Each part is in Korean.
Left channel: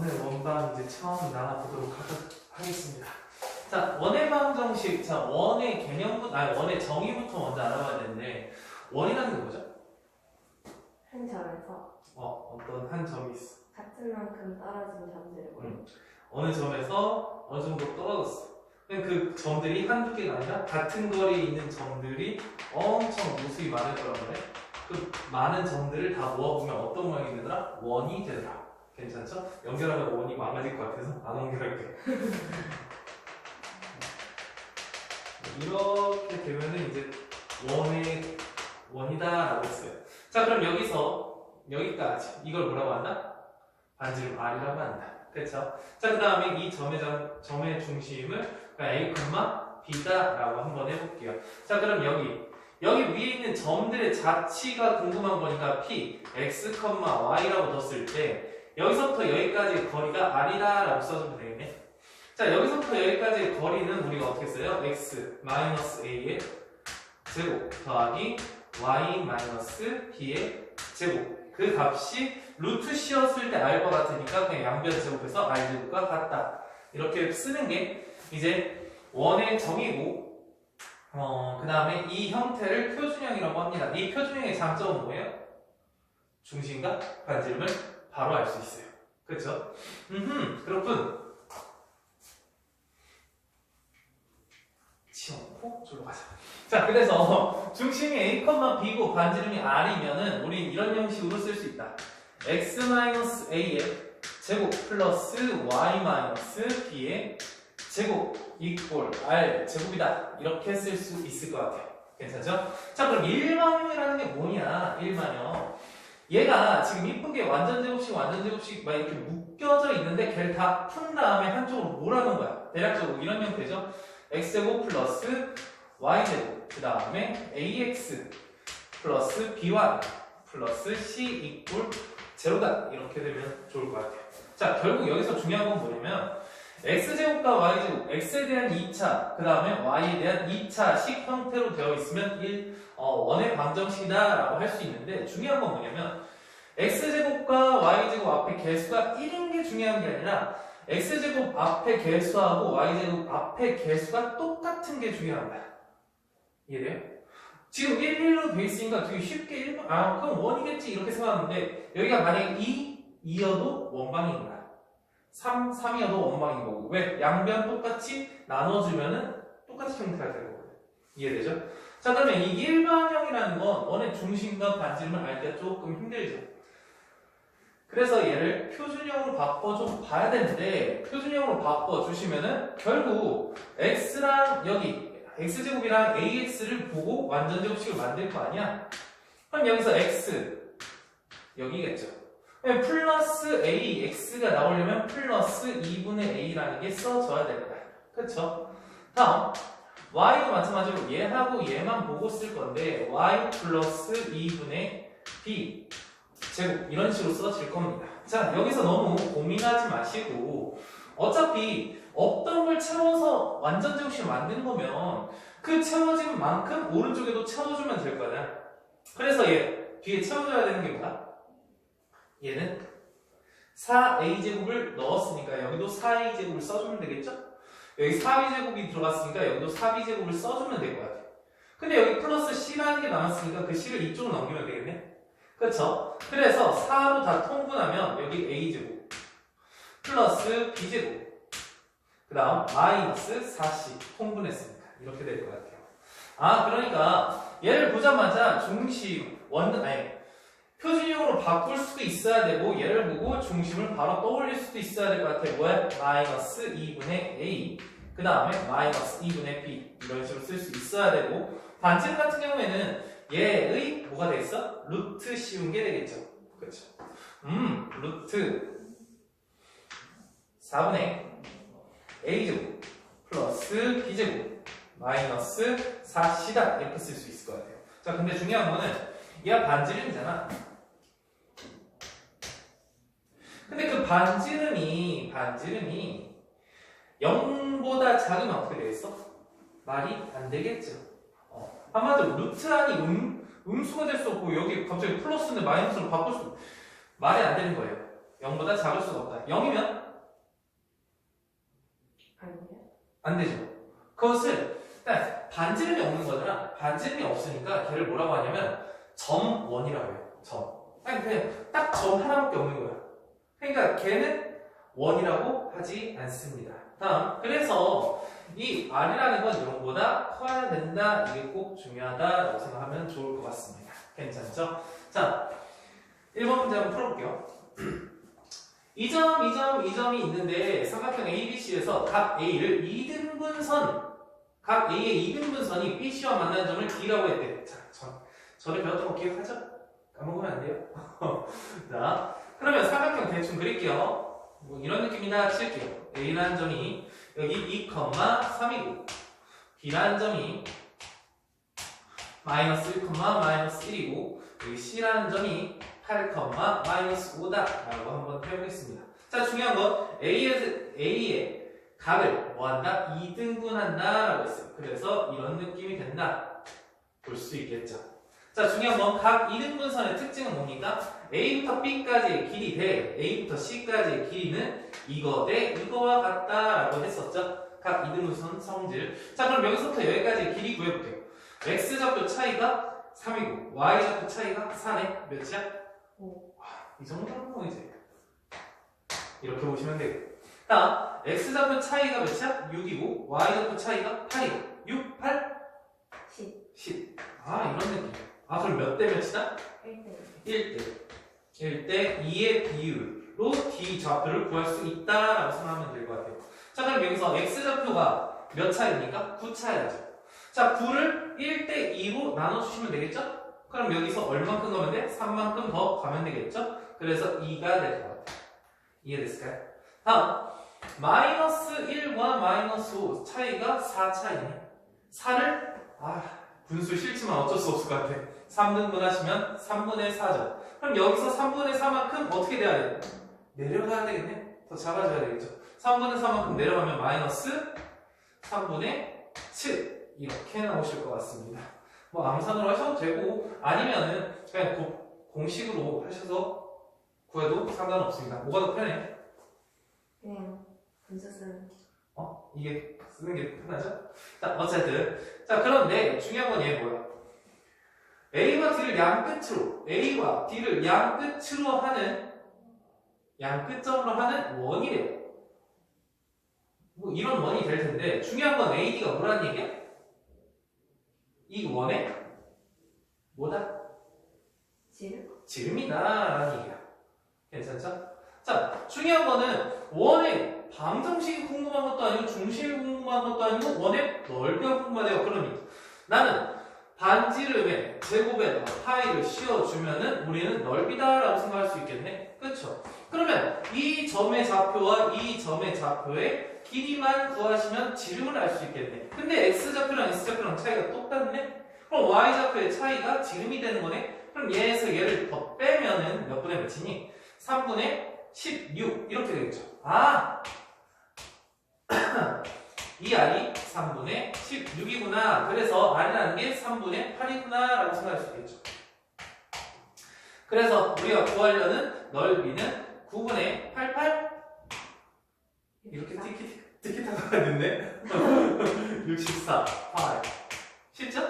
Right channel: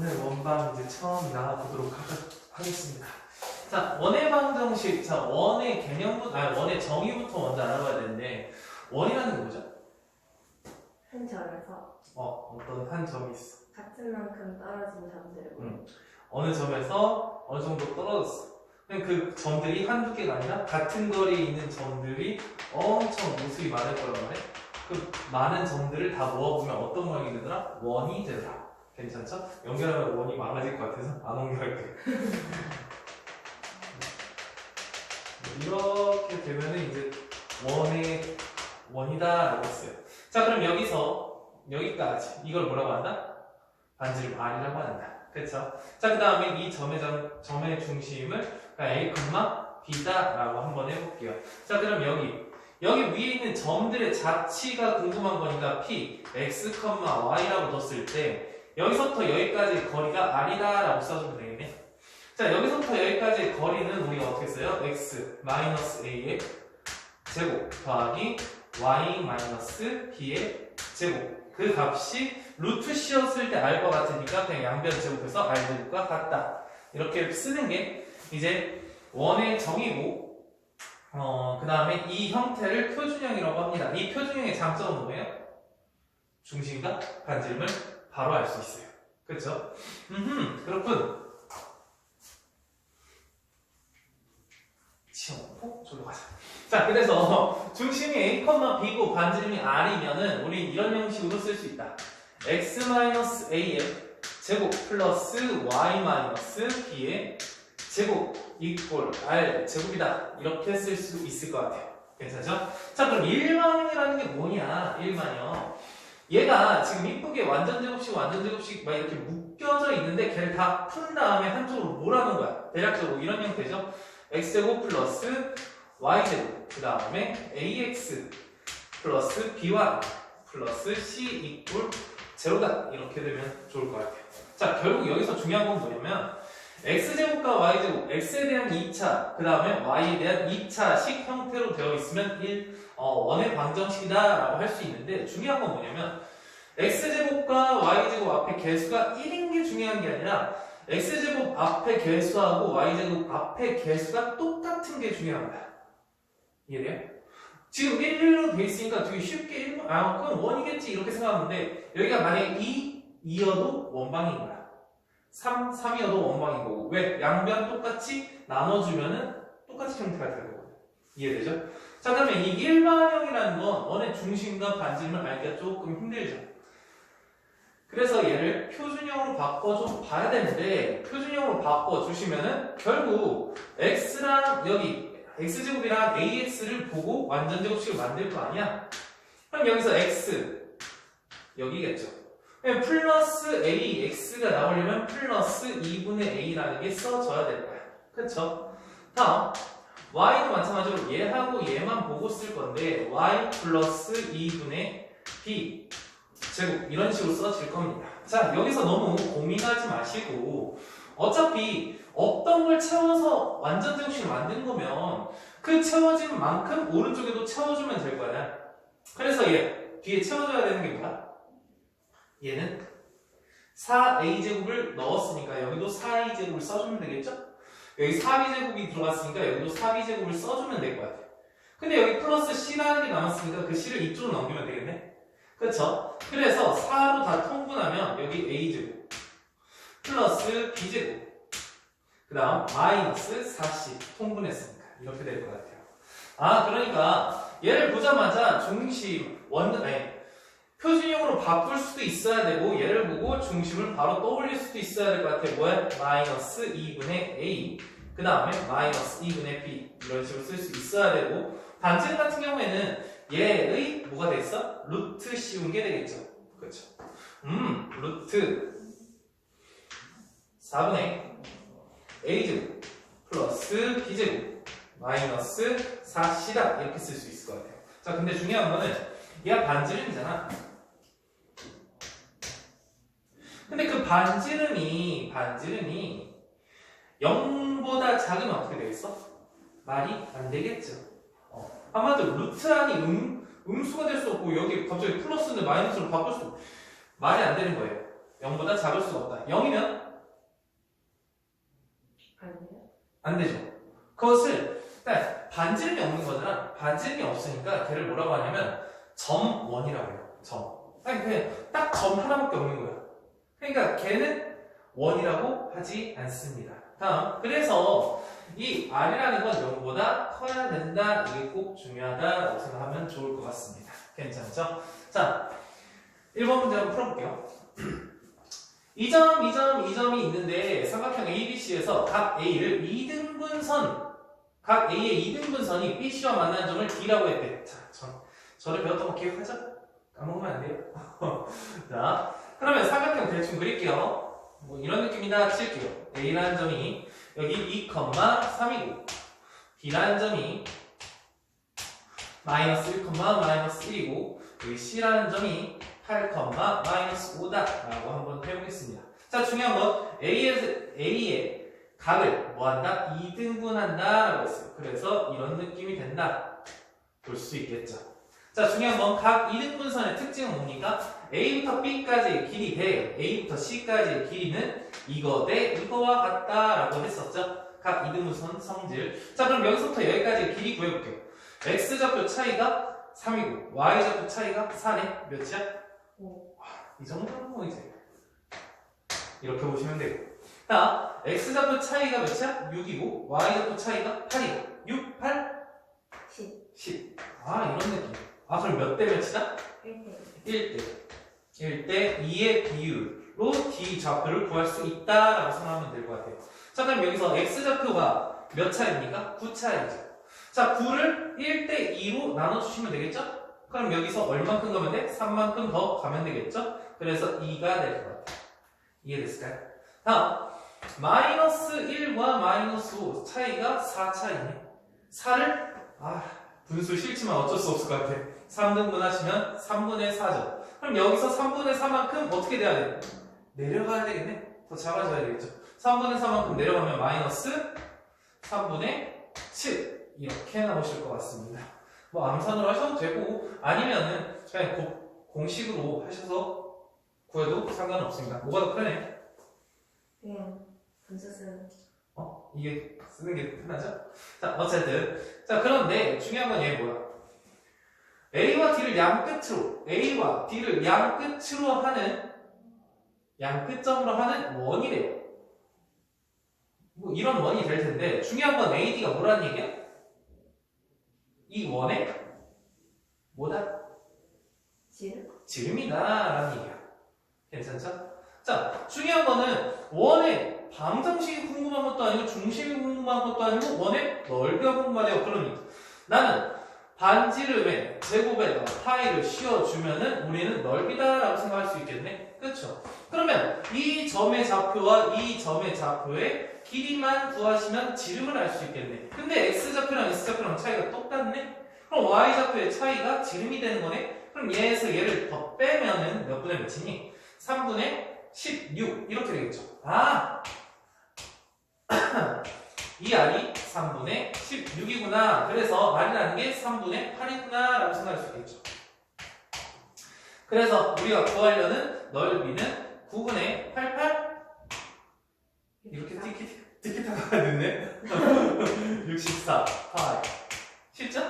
오늘 원방 이제 처음 나가보도록 하겠습니다. 자, 원의 방정식, 자, 원의 개념부터, 아니, 원의 정의부터 먼저 알아봐야 되는데, 원이라는 게 뭐죠? 한 점에서 어떤 한 점이 있어. 같은 만큼 떨어진 점들을 어느 점에서 어느 정도 떨어졌어. 그 점들이 한두 개가 아니라 같은 거리에 있는 점들이 엄청 모습이 많을 거란 말이야. 그 많은 점들을 다 모아보면 어떤 모양이 되더라? 원이 되더라. 괜찮죠? 연결하면 원이 많아질 것 같아서 안 연결할게. 이렇게 되면은 이제 원의 원이다 라고 했어요. 자, 그럼 여기까지 이걸 뭐라고 한다? 반지름 R이라고 한다. 그렇죠? 자, 그 다음에 이 점의 중심을 A, B다 라고 한번 해볼게요. 자, 그럼 여기 위에 있는 점들의 자치가 궁금한 거니까 P, X, Y라고 넣었을 때 여기서부터 여기까지 거리가 R이다 라고 써주면 되겠네. 자, 여기서부터 여기까지의 거리는 우리가 어떻게 써요? X 마이너스 A의 제곱 더하기 Y 마이너스 B의 제곱. 그 값이 루트 씌었을 때 R과 같으니까 그냥 양변 제곱해서 R 제곱과 같다. 이렇게 쓰는 게 이제 원의 정의고, 그 다음에 이 형태를 표준형이라고 합니다. 이 표준형의 장점은 뭐예요? 중심과 반지름을 바로 알 수 있어요. 그렇죠? 그렇군. 치워놓고 저로 가자. 자, 그래서 중심이 A, B고 반지름이 R이면은 우리 이런 형식으로 쓸 수 있다. X-A의 제곱 플러스 Y-B의 제곱 이꼴 R 제곱이다. 이렇게 쓸 수 있을 것 같아요. 괜찮죠? 자, 그럼 일반형이라는 게 뭐냐? 일반형. 얘가 지금 이쁘게 완전 제곱식 막 이렇게 묶여져 있는데 걔를 다 푼 다음에 한쪽으로 몰아놓은 거야. 대략적으로 이런 형태죠. x제곱 플러스 y제곱 그 다음에 ax 플러스 by 플러스 c 이꼴 제로다. 이렇게 되면 좋을 것 같아요. 자, 결국 여기서 중요한 건 뭐냐면 x제곱과 y제곱, x에 대한 2차 그 다음에 y에 대한 2차식 형태로 되어 있으면 원의 방정식이다 라고 할 수 있는데, 중요한 건 뭐냐면 x제곱과 y제곱 앞에 개수가 1인 게 중요한 게 아니라 x제곱 앞에 개수하고 y제곱 앞에 개수가 똑같은 게 중요한 거야. 이해돼요? 지금 1로 돼 있으니까 되게 쉽게 그럼 원이겠지 이렇게 생각하는데, 여기가 만약에 2여도 원방인 거야. 3이어도 원방인 거고. 왜? 양변 똑같이 나눠주면은 똑같이 형태가 될 거거든. 이해되죠? 자, 그러면 이 일반형이라는 건 원의 중심과 반지름을 알기가 조금 힘들죠. 그래서 얘를 표준형으로 바꿔줘 봐야 되는데, 표준형으로 바꿔주시면은 결국 x랑 여기 x제곱이랑 ax를 보고 완전 제곱식을 만들 거 아니야? 그럼 여기서 x 여기겠죠. 플러스 ax가 나오려면 플러스 2분의 a라는 게 써져야 될 거야. 그쵸? 다음 y도 마찬가지로 얘하고 얘만 보고 쓸 건데 y 플러스 2분의 b 제곱 이런 식으로 써질 겁니다. 자, 여기서 너무 고민하지 마시고 어차피 없던 걸 채워서 완전 제곱식을 만든 거면 그 채워진 만큼 오른쪽에도 채워주면 될 거야. 그래서 얘 뒤에 채워줘야 되는 게 뭐야? 얘는 4a제곱을 넣었으니까 여기도 4a제곱을 써주면 되겠죠? 여기 4b제곱이 들어갔으니까 여기도 4b제곱을 써주면 될 것 같아요. 근데 여기 플러스 c라는 게 남았으니까 그 c를 이쪽으로 넘기면 되겠네? 그쵸? 그래서 4로 다 통분하면 여기 a제곱 플러스 b제곱 그 다음 마이너스 4c 통분했습니다. 이렇게 될 것 같아요. 그러니까 얘를 보자마자 중심 표준형으로 바꿀 수도 있어야 되고, 얘를 보고 중심을 바로 떠올릴 수도 있어야 될 것 같아요. 뭐야? 마이너스 2분의 a 그 다음에 마이너스 2분의 b 이런 식으로 쓸 수 있어야 되고, 반지름 같은 경우에는 얘의 뭐가 되겠어? 루트 씌운 게 되겠죠. 그렇죠? 루트 4분의 a제곱 플러스 b제곱 마이너스 4c다 이렇게 쓸 수 있을 것 같아요. 자, 근데 중요한 거는 얘가 반지름이잖아. 근데 그 반지름이 0보다 작으면 어떻게 되겠어? 말이 안 되겠죠. 한마디로 루트 안이 음수가 될 수 없고 여기 갑자기 플러스인데 마이너스로 바꿀 수 말이 안 되는 거예요. 0보다 작을 수가 없다. 0이면 아니에요? 안 되죠. 그것을 반지름이 없는 거잖아. 반지름이 없으니까 걔를 뭐라고 하냐면 점 1이라고 해요. 점. 아니 그냥 딱 점 하나밖에 없는 거야. 그러니까 걔는 1이라고 하지 않습니다. 다음. 그래서 이 R이라는 건 0보다 커야 된다. 이게 꼭 중요하다라고 생각하면 좋을 것 같습니다. 괜찮죠? 자, 1번 문제 한번 풀어볼게요. 2점, 2점, 2점이 있는데 삼각형 ABC에서 각 A를 2등분선, 각 A의 2등분선이 BC와 만나는 점을 D라고 했대. 자, 전에 배웠던 거 기억하죠? 까먹으면 안 돼요. 자, 그러면 삼각형 대충 그릴게요. 뭐 이런 느낌이나 칠게요. A라는 점이 여기 2,3이고 B라는 점이 마이너스 1, 마이너스 1이고 여기 C라는 점이 8, 마이너스 5다라고 한번 표현했습니다. 자, 중요한 건 A의 각을 뭐한다? 2등분한다라고 했어요. 그래서 이런 느낌이 된다. 볼 수 있겠죠. 자, 중요한 건 각 2등분선의 특징은 뭡니까? A부터 B까지의 길이 대 A부터 C까지의 길이는 이거 대 이거와 같다라고 했었죠. 각 2등분선 성질. 자, 그럼 여기서부터 여기까지의 길이 구해볼게요. X좌표 차이가 3이고 Y좌표 차이가 4네. 몇이야? 5. 이 정도는 뭐 이제 이렇게 보시면 되고. 자, X좌표 차이가 몇이야? 6이고 Y좌표 차이가 8이고 6, 8, 10. 10. 아, 이런 느낌. 아, 그럼 몇 대 몇이다? 1대 1대 1대 2의 비율로 D 좌표를 구할 수 있다라고 생각하면 될 것 같아요. 자, 그럼 여기서 X 좌표가 몇 차입니까? 9 차이죠. 자, 9를 1대 2로 나눠주시면 되겠죠? 그럼 여기서 얼만큼 가면 돼? 3만큼 더 가면 되겠죠? 그래서 2가 될 것 같아요. 이해됐을까요? 다음, 마이너스 1과 마이너스 5 차이가 4 차이네. 4를 분수 싫지만 어쩔 수 없을 것 같아. 3등분 하시면 3분의 4죠. 그럼 여기서 3분의 4만큼 어떻게 돼야 돼? 내려가야 되겠네? 더 작아져야 되겠죠. 3분의 4만큼 내려가면 마이너스 3분의 7 이렇게 나오실 것 같습니다. 뭐 암산으로 하셔도 되고 아니면은 그냥 공식으로 하셔서 구해도 상관없습니다. 뭐가 더 편해? 그냥 분수 쓰는 이게 쓰는 게 편하죠? 자, 어쨌든 자, 그런데 중요한 건 얘 뭐야? A와 D를 양끝으로 하는 양끝점으로 하는 원이래요. 뭐 이런 원이 될 텐데 중요한 건 AD가 뭐라는 얘기야? 이 원의 뭐다? 지름이다라는 얘기야. 괜찮죠? 자, 중요한 거는 원의 방정식이 궁금한 것도 아니고 중심이 궁금한 것도 아니고 원의 넓이가 궁금하대요. 그러면 나는 반지름의 제곱에다가 파이를 씌워주면은 우리는 넓이다라고 생각할 수 있겠네. 그렇죠? 그러면 이 점의 좌표와 이 점의 좌표의 길이만 구하시면 지름을 알 수 있겠네. 근데 X좌표랑 S좌표랑 차이가 똑같네? 그럼 Y좌표의 차이가 지름이 되는 거네? 그럼 얘에서 얘를 더 빼면은 몇 분의 몇이니? 3분의 16 이렇게 되겠죠. 이 R이 3분의 16이구나. 그래서 R이라는 게 3분의 8이구나 라고 생각할 수 있겠죠. 그래서 우리가 구하려는 넓이는 9분의 88 이렇게 티키타카가 됐네. 64, 8 쉽죠?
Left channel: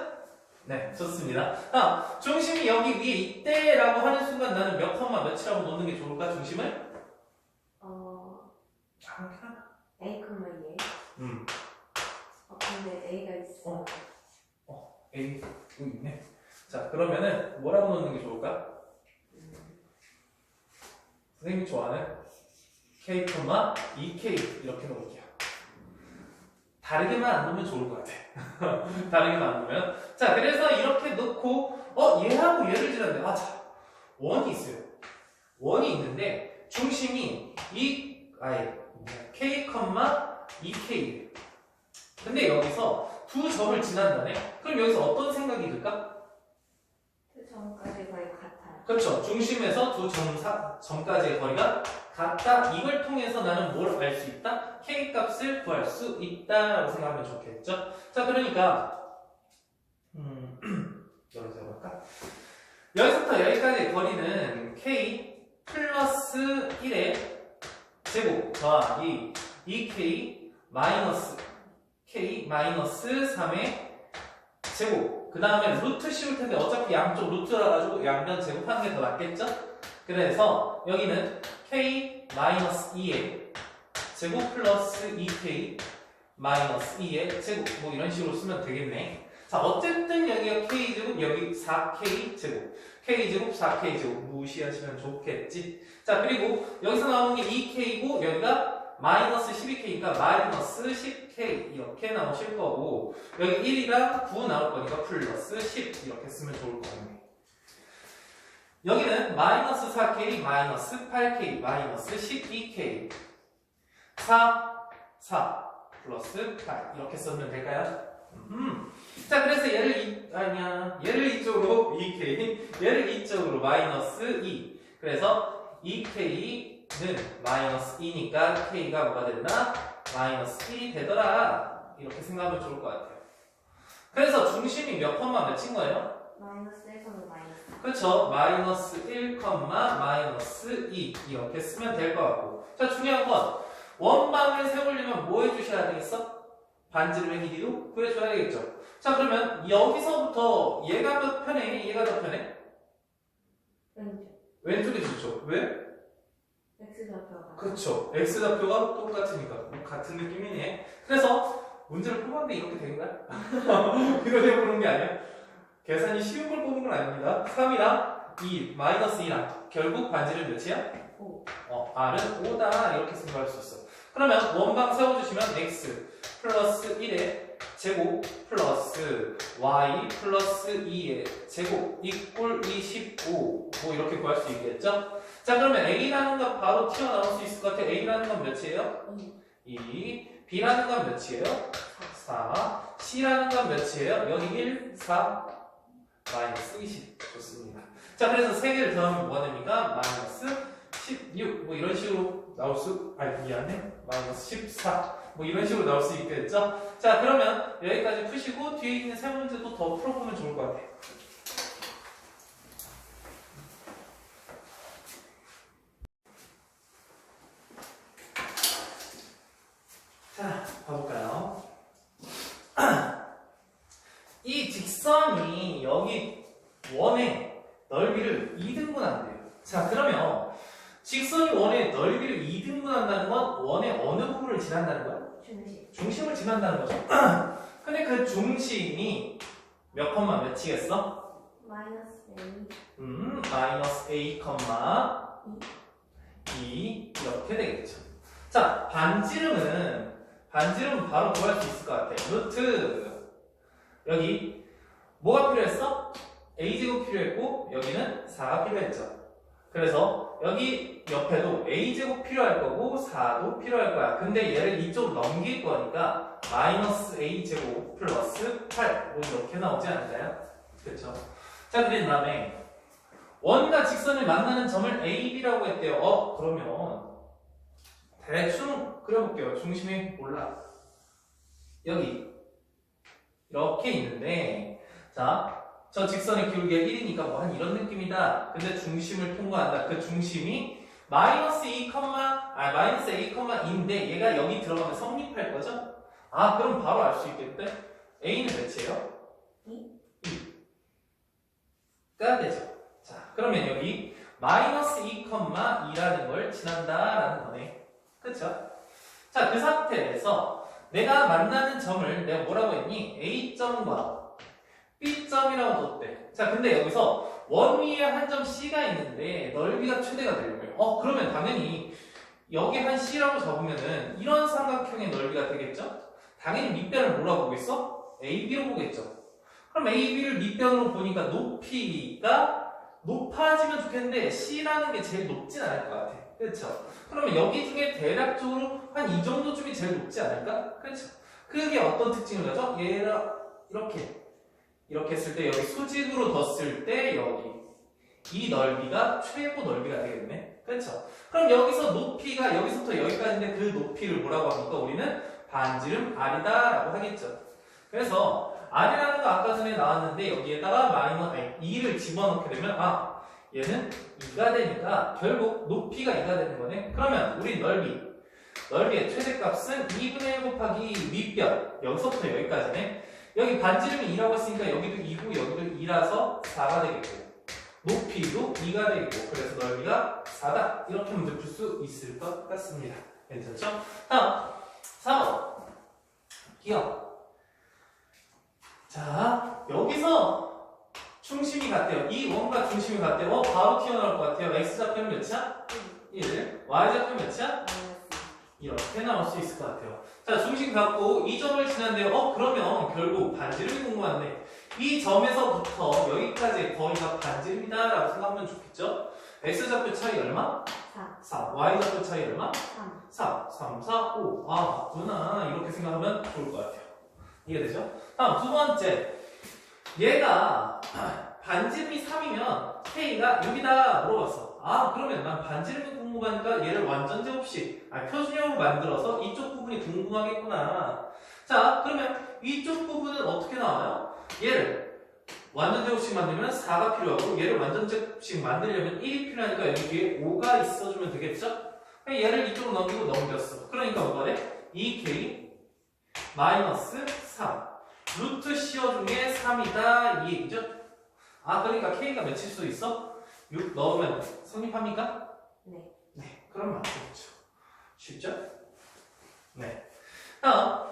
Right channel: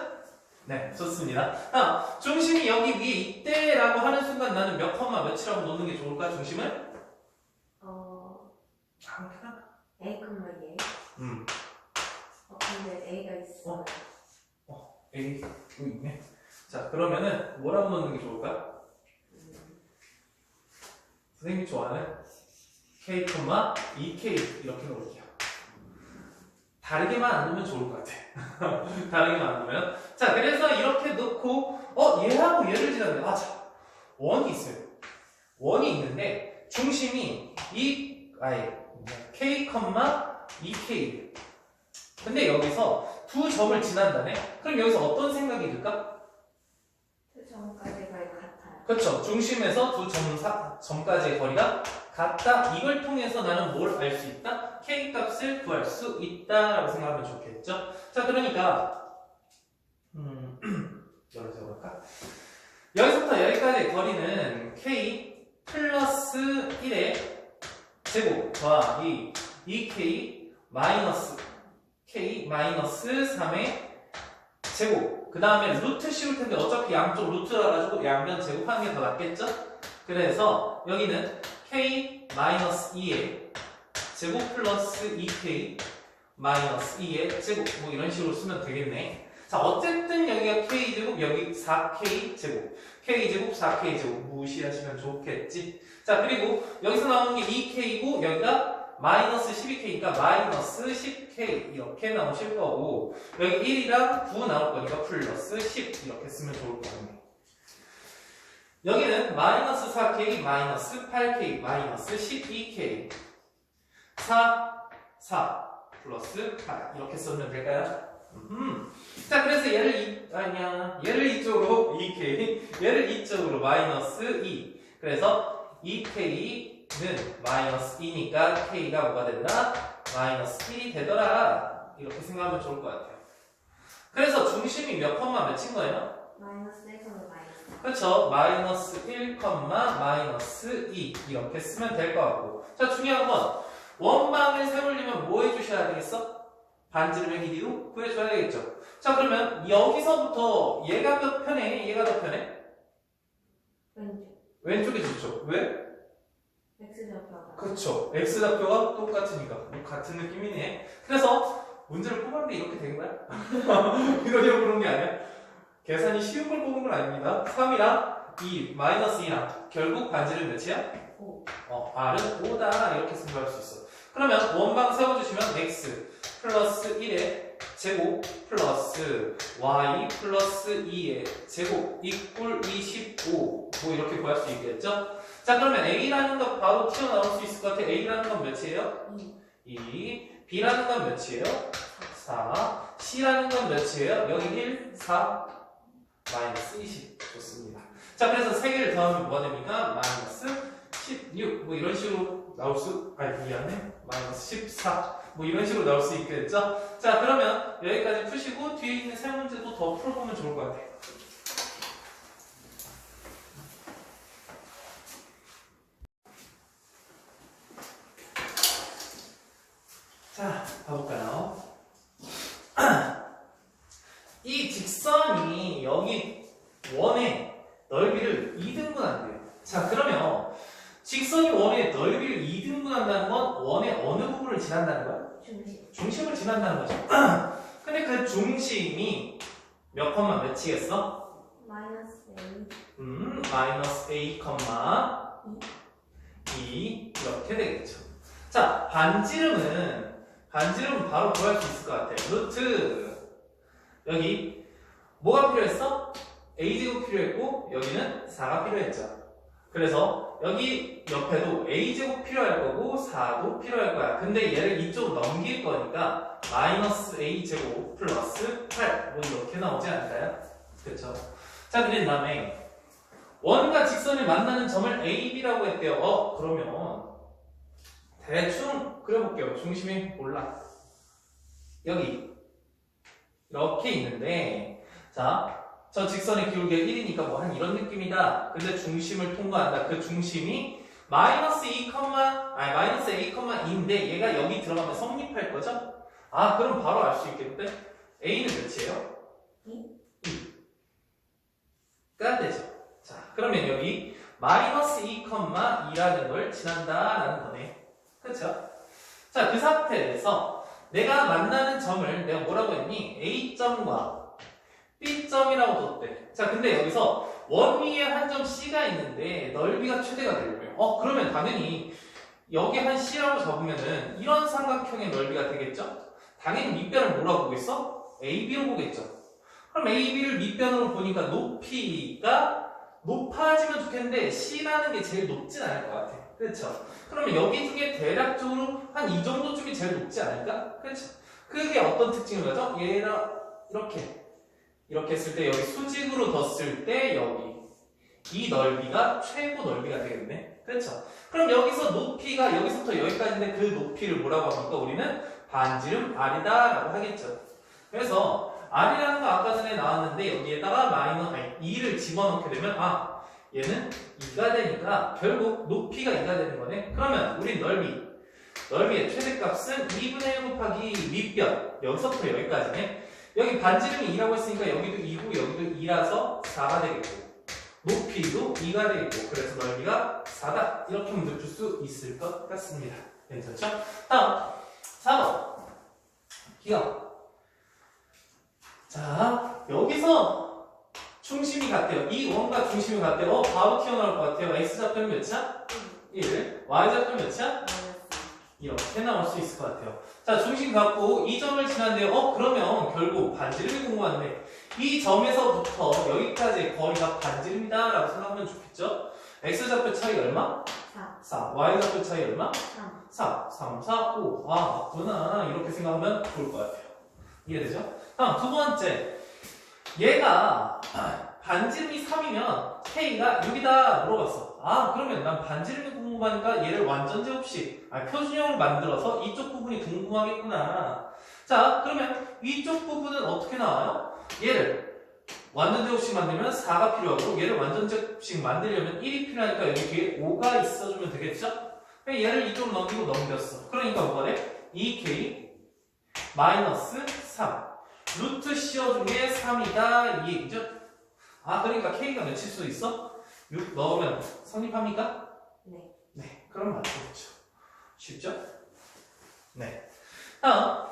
네, 좋습니다. 중심이 여기 위에 있대라고 하는 순간 나는 몇 컴마 몇이라고 놓는 게 좋을까? 중심을? A, 얘. 근데 A가 있어. A 여기 있네. 자, 그러면은 뭐라고 놓는 게 좋을까? 선생님이 좋아하는 K, 2K 이렇게 놓을게요. 다르게만 안 놓으면 좋을 것 같아. 다르게만 안 놓으면. 자, 그래서 이렇게 놓고 얘하고 얘를 지나면 자, 원이 있어요. 원이 있는데 중심이 K, 2K. 근데 여기서 두 점을 지난다네. 그럼 여기서 어떤 생각이 들까? 두 점까지 거의 같아요. 그렇죠. 중심에서 두 점까지의 거리가 같다. 이걸 통해서 나는 뭘 알 수 있다? K 값을 구할 수 있다라고 생각하면 좋겠죠. 자, 그러니까 열어볼까? 여기서부터 여기까지의 거리는 K 플러스 1의 제곱 더하기 2k 마이너스 k 마이너스 3의 제곱. 그 다음에 루트 씌울 텐데 어차피 양쪽 루트라 가지고 양변 제곱하는 게 더 낫겠죠? 그래서 여기는 k 마이너스 2의 제곱 플러스 2k 마이너스 2의 제곱 뭐 이런 식으로 쓰면 되겠네. 자 어쨌든 여기가 k제곱 여기 4k 제곱 k 제곱 4k 제곱 무시하시면 좋겠지. 자 그리고 여기서 나오는 게 2k고 여기가 마이너스 12k니까 마이너스 10k 이렇게 나오실 거고 여기 1이랑 9 나올 거니까 플러스 10 이렇게 쓰면 좋을 것 같네. 여기는 마이너스 4k 마이너스 8k 마이너스 12k 4 플러스 8 이렇게 쓰면 될까요? 자 그래서 얘를 이쪽으로 2k 얘를 이쪽으로 마이너스 2 그래서 2k는 마이너스 2니까 k가 뭐가 된다? 마이너스 1이 되더라 이렇게 생각하면 좋을 것 같아요. 그래서 중심이 몇 컴마 몇인 거예요? 마이너스 1, 마이너스. 그렇죠. 마이너스 1, 마이너스 2 이렇게 쓰면 될 것 같고 자 중요한 건 원방을 세우려면 뭐 해주셔야 되겠어? 반지름의 길이로 구해줘야 되겠죠. 자 그러면 여기서부터 얘가 더 편해? 얘가 더 편해? 왼쪽. 왼쪽이 좋죠. 왜? X좌표가. 그렇죠. X좌표가 똑같으니까 같은 느낌이네. 그래서 문제를 뽑았는데 이렇게 된 거야? 이러려고 그런 게 아니야. 계산이 쉬운 걸 뽑은 건 아닙니다. 3이랑 2, 마이너스 2랑 결국 반지름 몇이야? 5. R은 5다 이렇게 생각할 수 있어. 그러면 원방 세워주시면 X 플러스 1의 제곱 플러스 Y 플러스 2의 제곱 이꼴 25 뭐 이렇게 구할 수 있겠죠? 자 그러면 A라는 건 바로 튀어나올 수 있을 것 같아. A라는 건 몇이에요? 2 B라는 건 몇이에요? 4 C라는 건 몇이에요? 여기 1, 4 마이너스 20 좋습니다. 자 그래서 3개를 더하면 뭐가 됩니까? 마이너스 16 뭐 이런 식으로 나올 수 미안해 마이너스 14 뭐 이런 식으로 나올 수 있겠죠? 자 그러면 여기까지 푸시고 뒤에 있는 세 문제도 더 풀어보면 좋을 것 같아요. 자 봐볼까요? 이 직선이 여기 원의 넓이를 2등분한대요. 자 그러면 직선이 원의 넓이를 2등분한다는 건 원의 어느 부분을 지난다는 거야? 중심. 중심을 지난다는 거죠. 근데 그 중심이 몇 컴마 몇이겠어? 마이너스 A. 마이너스 A 컴마 2 이렇게 되겠죠. 자 반지름은 바로 구할 수 있을 것 같아. 루트 여기 뭐가 필요했어? A제곱 필요했고 여기는 4가 필요했죠. 그래서 여기 옆에도 A제곱 필요할 거고 4도 필요할 거야. 근데 얘를 이쪽으로 넘길 거니까 마이너스 A제곱 플러스 8 뭐 이렇게 나오지 않을까요? 그쵸? 자 그런 다음에 원과 직선이 만나는 점을 A, B라고 했대요. 그러면 대충 그려볼게요. 중심이 몰라. 여기 이렇게 있는데 자 저 직선의 기울기가 1이니까 뭐 한 이런 느낌이다. 근데 중심을 통과한다. 그 중심이 마이너스 마이너스 A, 2인데 얘가 여기 들어가면 성립할 거죠? 그럼 바로 알 수 있겠는데 A는 몇이에요? 2가 되죠. 자 그러면 여기 마이너스 2,2라는 걸 지난다라는 거네. 그쵸? 자 그 상태에서 내가 만나는 점을 내가 뭐라고 했니? A점과 B점이라고 뒀대. 자 근데 여기서 원 위에 한 점 C가 있는데 넓이가 최대가 되려면 그러면 당연히 여기 한 C라고 잡으면은 이런 삼각형의 넓이가 되겠죠? 당연히 밑변을 뭐라고 보겠어? AB로 보겠죠. 그럼 AB를 밑변으로 보니까 높이가 높아지면 좋겠는데 C라는 게 제일 높진 않을 것 같아. 그렇죠? 그러면 여기 중에 대략적으로 한 이 정도쯤이 제일 높지 않을까? 그렇죠? 그게 어떤 특징을 가져? 얘랑 이렇게 했을 때 여기 수직으로 뒀을 때 여기 이 넓이가 최고 넓이가 되겠네. 그렇죠? 그럼 여기서 높이가 여기서부터 여기까지인데 그 높이를 뭐라고 합니까? 우리는 반지름 R이다 라고 하겠죠. 그래서 R이라는 거 아까 전에 나왔는데 여기에다가 2를 집어넣게 되면 얘는 2가 되니까 결국 높이가 2가 되는 거네. 그러면 우린 넓이의 최대값은 2분의 1 곱하기 윗변, 여기서부터 여기까지네. 여기 반지름이 2라고 했으니까 여기도 2고 여기도 2라서 4가 되겠고, 높이도 2가 되겠고, 그래서 넓이가 4다. 이렇게 문제 풀 수 있을 것 같습니다. 괜찮죠? 다음 4번 기억. 자, 여기서 중심이 같대요. 이 원과 중심이 같대요. 바로 튀어나올 것 같아요. x좌표 몇이야? 1. y좌표 몇이야? 마이너스 이렇게 나올 수 있을 것 같아요. 자, 중심 갖고 이 점을 지난데요. 그러면 결국 반지름이 궁금한데 이 점에서부터 여기까지 거리가 반지름이다 라고 생각하면 좋겠죠? x좌표 차이 얼마? 4 4. y좌표 차이 얼마? 3 4. 3, 4, 5. 아, 맞구나. 이렇게 생각하면 좋을 것 같아요. 이해되죠? 다음 두 번째. 얘가 반지름이 3이면 K가 6이다 물어봤어. 아, 그러면 난 반지름이 궁금하니까 얘를 완전제 없이 표준형을 만들어서 이쪽 부분이 궁금하겠구나. 자, 그러면 이쪽 부분은 어떻게 나와요? 얘를 완전제 없이 만들면 4가 필요하고 얘를 완전제 없이 만들려면 1이 필요하니까 여기 뒤에 5가 있어주면 되겠죠? 얘를 이쪽으로 넘기고 넘겼어. 그러니까 뭐가 돼? 2K 마이너스 3 루트 씌워준 게 3이다 이 얘기죠? 아, 그러니까 K가 몇일 수 있어? 6 넣으면 성립합니까? 네. 네, 그럼 맞겠죠. 쉽죠? 네. 다음,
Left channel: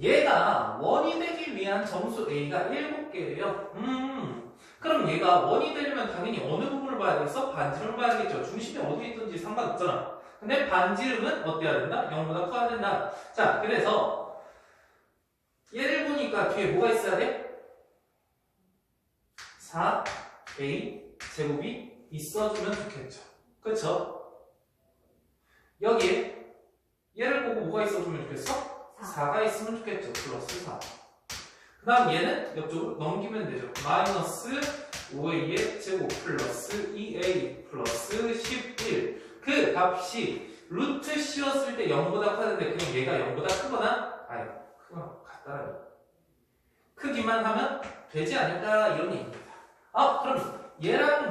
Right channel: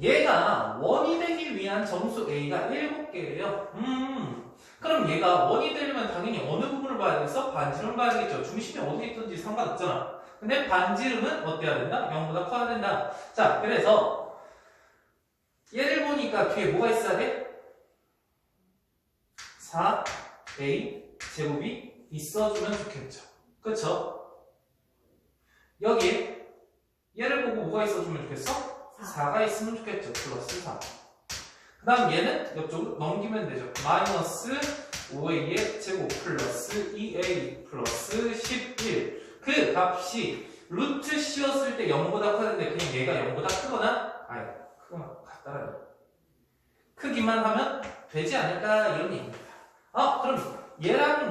얘가 원이 되기 위한 점수 A가 7개래요. 그럼 얘가 원이 되려면 당연히 어느 부분을 봐야 되겠어? 반지름을 봐야 되겠죠. 중심이 어디 있든지 상관없잖아. 근데 반지름은 어때야 된다? 0보다 커야 된다. 자, 그래서 얘를 보니까 뒤에 뭐가 있어야 돼? 4A 제곱이 있어주면 좋겠죠. 그쵸? 여기에 얘를 보고 뭐가 있어주면 좋겠어? 4가 있으면 좋겠죠. 플러스 4. 그 다음 얘는 이쪽으로 넘기면 되죠. 마이너스 5A의 제곱 플러스 2A 플러스 11. 그 값이 루트 씌웠을 때 0보다 커야되는데 그냥 얘가 0보다 크거나 아니 크거나 같다라는 크기만 하면 되지 않을까 이런 얘기입니다. 아, 그럼 얘랑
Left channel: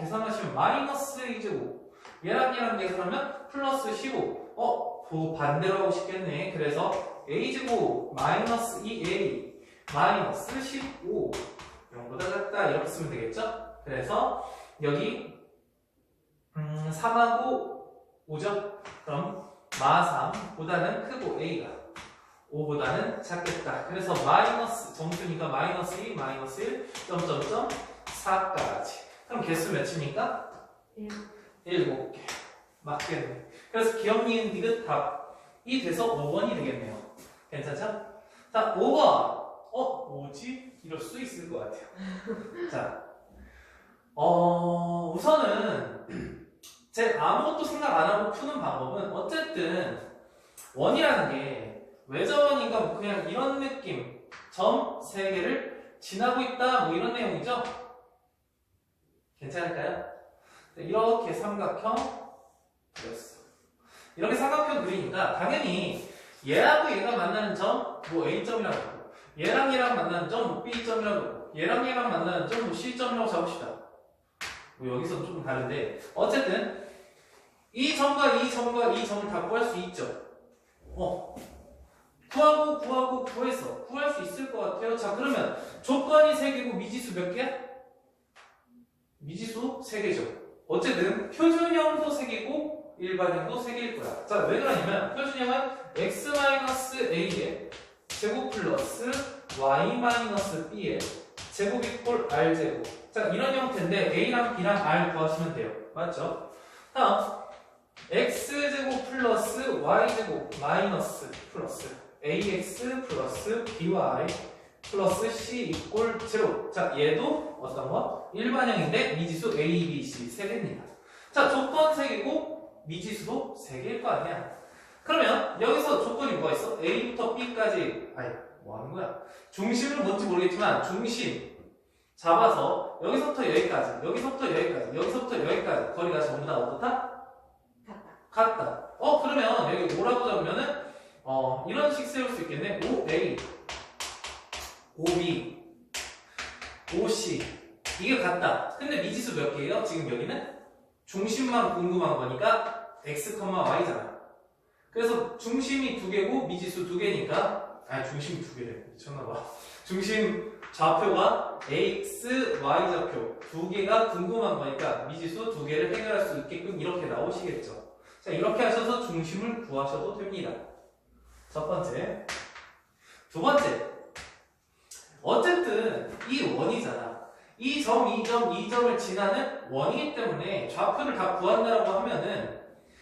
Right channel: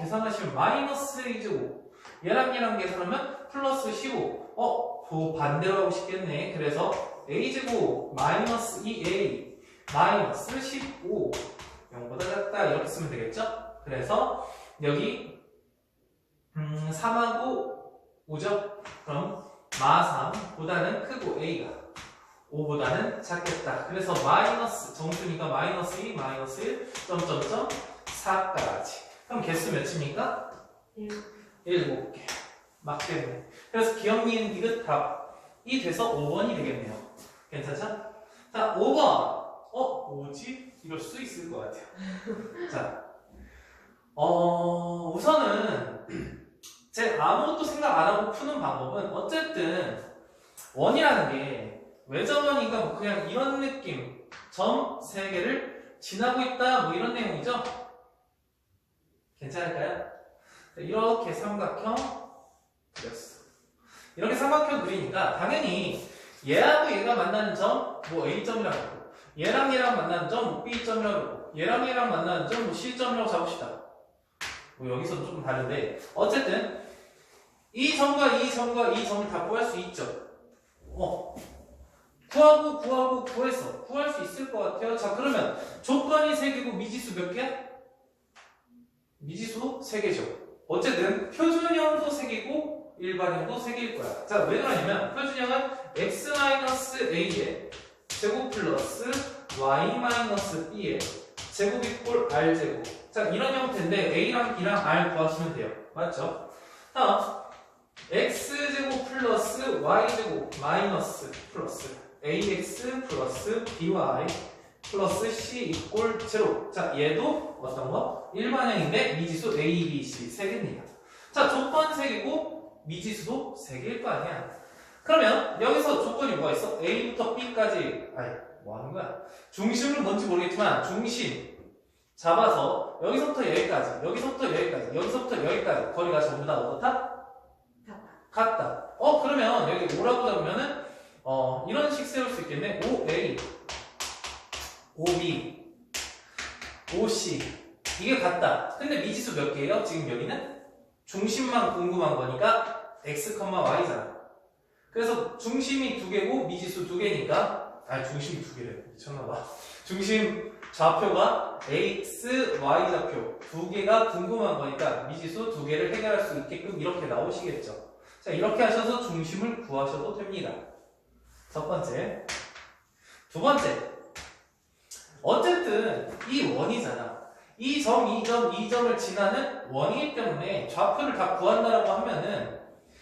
계산하시면 마이너스 A제곱 얘랑 계산하면 플러스 15 그 반대로 하고 싶겠네. 그래서 A제곱 마이너스 2A 마이너스 15 0보다 작다 이렇게 쓰면 되겠죠? 그래서 여기 3하고 5죠? 그럼 마3보다는 크고 A가 5보다는 작겠다. 그래서 마이너스 정수니까 마이너스 2, 마이너스 1, 점점점 4까지. 그럼 개수 몇입니까? 7개. 맞겠네. 그래서 기억, 니은, 디귿 답이 돼서 5번이 되겠네요. 괜찮죠? 자, 5번. 뭐지? 이럴 수 있을 것 같아요. 자, 우선은 제 아무것도 생각 안 하고 푸는 방법은 어쨌든 원이라는 게 외접원이니까 뭐 그냥 이런 느낌 점 3개를 지나고 있다 뭐 이런 내용이죠? 괜찮을까요? 이렇게 삼각형 그렸어. 이렇게 삼각형 그리니까 당연히 얘하고 얘가 만나는 점 뭐 A점이라고 하고 얘랑 만나는 점 B점이라고 하고 얘랑 만나는 점 뭐 C점이라고 잡읍시다. 뭐 여기서는 조금 다른데 어쨌든 이 점과 이 점과 이 점을 다 구할 수 있죠. 구했어. 구할 수 있을 것 같아요. 자, 그러면 조건이 3개고 미지수 몇 개야? 미지수 3개죠. 어쨌든 표준형도 3개고 일반형도 3개일 거야. 자, 왜 그러냐면 표준형은 x-a의 제곱 플러스 y-b의 제곱 이꼴 r제곱. 자, 이런 형태인데 a랑 b랑 r 구하시면 돼요. 맞죠? 다음 x제곱 플러스 y제곱 마이너스 플러스 ax 플러스 by 플러스 c 이꼴 0. 자, 얘도 어떤 거? 일반형인데 미지수 a, b, c 3개입니다. 자, 조건 3개고 미지수도 3개일 거 아니야. 그러면 여기서 조건이 뭐가 있어? a부터 b까지 뭐 하는 거야? 중심은 뭔지 모르겠지만 중심 잡아서 여기서부터 여기까지 여기서부터 여기까지 거리가 전부 다 어떻다? 같다. 그러면 여기 5라고 잡으면은 이런 식 세울 수 있겠네. 5A, 5B, 5C, 이게 같다. 근데 미지수 몇 개예요? 지금 여기는 중심만 궁금한 거니까 x, y잖아. 그래서 중심이 2개고 미지수 2개니까 중심이 2개래. 미쳤나봐. 중심 좌표가 x, y 좌표 2개가 궁금한 거니까 미지수 2개를 해결할 수 있게끔 이렇게 나오시겠죠. 자, 이렇게 하셔서 중심을 구하셔도 됩니다. 첫 번째. 두 번째. 어쨌든 이 원이잖아. 이 점, 이 점, 이 점을 지나는 원이기 때문에 좌표를 다 구한다라고 하면은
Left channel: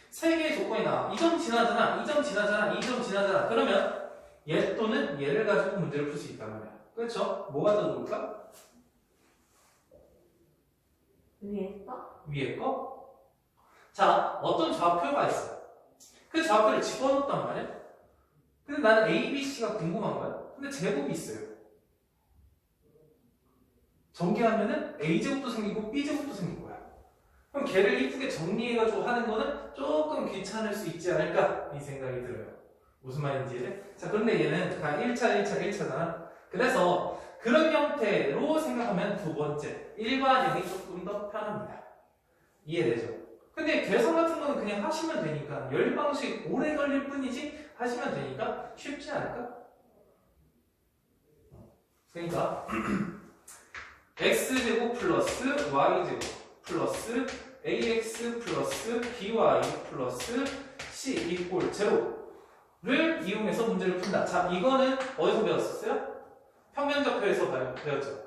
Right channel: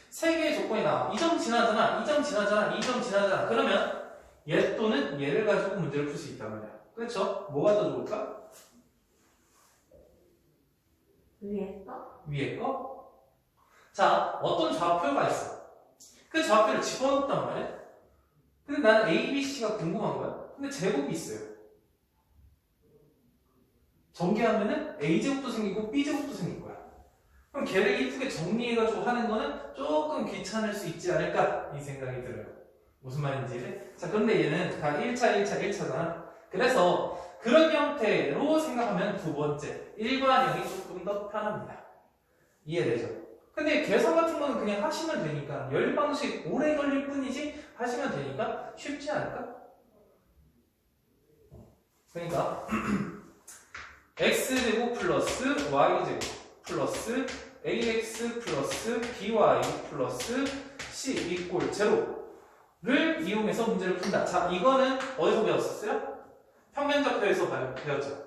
세 개의 조건이 나와. 이 점 지나잖아, 이 점 지나잖아, 이 점 지나잖아. 그러면 얘 또는 얘를 가지고 문제를 풀 수 있단 말이야. 그렇죠? 뭐가 더 좋을까? 위에 거? 위에 거? 자, 어떤 좌표가 있어. 그 좌표를 집어넣었단 말이야. 근데 나는 A, B, C가 궁금한 거야. 근데 제곱이 있어요. 전개하면은 A제곱도 생기고 B제곱도 생길 거야. 그럼 걔를 이쁘게 정리해가지고 하는 거는 조금 귀찮을 수 있지 않을까? 이 생각이 들어요. 무슨 말인지. 자, 그런데 얘는 다 1차, 1차, 1차잖아. 그래서 그런 형태로 생각하면 두 번째, 일반형이 조금 더 편합니다. 이해되죠? 근데 계산 같은 거는 그냥 하시면 되니까, 열 방식 오래 걸릴 뿐이지 하시면 되니까 쉽지 않을까? 그러니까 x제곱 플러스 y제곱 플러스 ax 플러스 by 플러스 c 이꼴 제로를 이용해서 문제를 푼다. 자, 이거는 어디서 배웠었어요? 평면좌표에서 배웠죠.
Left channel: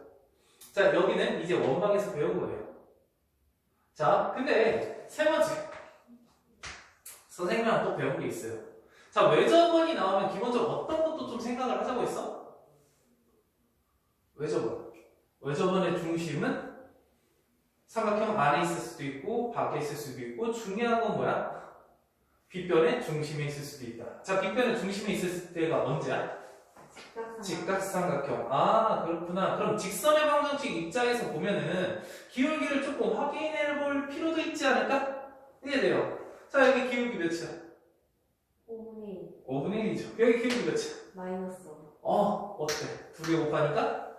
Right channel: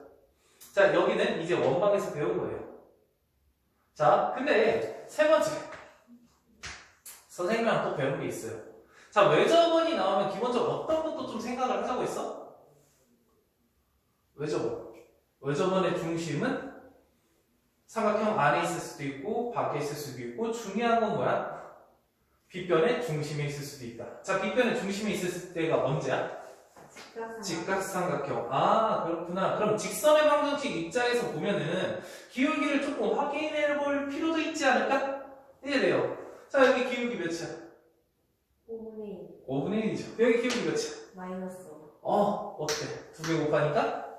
자, 여기는 이제 원방에서 배운 거예요. 자, 근데 세 번째 선생님이랑 또 배운 게 있어요. 자, 외접원이 나오면 기본적으로 어떤 것도 좀 생각을 하자고 했어? 외접원. 외접원의 중심은 삼각형 안에 있을 수도 있고 밖에 있을 수도 있고, 중요한 건 뭐야? 빗변의 중심에 있을 수도 있다. 자, 빗변의 중심에 있을 때가 언제야? 직각삼각형. 아, 그렇구나. 그럼 직선의 방정식 입장에서 보면은 기울기를 조금 확인해 볼 필요도 있지 않을까? 이해돼요? 자, 여기 기울기 몇이야? 5분의 1 5분의 1이죠. 여기 기울기 몇이야? 마이너스 어때? 2개 곱하니까?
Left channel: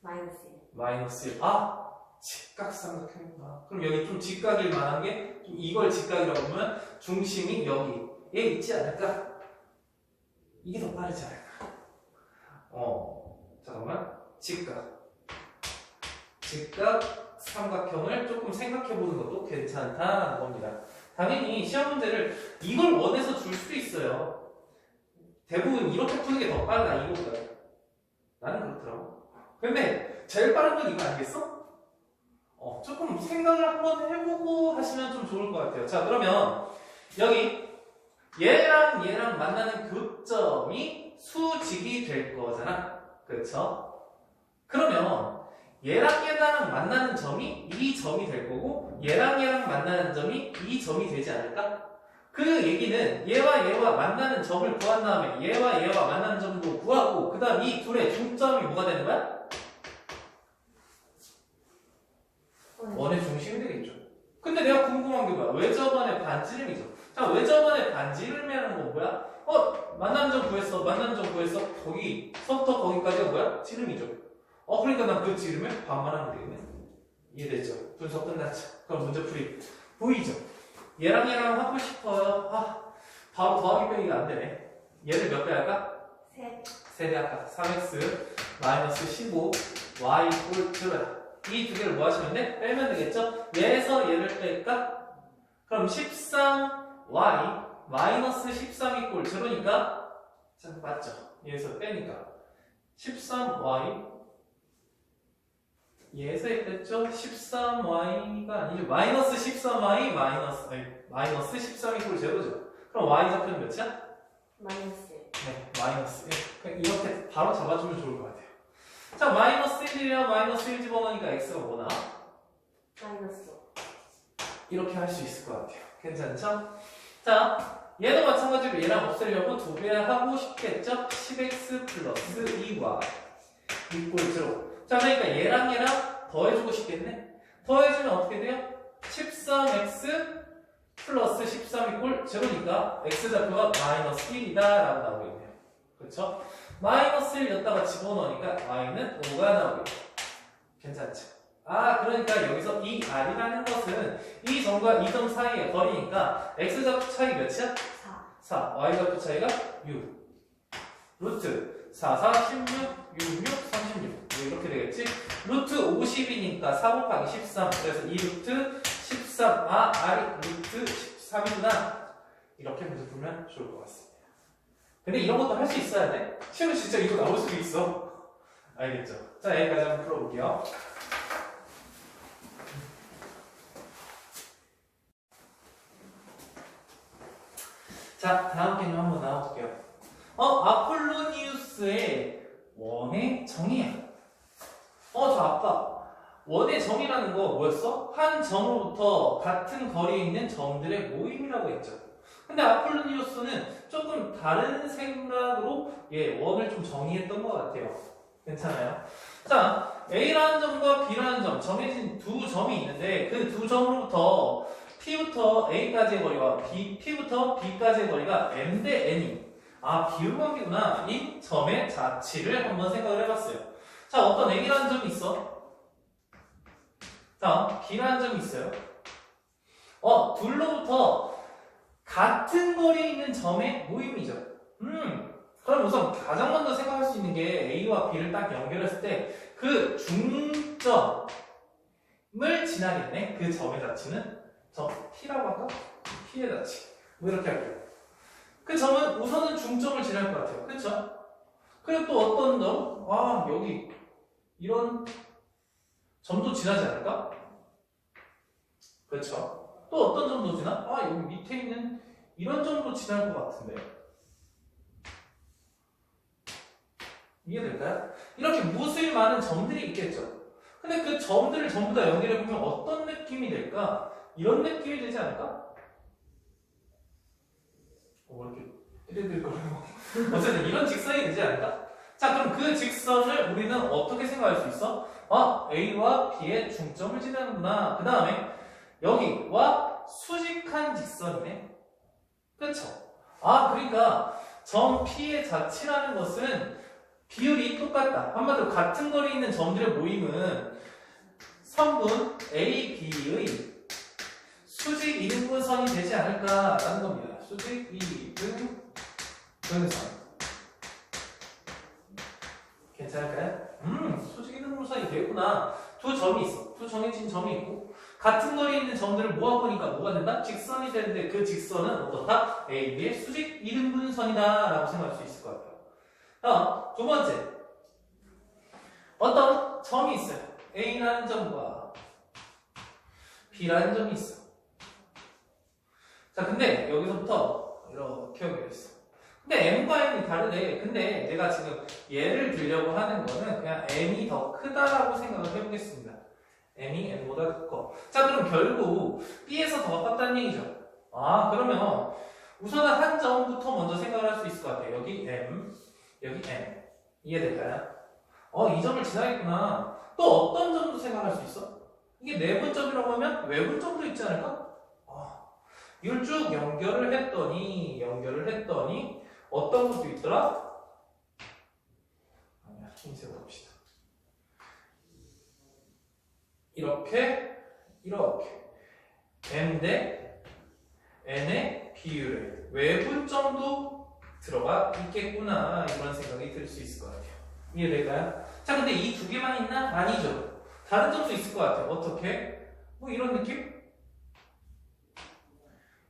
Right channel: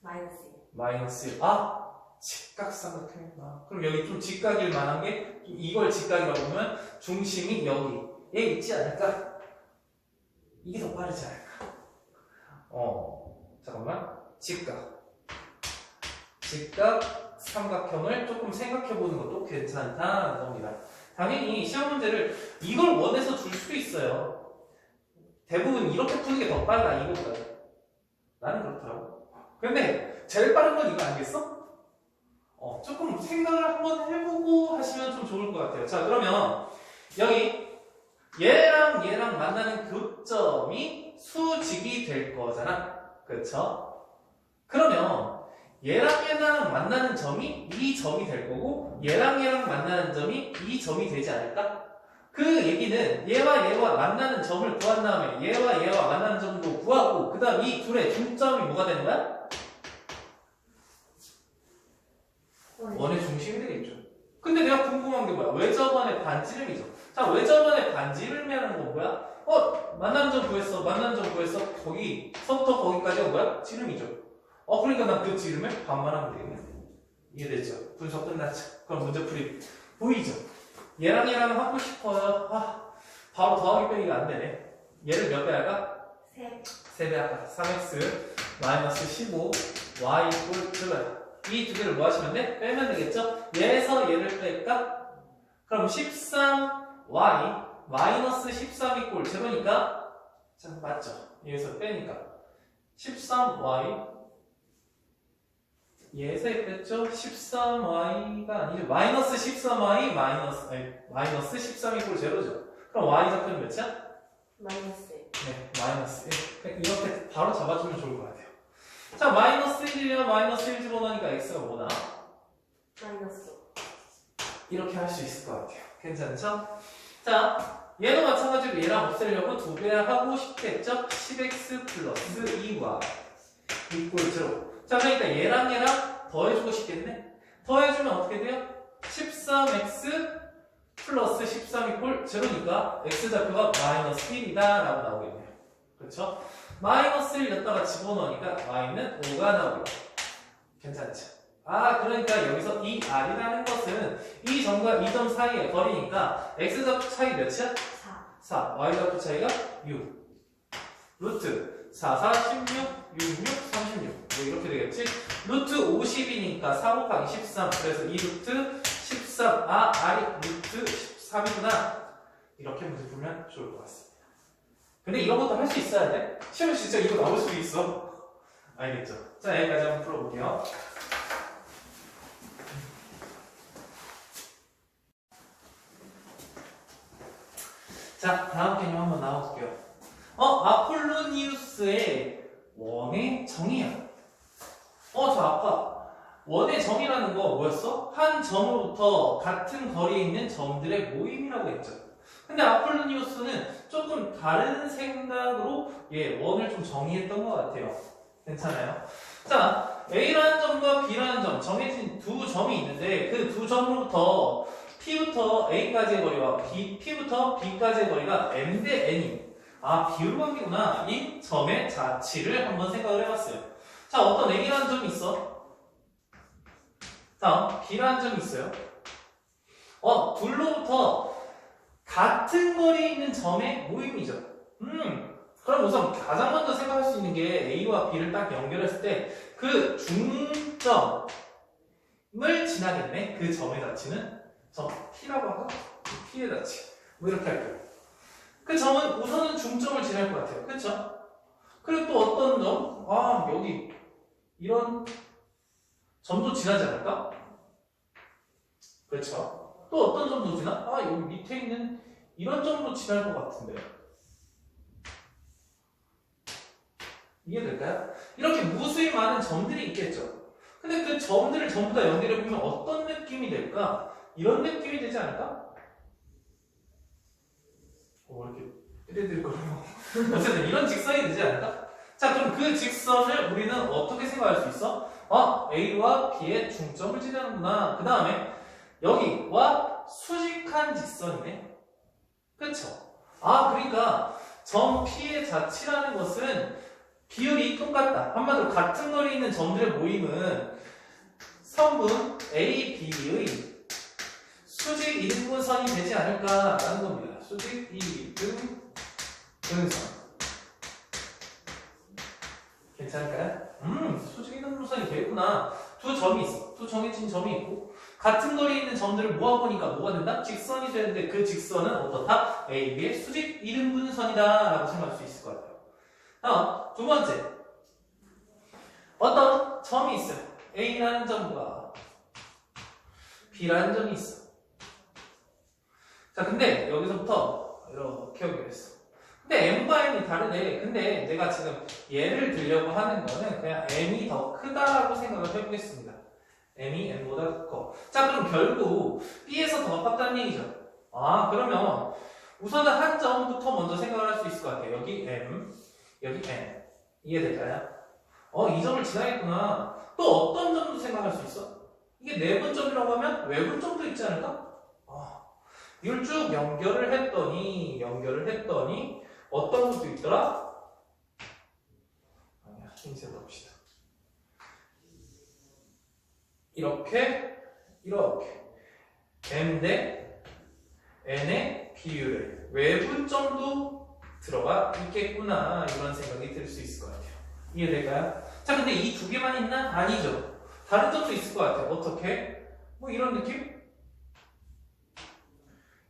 마이너스 1 마이너스 1. 아, 직각삼각형이구나. 그럼 여기 좀 직각일 만한 게, 좀 이걸 직각이라고 보면 중심이 여기에 있지 않을까? 이게 더 빠르지 않을까? 잠깐만. 직각 삼각형을 조금 생각해 보는 것도 괜찮다는 겁니다. 당연히 시험 문제를 이걸 원해서 줄 수도 있어요. 대부분 이렇게 푸는 게 더 빨라, 이거보다. 나는 그렇더라고. 근데 제일 빠른 건 이거 아니겠어? 조금 생각을 한번 해보고 하시면 좀 좋을 것 같아요. 자, 그러면 여기 얘랑 얘랑 만나는 교점이 수직이 될 거잖아. 그렇죠? 그러면 얘랑 얘랑 만나는 점이 이 점이 될 거고, 얘랑 얘랑 만나는 점이 이 점이 되지 않을까? 그 얘기는 얘와 얘와 만나는 점을 구한 다음에 얘와 얘와 만나는 점도 구하고, 그 다음 이 둘의 중점이 뭐가 되는 거야? 원의 중심이 되겠죠. 근데 내가 궁금한 게 뭐야? 외접원의 반지름이죠. 자, 외접원의 반지름이라는 건 뭐야? 만나는 점 구했어. 거기서부터 거기까지가 뭐야? 지름이죠. 그러니까 난 그 지름을 반만 하면 되겠네. 이해되죠? 분석 끝났죠? 그럼 문제풀이 보이죠? 얘랑 얘랑 하고 싶어요. 바로 더하기 빼기가 안 되네. 얘를 몇 배 할까? 3배 할까? 3x 마이너스 15 y 이꼴 제로야. 이 두 개를 뭐 하시면 돼? 빼면 되겠죠? 얘에서 얘를 뺄까? 그럼 13y 마이너스 13 이꼴 제로니까, 자, 맞죠? 얘에서 빼니까 13y 얘에서 뺐죠? 13y가 아니죠. 마이너스 13y 마이너스 13 이꼴 제로죠. 그럼 y 좌표는 몇이야? 마이너스 1 네, 마이너스 1. 이렇게 바로 잡아주면 좋을 것 같아요. 자, 마이너스 1이면 마이너스 1 집어넣으니까 x가 뭐나? 마이너스 5 이렇게 할 수 있을 것 같아요. 괜찮죠? 자, 얘도 마찬가지로 얘랑 없애려고 2배 하고 싶겠죠? 10x 플러스 2y 이꼴 0. 자, 그러니까 얘랑 더해주고 싶겠네? 더해주면 어떻게 돼요? 13x 플러스 13 이꼴 0니까 x좌표가 마이너스 1이다 라고 나오겠네요. 그렇죠? 마이너스 1 여기다가 집어넣으니까 y는 5가 나오겠죠. 괜찮지? 아, 그러니까 여기서 이 r이라는 것은 이 점과 이 점 사이의 거리니까 x좌표 차이 몇이야? 4. 4. y좌표 차이가 6. 루트 4, 4, 16, 6, 6, 36. 뭐 이렇게 되겠지? 루트 50이니까 4 곱하기 13. 그래서 이 루트 13. 아, r이 루트 13이구나. 이렇게 물어보면 좋을 것 같습니다. 근데 이런 것도 할 수 있어야 돼. 시험에 진짜 이거 나올 수도 있어. 알겠죠? 자, 여기까지 한번 풀어볼게요. 자, 다음 개념 한번 나와볼게요. 아폴로니우스의 원의 정의야. 저 아까 원의 정의라는 거 뭐였어? 한 점으로부터 같은 거리에 있는 점들의 모임이라고 했죠. 근데 아폴로니우스는 조금 다른 생각으로 원을 좀 정의했던 것 같아요. 괜찮아요? 자, A라는 점과 B라는 점, 정해진 두 점이 있는데 그 두 점으로부터 P부터 A까지의 거리와 P부터 B까지의 거리가 M 대 N이 비율관계구나. 이 점의 자치를 한번 생각을 해봤어요. 자, 어떤 A라는 점이 있어. 다음 B라는 점이 있어요. 둘로부터 같은 거리에 있는 점의 모임이죠. 그럼 우선 가장 먼저 생각할 수 있는 게 A와 B를 딱 연결했을 때 그 중점을 지나겠네. 그 점의 자치는 점 P라고 할까? P의 자치. 뭐 이렇게 할게요. 그 점은 우선은 중점을 지날 것 같아요. 그쵸? 그리고 또 어떤 점? 여기 이런 점도 지나지 않을까? 그렇죠? 또 어떤 점도 지나? 여기 밑에 있는 이런 점도 지날 것 같은데. 이해될까요? 이렇게 무수히 많은 점들이 있겠죠. 근데 그 점들을 전부 다 연결해보면 어떤 느낌이 될까? 이런 느낌이 되지 않을까? 이렇게 띠리띠리거리고 어쨌든 이런 직선이 되지 않을까? 자, 그럼 그 직선을 우리는 어떻게 생각할 수 있어? A와 B의 중점을 지나는구나. 그 다음에 여기와 수직한 직선이네. 그쵸? 그러니까 점 P의 자치라는 것은 비율이 똑같다. 한마디로 같은 거리에 있는 점들의 모임은 선분 A, B의 수직 이등분선이 되지 않을까라는 겁니다. 수직 이등분선. 괜찮을까요? 수직 이등분선이 되겠구나. 두 점이 있어. 두 정해진 점이 있고 같은 거리에 있는 점들을 모아보니까 뭐가 된다? 직선이 되는데 그 직선은 어떻다? A, B의 수직 이등분선이다 라고 생각할 수 있을 것 같아요. 두 번째, 어떤 점이 있어요. A라는 점과 B라는 점이 있어. 자, 근데 여기서부터 이렇게 연결했어. 근데 M과 N이 다르네. 근데 내가 지금 예를 들려고 하는 거는 그냥 M이 더 크다라고 생각을 해보겠습니다. M이 N보다 커. 자, 그럼 결국 B에서 더 가깝다는 얘기죠. 그러면 우선은 한 점부터 먼저 생각을 할 수 있을 것 같아요. 여기 M, 여기 N. 이해될까요? 이 점을 지나겠구나. 또 어떤 점도 생각할 수 있어? 이게 내분점이라고 하면 외분점도 있지 않을까? 이걸 쭉 연결을 했더니 어떤 것도 있더라? 흰색으로 봅시다. 이렇게 M 대 N의 비율의 외분점도 들어가 있겠구나. 이런 생각이 들 수 있을 것 같아요. 이해될까요? 자, 근데 이 두 개만 있나? 아니죠. 다른 점도 있을 것 같아요. 어떻게? 뭐 이런 느낌?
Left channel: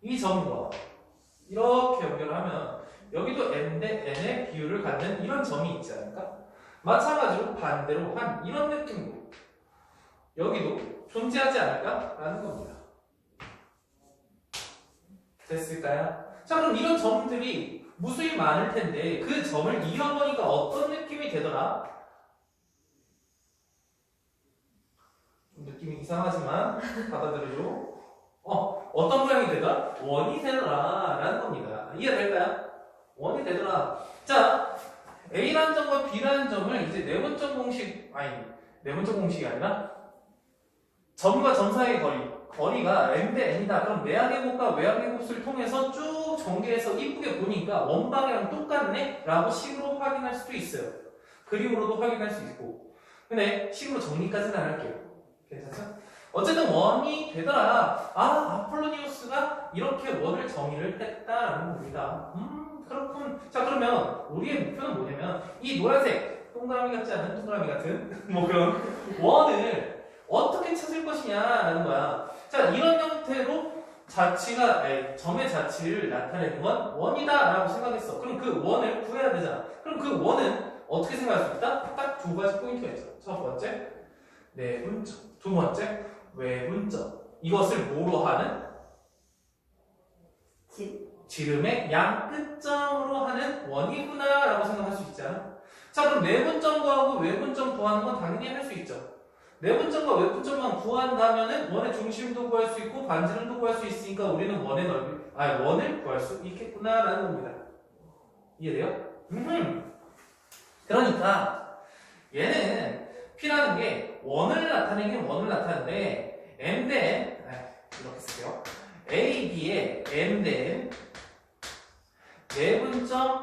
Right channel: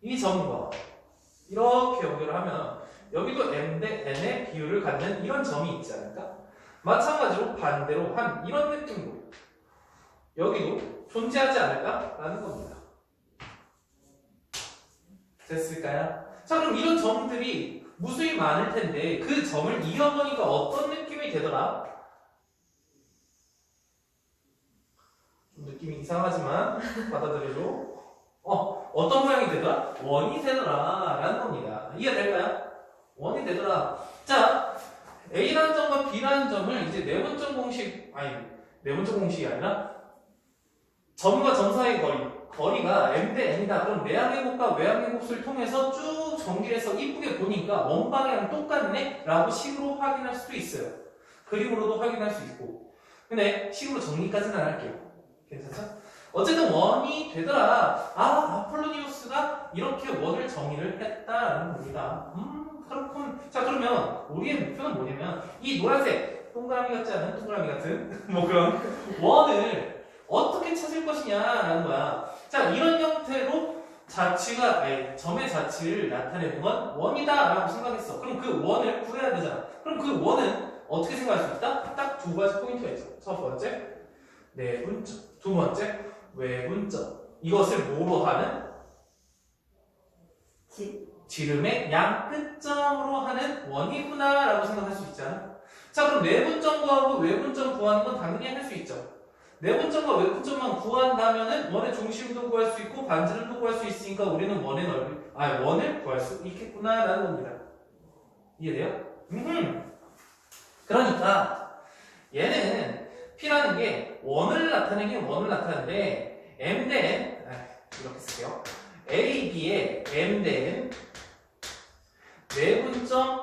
이 점과 이렇게 연결을 하면 여기도 M 대 N의 비율을 갖는 이런 점이 있지 않을까? 마찬가지로 반대로 한 이런 느낌으로 여기도 존재하지 않을까? 라는 겁니다. 됐을까요? 자, 그럼 이런 점들이 무수히 많을 텐데 그 점을 이어보니까 어떤 느낌이 되더라? 좀 느낌이 이상하지만 받아들여줘. 어떤 모양이 되더라? 원이 되더라 라는 겁니다. 이해될까요? 원이 되더라. 자, A라는 점과 B라는 점을 이제 내분점 공식이 아니라 점과 점 사이의 거리가 M 대 N이다. 그럼 내항의 곱과 외항의 곱을 통해서 쭉 전개해서 이쁘게 보니까 원방향 똑같네? 라고 식으로 확인할 수도 있어요. 그림으로도 확인할 수 있고. 근데 식으로 정리까지는 안 할게요. 괜찮죠? 어쨌든 원이 되더라. 아폴로니우스가 이렇게 원을 정의를 했다라는 겁니다. 그렇군. 자, 그러면 우리의 목표는 뭐냐면 이 노란색 동그라미 같지 않은 동그라미 같은 뭐 그런 원을 어떻게 찾을 것이냐라는 거야. 자, 이런 형태로 점의 자취를 나타내는 건 원이다라고 생각했어. 그럼 그 원을 구해야 되잖아. 그럼 그 원은 어떻게 생각할 수 있다? 딱 두 가지 포인트가 있죠. 첫 번째, 내분점. 두 번째, 외분점. 이것을 뭐로 하는? 지름의 양 끝점으로 하는 원이구나라고 생각할 수 있잖아. 자, 그럼 내분점 구하고 외분점 구하는 건 당연히 할 수 있죠. 내분점과 외분점만 구한다면은 원의 중심도 구할 수 있고 반지름도 구할 수 있으니까 우리는 원을 구할 수 있겠구나라는 겁니다. 이해돼요? 그러니까 얘는 P라는 게 원을 나타내긴 원을 나타내는데 M 대 이렇게 쓸게요. A, B의 M 대 내분점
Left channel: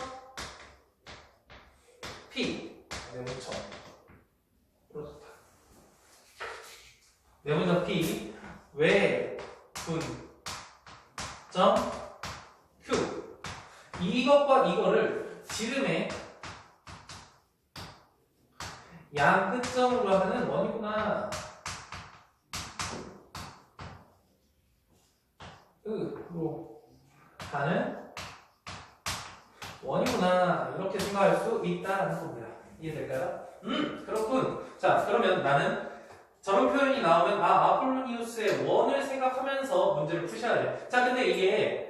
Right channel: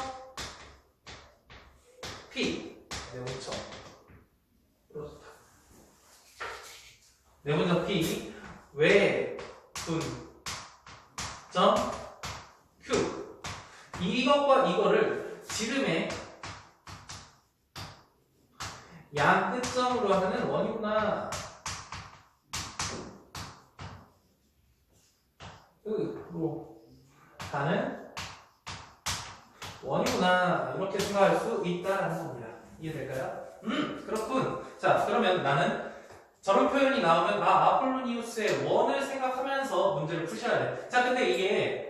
P 내분점 내분점 P 외분점 Q 이것과 이거를 지름의 양 끝점으로 하는 원이구나. 으로 하는 원이구나. 이렇게 생각할 수 있다라는 겁니다. 이해될까요? 그렇군. 자, 그러면 나는 저런 표현이 나오면 아폴로니우스의 원을 생각하면서 문제를 푸셔야 돼. 자, 근데 이게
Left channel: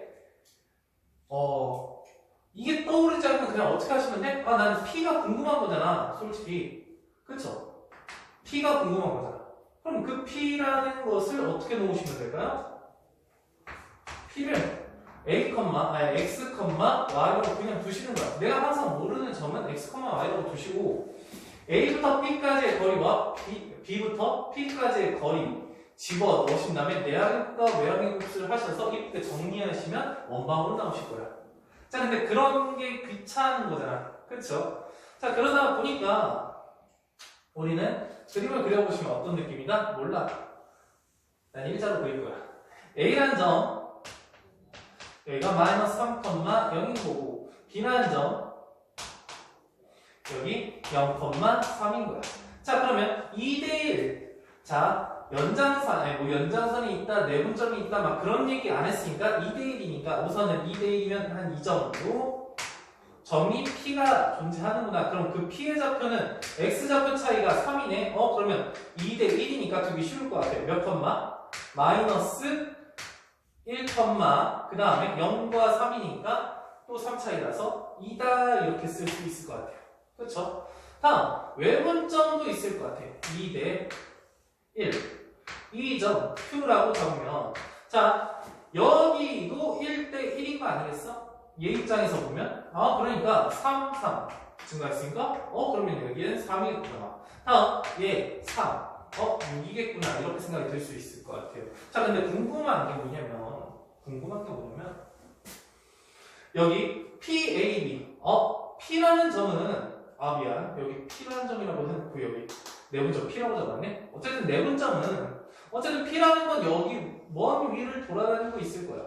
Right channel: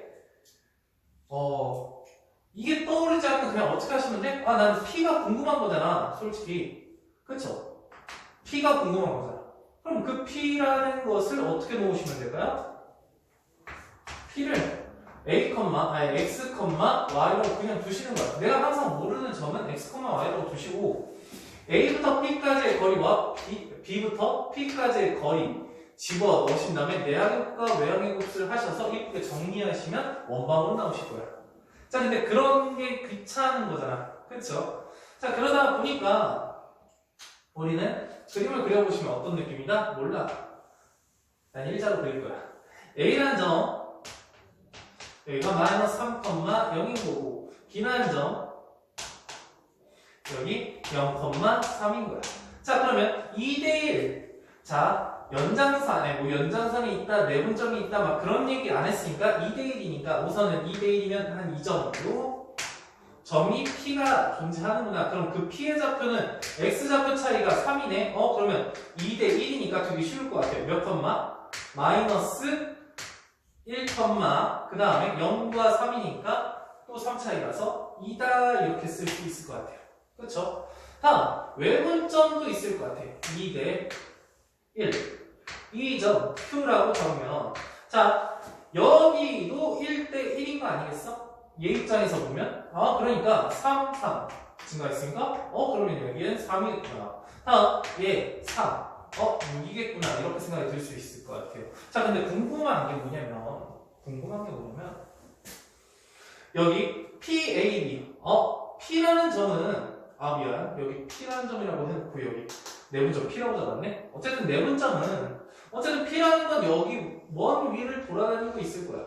떠오르지 않으면 그냥 어떻게 하시면 돼? 나는 P가 궁금한 거잖아. 솔직히. 그쵸? P가 궁금한 거잖아. 그럼 그 P라는 것을 어떻게 놓으시면 될까요? P를 X, Y로 그냥 두시는 거야. 내가 항상 모르는 점은 X, Y로 두시고 A부터 B까지의 거리와 B부터 P까지의 거리 집어 넣으신 다음에 내항의 외항의 곱수를 하셔서 이렇게 정리하시면 원방으로 나오실 거야. 자, 근데 그런 게 귀찮은 거잖아. 그쵸? 자, 그러다 보니까 우리는 그림을 그려보시면 어떤 느낌이다? 몰라. 난 일자로 그릴 거야. A라는 점 여기가 마이너스 3,0인 거고 B라는 점 여기 0,3인 거야. 자, 그러면 2대1 자, 연장선이 있다, 내분점이 있다 막 그런 얘기 안 했으니까 2대1이니까 우선은 2대1이면 한 이 정도 점이 P가 존재하는구나. 그럼 그 P의 좌표는 X좌표 차이가 3이네. 그러면 2대1이니까 되게 쉬울 것 같아요. 몇 컴마? 마이너스 1 컴마 그 다음에 0과 3이니까 또 3 차이라서 2다 이렇게 쓸 수 있을 것 같아요. 그렇죠? 다음 외분점도 있을 것 같아요. 2대 1 이 점 Q라고 적으면 자 여기도 1대 1인 거 아니겠어? 얘 입장에서 보면 그러니까 3 증가했으니까 그러면 여기는 3이겠구나. 다음 얘 3 6이겠구나 이렇게 생각이 들 수 있을 것 같아요. 자, 근데 궁금한 게 뭐냐면 여기 PAB P라는 점은 여기 P라는 점이라고 해놓고 여기 내분점 P라고 적었네. 어쨌든 내분점은 P라는 건 여기 원 위를 돌아다니고 있을 거야.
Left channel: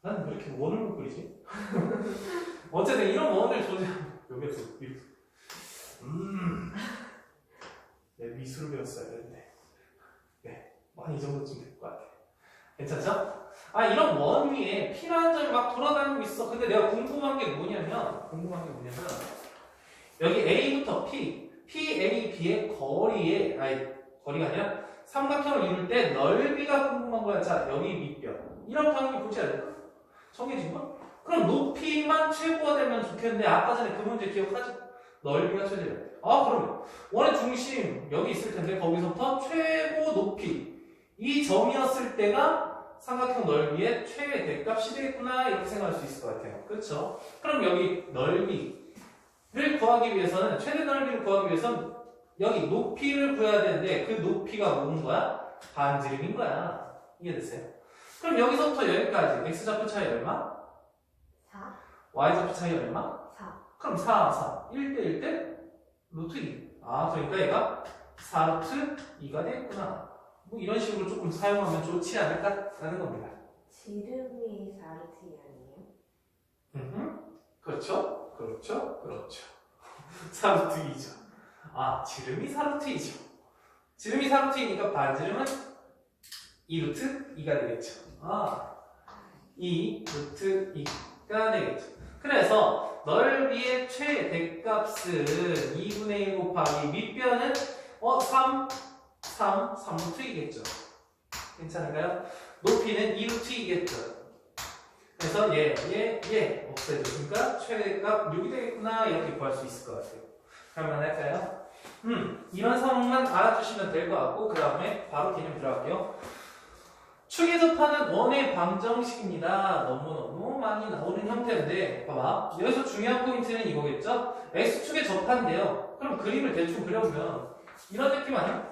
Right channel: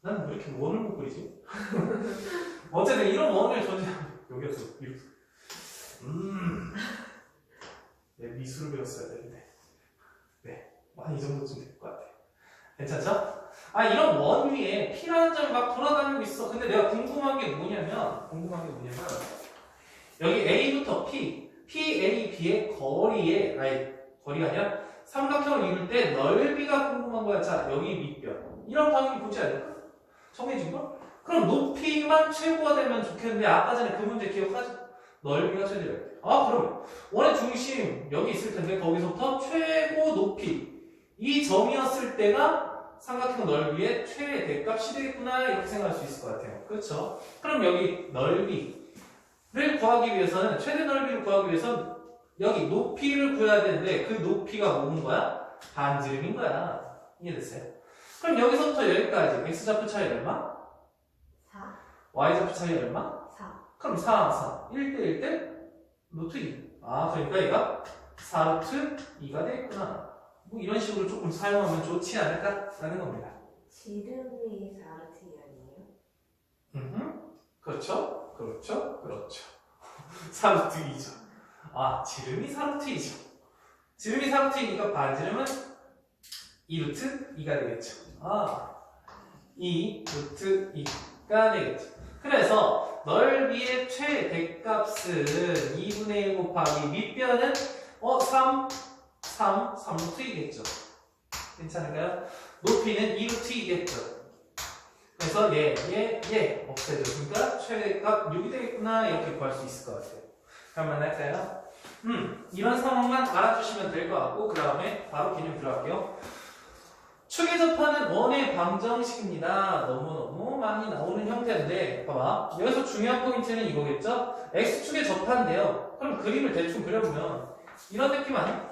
나는 왜 이렇게 원을 못 그리지? 어쨌든 이런 원을 여기서 이렇게 내 미술을 배웠어야 되는데 한 이 정도쯤 될 것 같아. 괜찮죠? 이런 원 위에 P라는 점이 막 돌아다니고 있어. 근데 내가 궁금한 게 뭐냐면 여기 A부터 PAB의 거리가 아니라 삼각형을 이룰 때 넓이가 궁금한 거야. 자, 여기 밑변. 이런 당연히 보지 않을까? 정해진 거? 그럼 높이만 최고가 되면 좋겠는데 아까 전에 그 문제 기억하죠? 넓이가 최대야. 그럼 원의 중심 여기 있을 텐데 거기서부터 최고 높이 이 점이었을 때가 삼각형 넓이의 최대값이 되겠구나 이렇게 생각할 수 있을 것 같아요. 그렇죠? 그럼 여기 넓이를 구하기 위해서는 최대 넓이를 구하기 위해서는 여기 높이를 구해야 되는데 그 높이가 뭐인 거야? 반지름인 거야. 이해됐어요? 그럼 여기서부터 여기까지 x좌표 차이 얼마? 4 y좌표 차이 얼마? 4 그럼 4 1대 1대 루트 2 아, 그러니까 얘가 4루트 2가 되겠구나. 뭐 이런 식으로 조금 사용하면 좋지 않을까라는 겁니다. 지름이 4루트 아니에요? 그렇죠? 그렇죠? 그렇죠. 4루트 2죠. 아, 지름이 4루트 2죠. 지름이 4루트 2니까 반지름은 2루트 2가 되겠죠. 아, 2루트 2가 되겠죠. 그래서 넓이의 최대값은 2분의 1 곱하기 밑변은 3루트 2겠죠. 괜찮을까요? 높이는 2루트 2겠죠. 그래서 얘 없애줬으니까 최대값 6이 되겠구나 이렇게 구할 수 있을 것 같아요. 그러면 할까요? 이런 상황만 알아두시면 될 것 같고 그 다음에 바로 개념 들어갈게요. 축에 접하는 원의 방정식입니다. 너무너무 많이 나오는 형태인데 봐봐. 여기서 중요한 포인트는 이거겠죠? X축에 접한대요. 그럼 그림을 대충 그려보면 이런 느낌 아니야?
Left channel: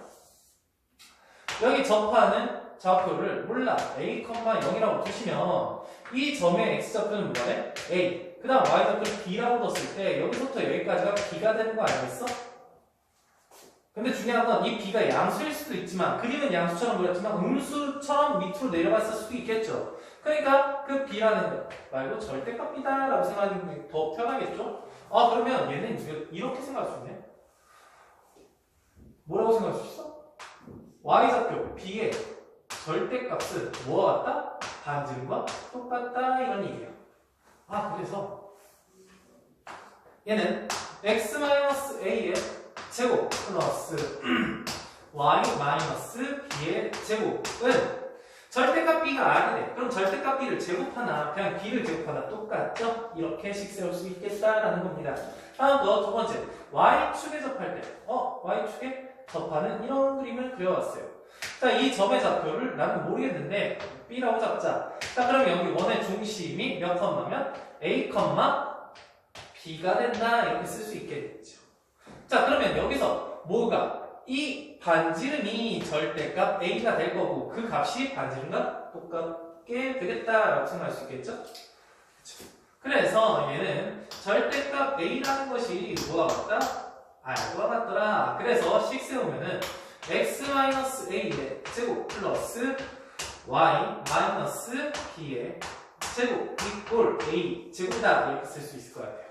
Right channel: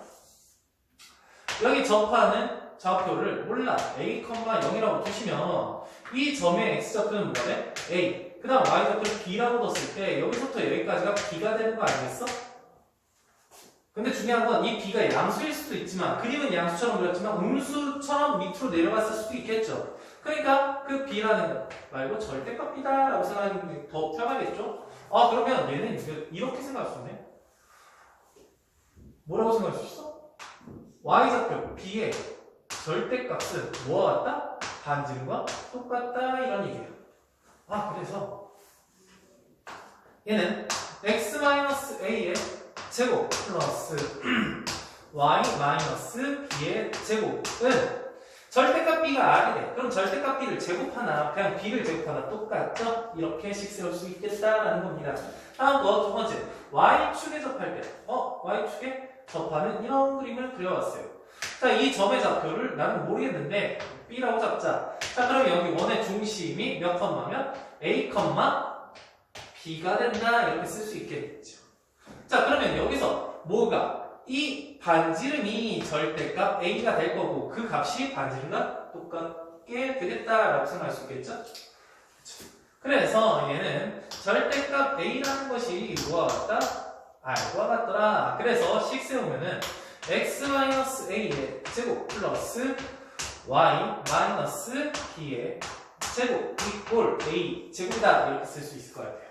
여기 접하는 좌표를 몰라 A, 0이라고 두시면 이 점의 X좌표는 뭐래? A 그 다음 Y좌표를 B라고 뒀을 때 여기서부터 여기까지가 B가 되는 거 아니겠어? 근데 중요한 건 이 B가 양수일 수도 있지만 그림은 양수처럼 그렸지만 음수처럼 밑으로 내려갔을 수도 있겠죠. 그러니까 그 B라는 거 말고 절대값 B다 라고 생각하는 게 더 편하겠죠? 아 그러면 얘는 이렇게 생각할 수 있네. 뭐라고 생각할 수 있어? Y좌표 B의 절대값은 뭐와 같다? 반지름과 똑같다 이런 얘기예요. 아 그래서 얘는 x-a의 제곱 플러스 y-b의 제곱은 절대값 b가 r이래. 그럼 절대값 b를 제곱하나 그냥 b를 제곱하나 똑같죠? 이렇게씩 세울 수 있겠다라는 겁니다. 다음 거 두 번째 y축에 접할 때 y축에 접하는 이런 그림을 그려왔어요. 자, 이 점의 좌표를 나는 모르겠는데 B라고 잡자. 자, 그럼 여기 원의 중심이 몇 컴마면 A, B가 된다 이렇게 쓸 수 있겠죠. 자, 그러면 여기서 뭐가 이 반지름이 절대값 A가 될 거고 그 값이 반지름과 똑같게 되겠다라고 생각할 수 있겠죠. 그래서 얘는 절대값 A라는 것이 뭐와 같다? R과 같더라. 그래서 식 세우면은 x-a의 제곱 플러스 y-b의 제곱 이꼴 a 제곱이다 이렇게 쓸 수 있을 것 같아요.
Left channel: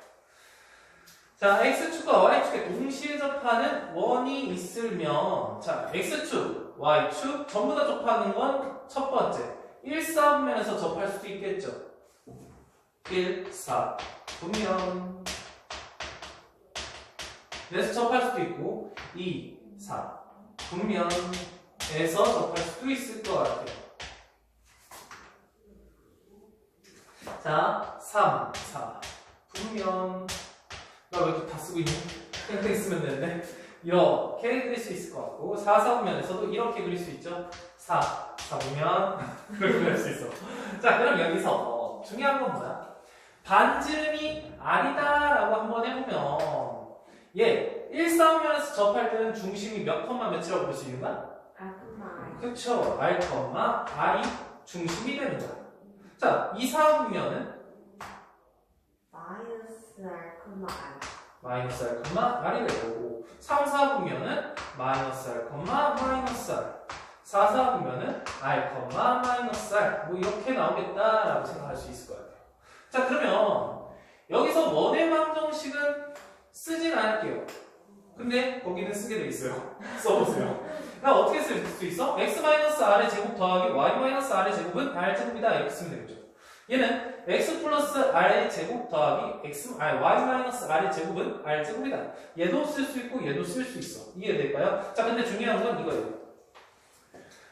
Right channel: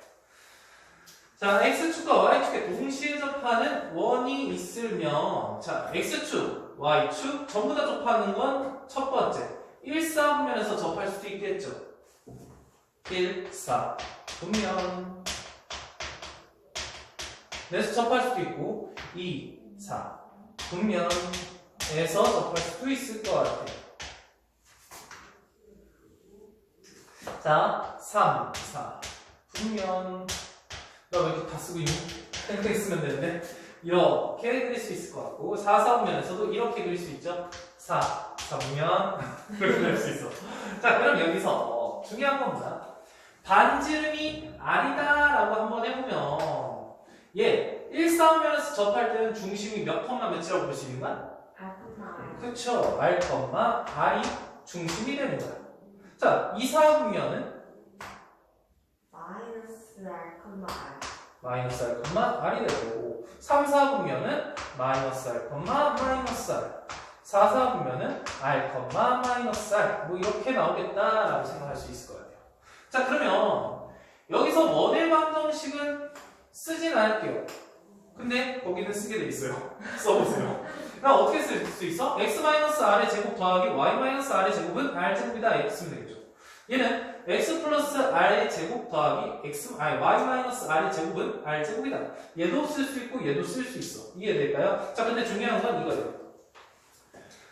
자, x축과 y축에 동시에 접하는 원이 있으면 자, x축, y축 전부 다 접하는 건 첫 번째 1사분면에서 접할 수도 있겠죠. 1,4분면 에서 접할 수도 있고 2, 4 분면에서 접할 수도 있을 것 같아요. 자, 3, 4 분면 너 왜 이렇게 다 쓰고 있니? 땡땡 쓰면 되는데 이렇게 그릴 수 있을 것 같고 4, 4분면에서도 이렇게 그릴 수 있죠. 4, 4분면 그렇게 그릴 수 있어. 자, 그럼 여기서 중요한 겁니다. 반지름이 아니다라고 한번 해보면 얘 1사분면에서 접할 때는 중심이 몇 컴마 몇이라고 볼 수 있는 거야? R, 그쵸. R, R이 중심이 되는 거야. 자, 2사분면은 마이너스 R, R. 마이너스 R, R이 되고 3사분면은 마이너스 R, 마이너스 R 4사분면은 R, 마이너스 R 뭐 이렇게 나오겠다라고 생각할 수 있을 것 같아요. 자, 그러면 여기서 원의 방정식은 쓰진 않을게요. 근데 거기는 쓰게 돼 있어요. 써보세요. 그럼 어떻게 쓸 수 있어? x-r의 제곱 더하기 y-r의 제곱은 r제곱이다 이렇게 쓰면 되겠죠. 얘는 x 플러스 r의 제곱 더하기 y-r의 제곱은 r제곱이다. 얘도 쓸 수 있고 얘도 쓸 수 있어. 이해될까요? 자, 근데 중요한 건 이거예요.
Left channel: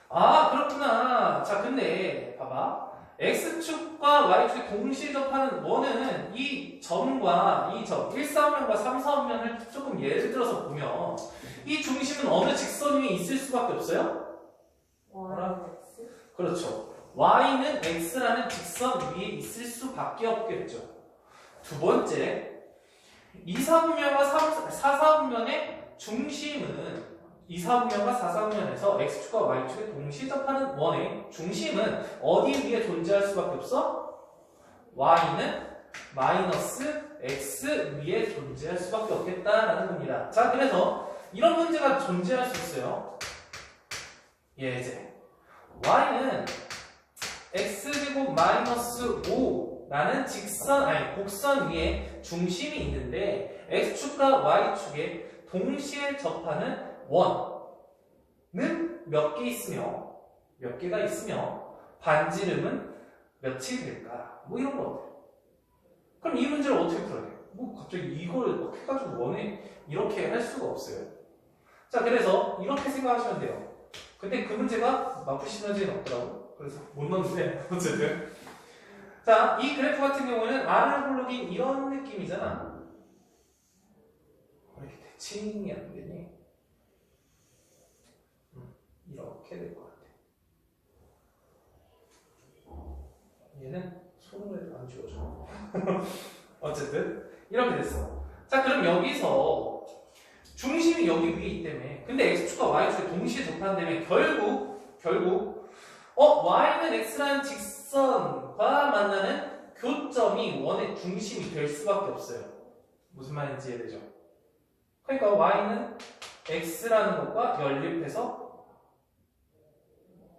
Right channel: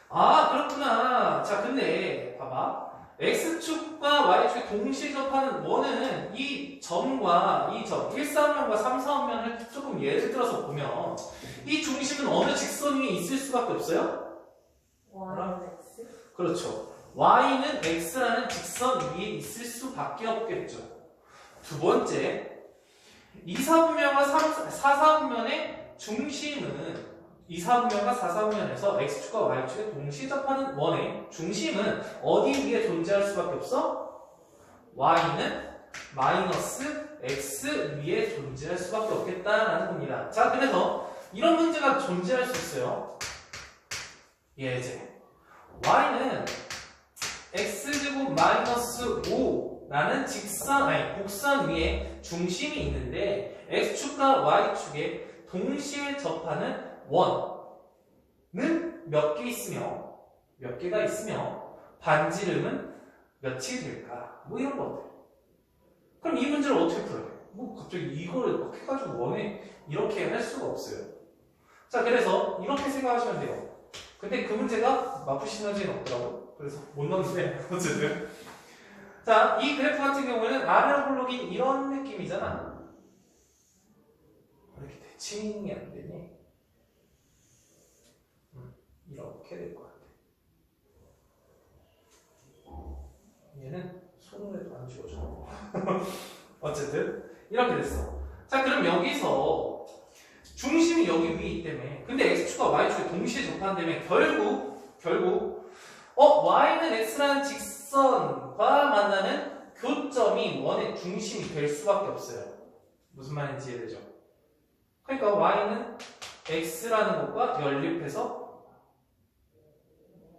아, 그렇구나. 자, 근데 봐봐. X축과 Y축이 동시에 접하는 원은 이 점과 이 점, 1사분면과 3사분면을 조금 예를 들어서 보면 이 중심은 어느 직선 위에 있을 수밖에 없어요? Y는 X? 그렇죠. Y는 X라는 직선 위에 있을 수밖에 없겠죠. 두 번째, 2사분면과 4사분면의 중심은 2사분면과 4사분면에서 X축과 Y축에 동시에 접하는 원의 중심은 어디 위에 존재할 수밖에 없어? Y는 마이너스 X 위에 존재할 수밖에 없겠다라는 겁니다. 자, 그래서 이런 문제가 존재할 수 있어요. 예제. y는 x제곱 마이너스 5라는 곡선 위에 중심이 있는데 x축과 y축에 동시에 접하는 원은 몇 개가 있으며 반지름은 몇이 될까? 뭐 이런 거. 그럼 이 문제를 어떻게 풀어야 돼? 뭐 갑자기 이걸 막 해가지고 원에 이렇게 할 수가 없어요. 자, 그래서 이렇게 생각하시면 돼요. 근데 그 문제가 마프 시너지는 없더라고요. 그래서 못 넣었는데 어쨌든. 자, 이 그래프 같은 경우에는 아날로그인 이런 느낌이잖아. 왜 이렇게 대칭이 안 되니? 이렇게 될 것 같아. 얘는 손으로 해도 안 지워져. 어쨌든 이렇게 됐어. 자, 그럼 여기서 중심이 여기 위에 있기 때문에, 근데 x축과 y축이 동시에 접한다면 결국 y는 x라는 직선과 만나는 교점이 원의 중심이 될 수밖에 없어요. 무슨 말인지 이해되죠? 그러니까 y는 x라는 것과 연립해서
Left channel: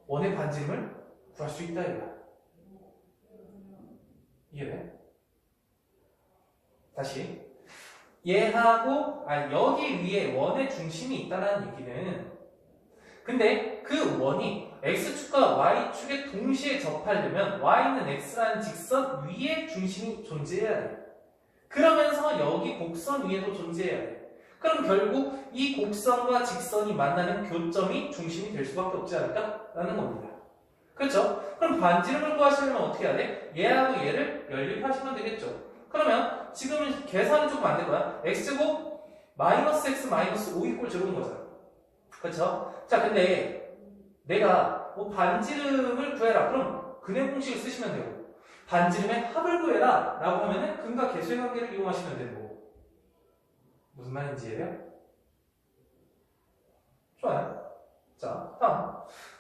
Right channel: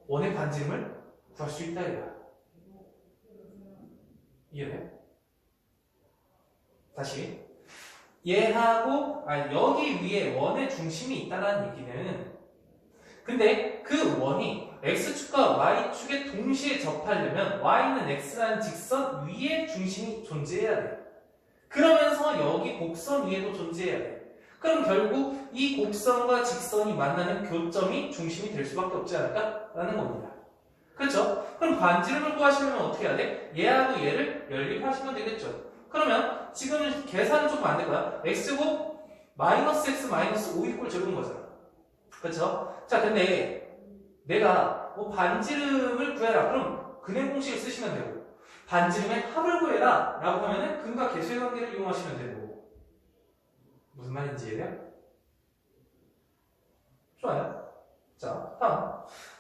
원의 반지름을 구할 수 있다 이거야. 이해돼? 다시. 얘하고 여기 위에 원의 중심이 있다는 얘기는, 근데 그 원이 x축과 y축에 동시에 접하려면 y는 x라는 직선 위에 중심이 존재해야 돼. 그러면서 여기 곡선 위에도 존재해야 돼. 그럼 결국 이 곡선과 직선이 만나는 교점이 중심이 될 수밖에 없지 않을까라는 겁니다. 그렇죠? 그럼 반지름을 구하시려면 어떻게 해야 돼? 얘하고 얘를 연립하시면 되겠죠. 그러면 지금 계산은 조금 안 될 거야. x제곱 마이너스 x 마이너스 5 이꼴 제곱인 거잖아. 그렇죠? 자, 근데 내가 뭐 반지름을 구해라. 그럼 근행 공식을 쓰시면 되고, 반지름의 합을 구해라 라고 하면은 근과 계수의 관계를 이용하시면 되고. 무슨 말인지 이해돼요? 좋아요. 자, 다음.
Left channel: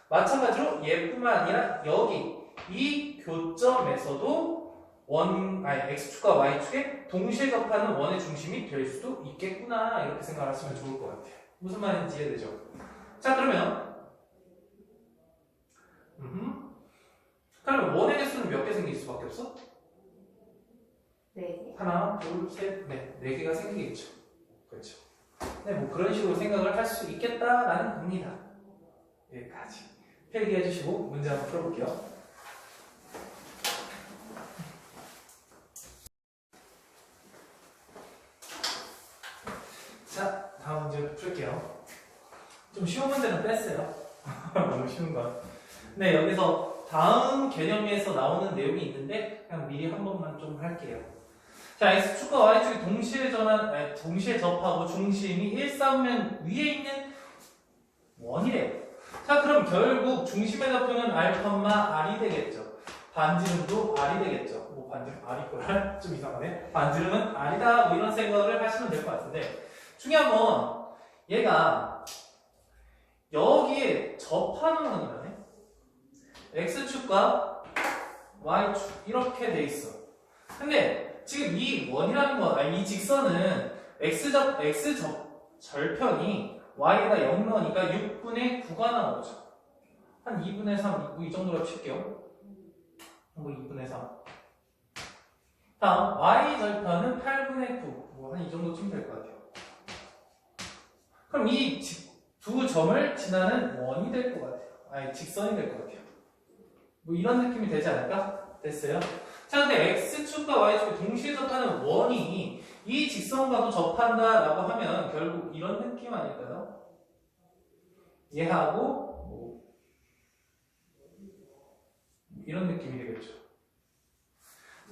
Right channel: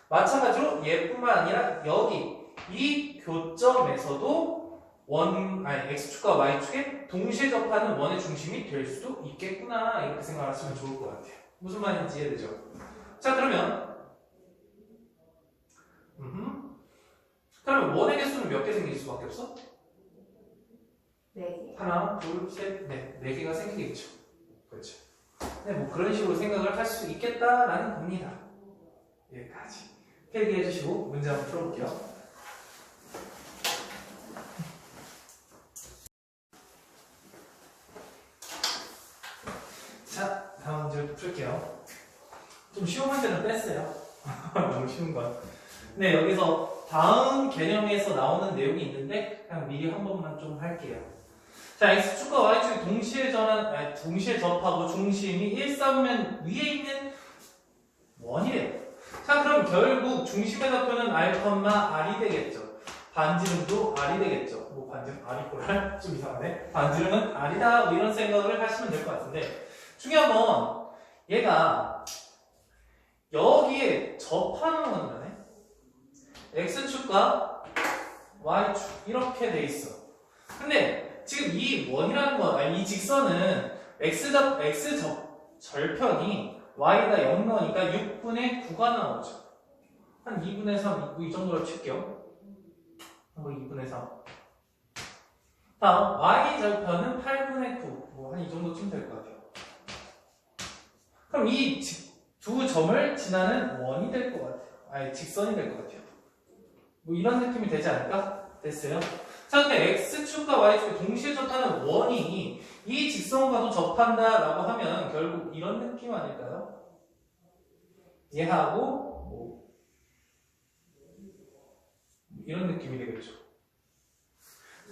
마찬가지로 얘뿐만 아니라 여기 이 교점에서도 x축과 y축에 동시에 접하는 원의 중심이 될 수도 있겠구나, 이렇게 생각하시면 좋을 것 같아요. 무슨 말인지 이해되죠? 자, 그러면 원의 개수는 몇 개 생길 수밖에 없어? 4개. 하나, 둘, 셋, 넷. 4개가 생기겠죠. 그렇죠. 네, 뭐 그런 식으로 생각을 할 수 있겠다라는 겁니다. 여기까지. 필기해 주시고 문제 한번 풀어볼게요. 자, 다음 문제 풀게요. 좀 쉬운 문제는 뺐어요. 너무 쉬운 건. 네, 여기서 다음 개념에서 나오는 내용이 있는데 그냥 미리 한 번만 좀 할게요. 자, x축과 y축이 동시에 접하고 중심이 일사면 위에 있는 원이래요. 자, 그럼 결국 중심의 좌표는 r이 되겠죠. 반지름도 r이 되겠죠. 뭐 반지름 r이구나. 좀 이상하네. 반지름은 r이다. 뭐 이런 생각을 하시면 될 것 같은데, 중요한 건 얘가 여기에 접하는 거네. x축과 y축 이렇게 돼 있어. 근데 지금 이 원이라는 건, 이 직선은 x 절편이 y에다 0 넣으니까 6분의 9가 나오죠. 한 2분의 3, 이 정도로 칠게요. 뭐 2분의 3. 다음 y 절편은 8분의 9. 뭐 한 이 정도쯤 될 것 같아요. 그럼 이 두 점을 지나는 원이 될 것 같아요. 직선이 될 것 같아요. 뭐 이런 느낌이 되지 않을까? 됐어요? 자, 근데 x축과 y축이 동시에 접하는 원이 이 직선과도 접한다라고 하면 결국 이런 느낌 아닐까요? 얘하고 뭐 이런 느낌이 되겠죠.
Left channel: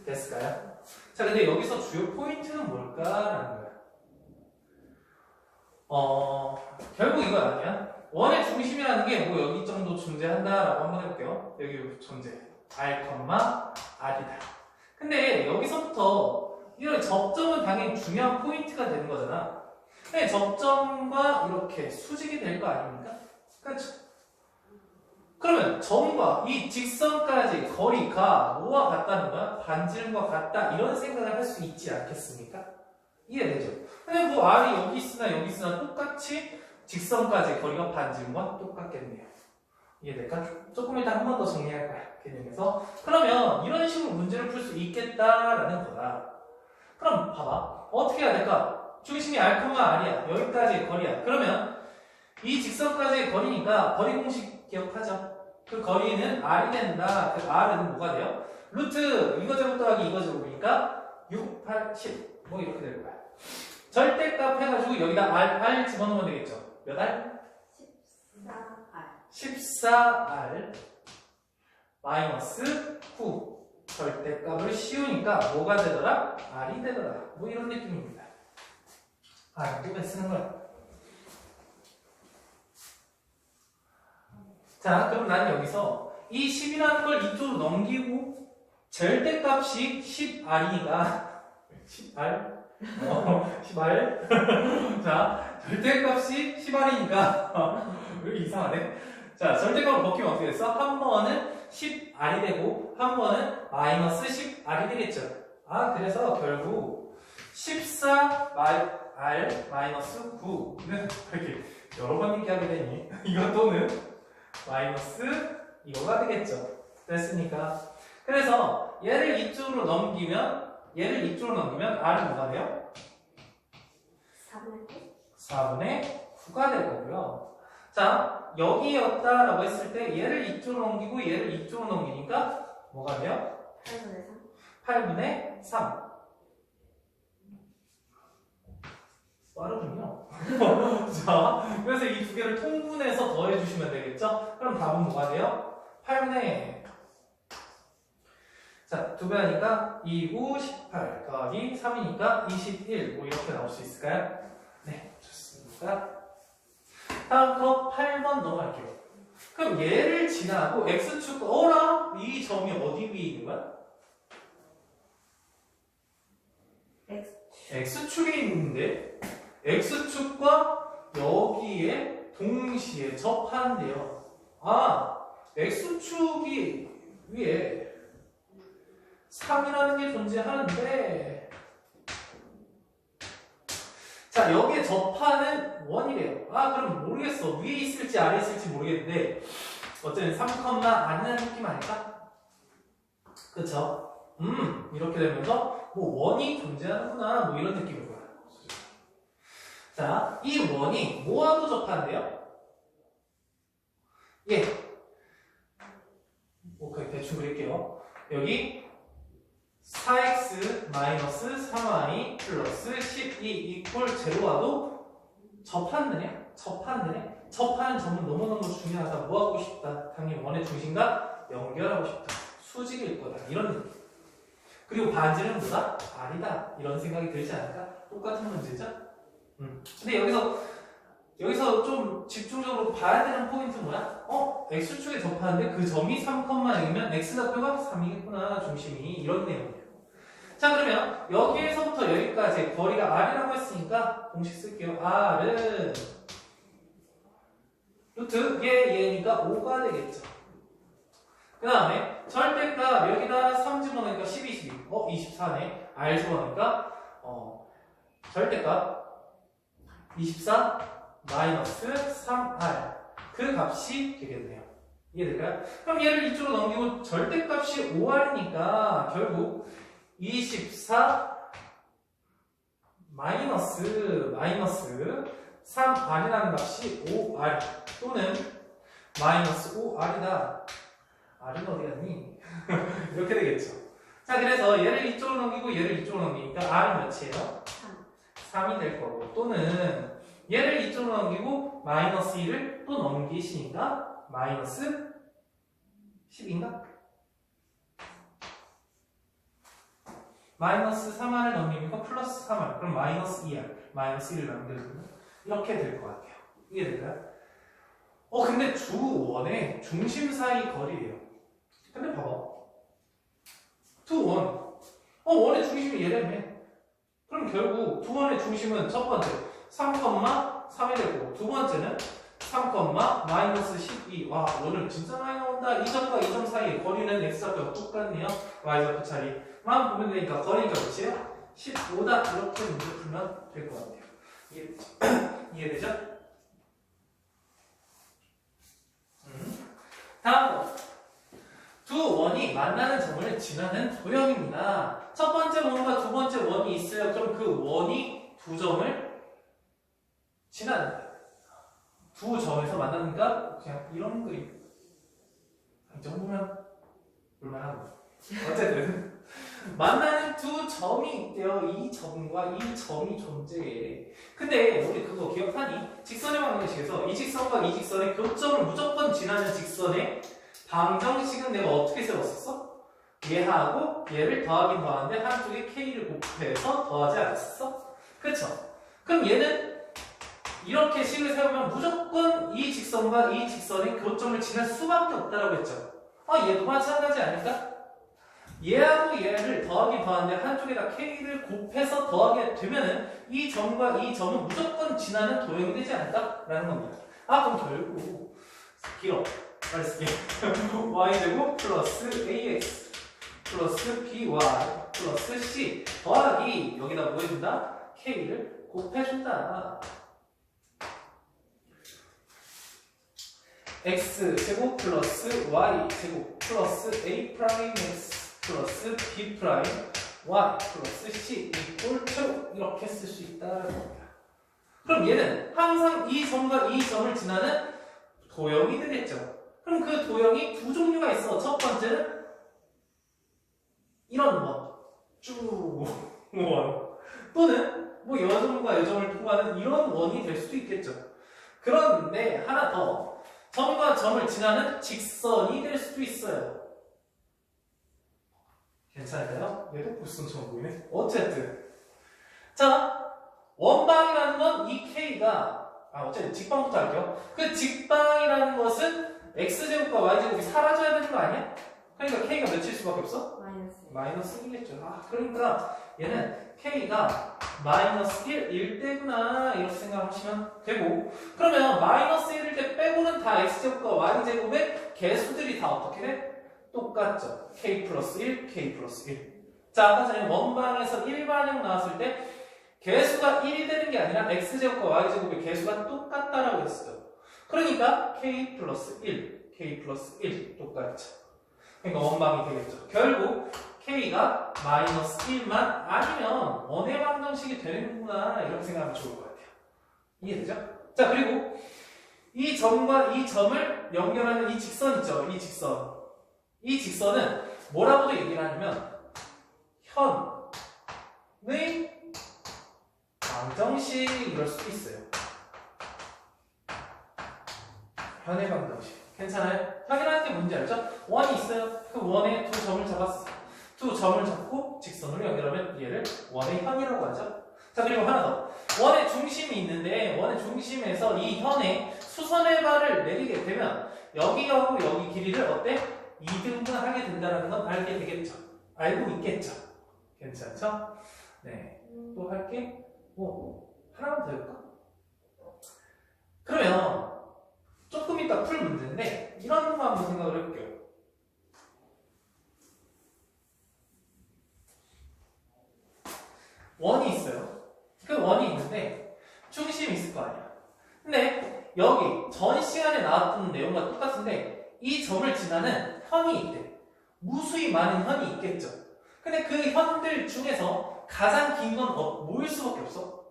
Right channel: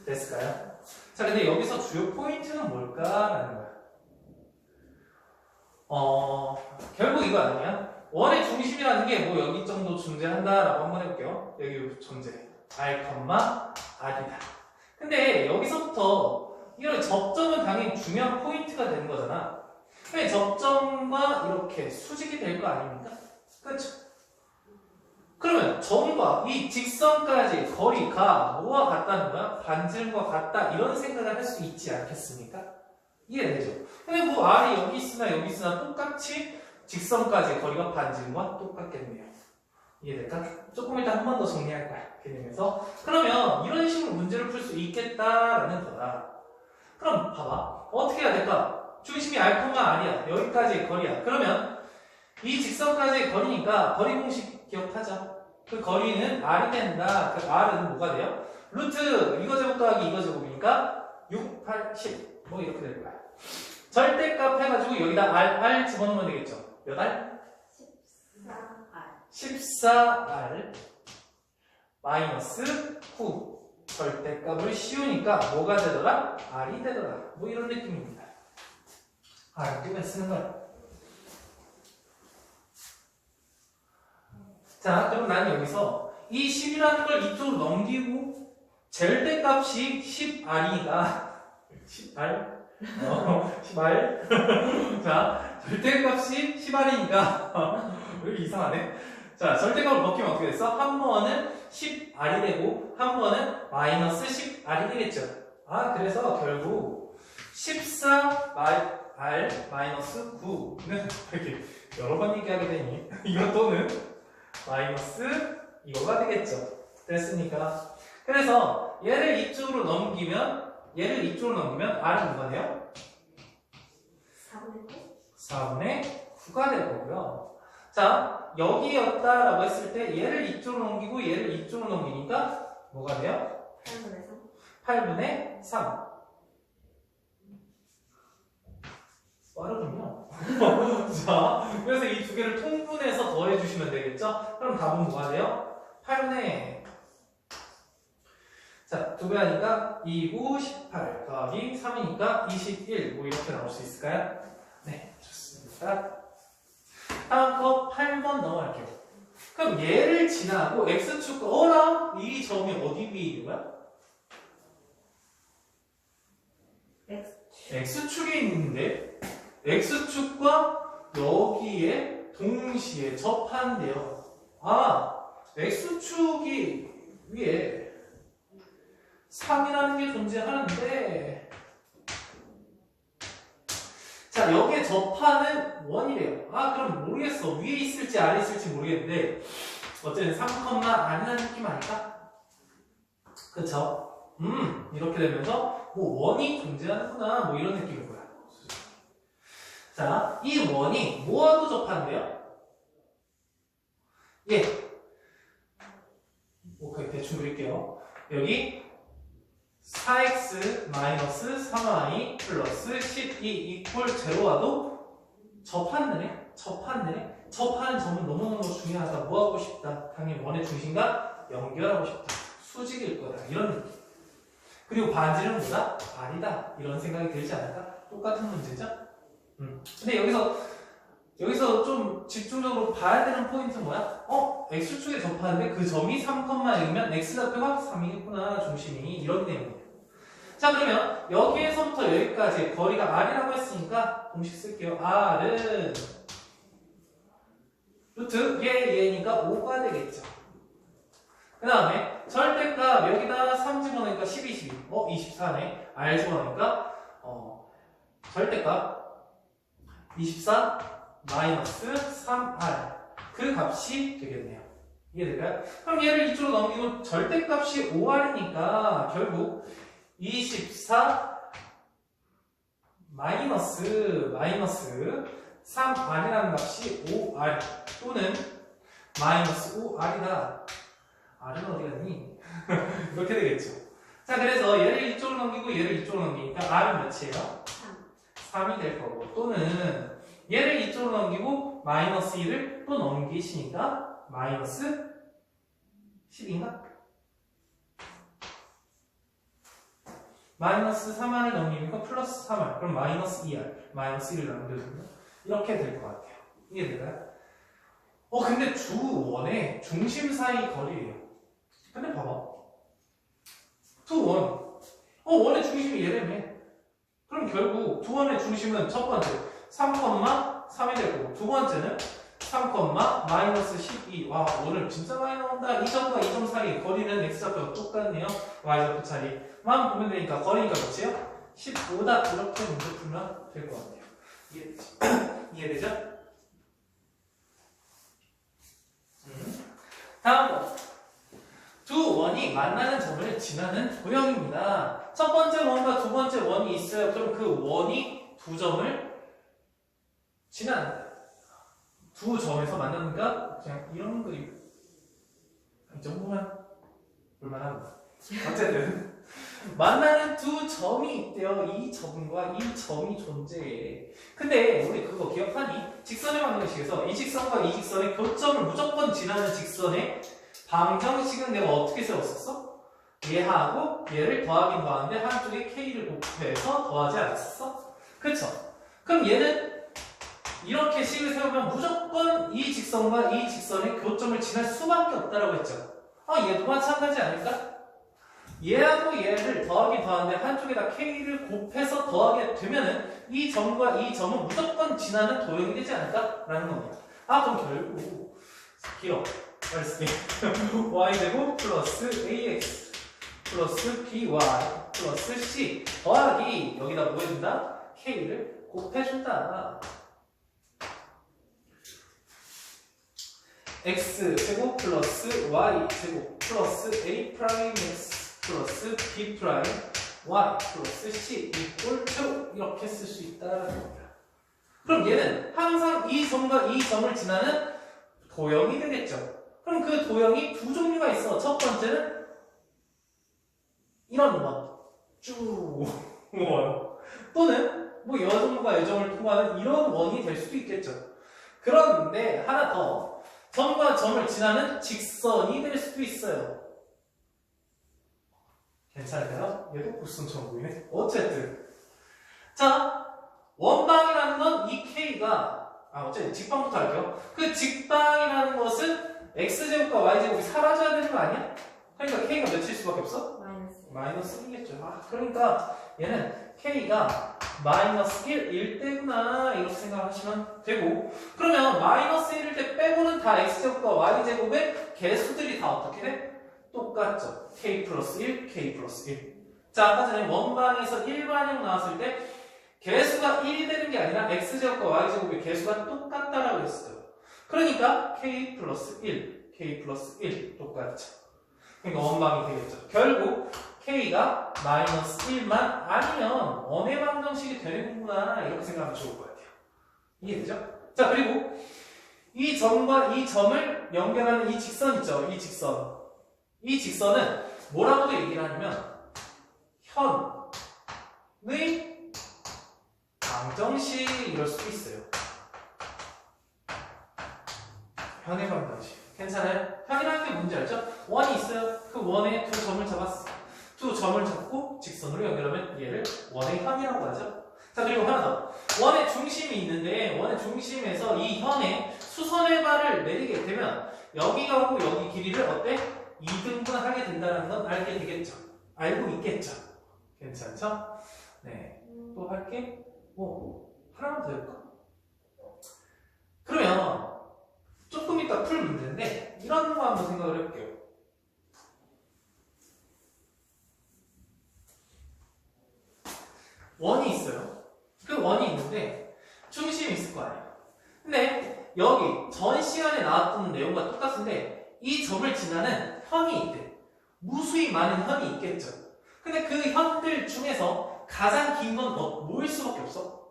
됐을까요? 자, 근데 여기서 주요 포인트는 뭘까라는 거야. 결국 이거 아니야? 원의 중심이라는 게 뭐 여기 정도 존재한다라고 한번 해볼게요. 여기 존재. r이다. 근데 여기서부터 이런 접점은 당연히 중요한 포인트가 되는 거잖아. 근데 접점과 이렇게 수직이 될 거 아닙니까? 그렇죠? 그러면 점과 이 직선까지 거리가 뭐와 같다는 거야? 반지름과 같다, 이런 생각을 할 수 있지 않겠습니까? 이해되죠? 근데 뭐 R이 여기 있으나 똑같이 직선까지 거리가 반지름과 똑같겠네요. 이해될까? 조금 이따 한 번 더 정리할 거야. 개념에서. 그러면 이런 식으로 문제를 풀 수 있겠다라는 거다. 그럼 봐봐. 어떻게 해야 될까? 중심이 R이야. 여기까지의 거리야. 그러면 이 직선까지의 거리니까 거리 공식 기억하자. 그 거리는 R이 된다. 그 R은 뭐가 돼요? 루트 이거 제곱 더하기 이거 제곱이니까 6, 8, 10 뭐 이렇게 될 거야. 절대값 해가지고 여기다 R 집어넣으면 되겠죠. 몇 R? 14R 마이너스 9 절대값을 씌우니까 뭐가 되더라? R이 되더라. 뭐 이런 느낌입니다. R을 또 쓰는 거야. 자, 그럼 난 여기서 이 10이라는 걸 이쪽으로 넘기고 절대값이 10R이니까 10R? 10R? 자, 절대값이 10R이니까 왜 이렇게 이상하네? 자, 절대값을 벗기면 어떻게 됐어? 한 번은 10R이 되고 한 번은 마이너스 10R이 되겠죠. 아, 그래서 결국 14R 마이너스 9는 이렇게 여러 번 얘기하게 되니 이거 또는 마이너스 이거가 되겠죠. 됐으니까. 그래서 얘를 이쪽으로 넘기면 R은 뭐가 돼요? 4분의 9가 될 거고요. 자, 여기였다라고 했을 때 얘를 이쪽으로 넘기고 얘를 이쪽으로 넘기니까 뭐가 돼요? 8분의 3. 빠르군요. 자, 그래서 이 두 개를 통분해서 더해주시면 되겠죠? 그럼 답은 뭐가 돼요? 8분의 자, 2배 하니까 2, 9, 18 더하기 3이니까 21 뭐 이렇게 나올 수 있을까요? 네, 좋습니다. 다음 거 8번 넘어갈게요. 그럼 얘를 지나고 X축 어라? 이 점이 어디 위에 있는 거야? X축에 있는데 X축과 여기에 동시에 접한대요. 아, X축이 위에 3이라는 게 존재하는데 자, 여기에 접하는 원이래요. 아, 그럼 모르겠어. 위에 있을지 아래 있을지 모르겠는데 어쨌든 3, 아니라는 느낌 아닐까? 그쵸? 이렇게 되면서 뭐 원이 존재하는구나 뭐 이런 느낌일 거야. 자, 이 원이 뭐하고 접한대요? 예. 오케이, 대충 그릴게요. 여기 4x 마이너스 3y 플러스 12 이퀄 제로와도 접한대네. 접하는 점은 너무너무 중요하다. 뭐하고 싶다? 당연히 원의 중심과 연결하고 싶다. 수직일 거다. 이런 느낌. 그리고 반지는 뭐다? R이다. 이런 생각이 들지 않을까? 똑같은 문제죠? 근데 여기서 좀 집중적으로 봐야 되는 포인트 뭐야? X축에 접하는데 그 점이 3,0이면 X좌표가 3이겠구나. 중심이. 이런 내용이에요. 자, 그러면 여기에서부터 여기까지 거리가 R이라고 했으니까 공식 쓸게요. R은 루트 얘니까 5가 되겠죠. 그 다음에 절대값 여기다 3 집어넣으니까 12, 24네. R 집어넣으니까 절대값 24 마이너스 3R 그 값이 되겠네요. 이해될까요? 그럼 얘를 이쪽으로 넘기고 절대값이 5R이니까 결국 24 마이너스 3R이라는 값이 5R 또는 마이너스 5R이다. R은 어디 갔니? 이렇게 되겠죠. 자, 그래서 얘를 이쪽으로 넘기고 얘를 이쪽으로 넘기니까 R은 몇이에요? 3이 될 거고 또는 얘를 이쪽으로 넘기고 마이너스 1을 또 넘기시니까 마이너스 10인가? 마이너스 3R을 넘기니까 플러스 3R 그럼 마이너스 2R 마이너스 1을 남겨주면 이렇게 될 것 같아요. 이해될까요? 근데 주 원의 중심 사이 거리예요. 근데 봐봐 두 원 원의 중심이 얘라며. 그럼 결국 두 원의 중심은 첫 번째 3,3이 될 거고 두 번째는 3, 마이너스 12. 와, 오늘 진짜 많이 나온다. 이 점과 이 점 사이 거리는 x좌표가 똑같네요. y좌표 차이만 보면 되니까 거리니까 몇이에요? 15다 이렇게 문제 풀면 될 것 같아요. 이해되죠? 다음 거. 두 원이 만나는 점을 지나는 도형입니다. 첫 번째 원과 두 번째 원이 있어요. 그럼 그 원이 두 점을 지나는 거예요. 두 점에서 만나니까 그냥 이런 그림. 이 정도면 볼만한 거예요. 어쨌든 만나는 두 점이 있대요. 이 점과 이 점이 존재해. 근데 우리 그거 기억하니? 직선의 방정식에서 이 직선과 이 직선의 교점을 무조건 지나는 직선의 방정식은 내가 어떻게 세웠었어? 얘하고 얘를 더하긴 더하는데 한쪽에 k를 곱해서 더하지 않았었어? 그쵸? 그럼 얘는 이렇게 식을 세우면 무조건 이 직선과 이 직선의 교점을 지날 수밖에 없다라고 했죠. 얘도 마찬가지 아닐까? 얘하고 얘를 더하긴 더하는데 한쪽에다 k를 곱해서 더하게 되면은 이 점과 이 점은 무조건 지나는 도형이 되지 않을까라는 겁니다. 그럼 결국 길어. 빨리 쓸게. y제곱 플러스 ax 플러스 by 플러스 c 더하기 여기다 뭐 해준다? k를 곱해준다. x제곱 플러스 y제곱 플러스 a 프라임 x 플러스 b 프라임 y 플러스 c 이꼴 제로 이렇게 쓸 수 있다는 겁니다. 그럼 얘는 항상 이 점과 이 점을 지나는 도형이 되겠죠. 그럼 그 도형이 두 종류가 있어. 첫 번째는 이런 원, 쭉 원, 또는 뭐 여점과 여점을 통하는 이런 원이 될 수도 있겠죠. 그런데 하나 더, 점과 점을 지나는 직선이 될 수도 있어요. 괜찮을까요? 얘도 불순처럼 보이네. 어쨌든 자, 원방이라는 건 이 k가 어쨌든 직방부터 할게요. 그 직방이라는 것은 x제곱과 y제곱이 사라져야 되는 거 아니야? 그러니까 k가 몇일 수밖에 없어? 마이너스 1이겠죠. 그러니까 얘는 k가 마이너스 1일 때구나 이렇게 생각하시면 되고, 그러면 마이너스 1일 때 빼고는 다 x제곱과 y제곱의 개수들이 다 어떻게 돼? 똑같죠. k 플러스 1, k 플러스 1. 자, 아까 전에 원방에서 일반형 나왔을 때 개수가 1이 되는 게 아니라 x제곱과 y제곱의 개수가 똑같다라고 했어요. 그러니까 k 플러스 1, k 플러스 1 똑같죠. 그러니까 원방이 되겠죠. 결국 k가 마이너스 1만 아니면 원의 방정식이 되는구나 이렇게 생각하면 좋을 것 같아요. 이해되죠? 자, 그리고 이 점과 이 점을 연결하는 이 직선 있죠. 이 직선. 이 직선은 뭐라고도 얘기를 하냐면 현의 방정식 이럴 수도 있어요. 현의 방정식. 괜찮아요? 현이라는 게 뭔지 알죠? 원이 있어요. 그 원에 두 점을 잡았어. 두 점을 잡고 직선으로 연결하면 얘를 원의 현이라고 하죠. 자, 그리고 하나 더. 원의 중심이 있는데 원의 중심에서 이 현에 수선의 발을 내리게 되면 여기가 오고 여기 길이를 어때? 2등분 하게 된다는 건 알게 되겠죠. 알고 있겠죠. 괜찮죠? 네. 또 할게. 하나만 더 해볼까? 그러면 조금 이따 풀 문제인데 이런 거 한번 생각을 해볼게요. 원이 있어요. 그 원이 있는데 중심이 있을 거 아니야. 근데 여기 전 시간에 나왔던 내용과 똑같은데 이 점을 지나는 현이 있대. 무수히 많은 현이 있겠죠. 근데 그 현들 중에서 가장 긴 건 뭐일 수밖에 없어?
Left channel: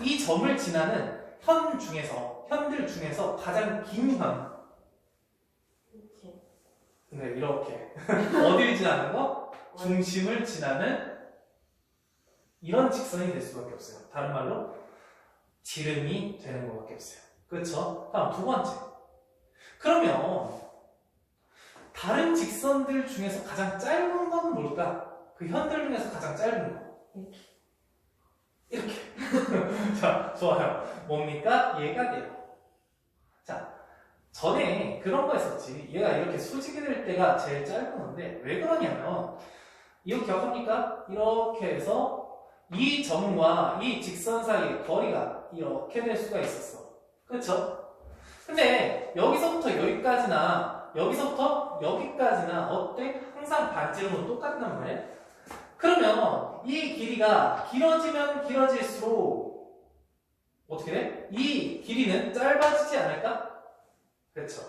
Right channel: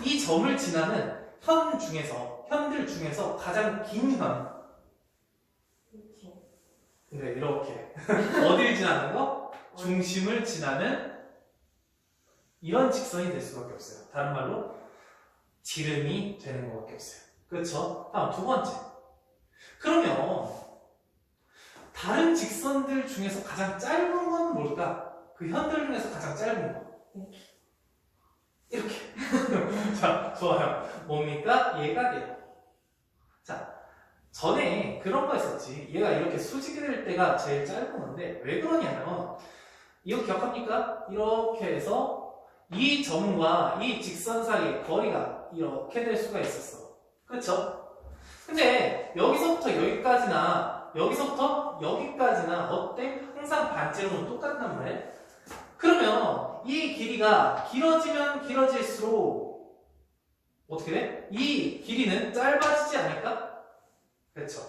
이 점을 지나는 현들 중에서 가장 긴 현. 근데 이렇게 어딜 지나는 거? 중심을 지나는 이런 직선이 될 수밖에 없어요. 다른 말로 지름이 되는 것밖에 없어요. 그렇죠? 다음 두 번째. 그러면 다른 직선들 중에서 가장 짧은 건 뭘까? 그 현들 중에서 가장 짧은 거. 이렇게. 자, 좋아요. 뭡니까? 얘가 돼요. 자, 전에 그런 거 있었지. 얘가 이렇게 수직이 될 때가 제일 짧은 건데 왜 그러냐면 이거 기억합니까? 이렇게 해서 이 점과 이 직선 사이의 거리가 이렇게 될 수가 있었어. 그렇죠? 근데 여기서부터 여기까지나 여기서부터 여기까지나 어때? 항상 반지름은 똑같단 말이야. 그러면 이 길이가 길어지면 길어질수록 어떻게 돼? 이 길이는 짧아지지 않을까? 그렇죠.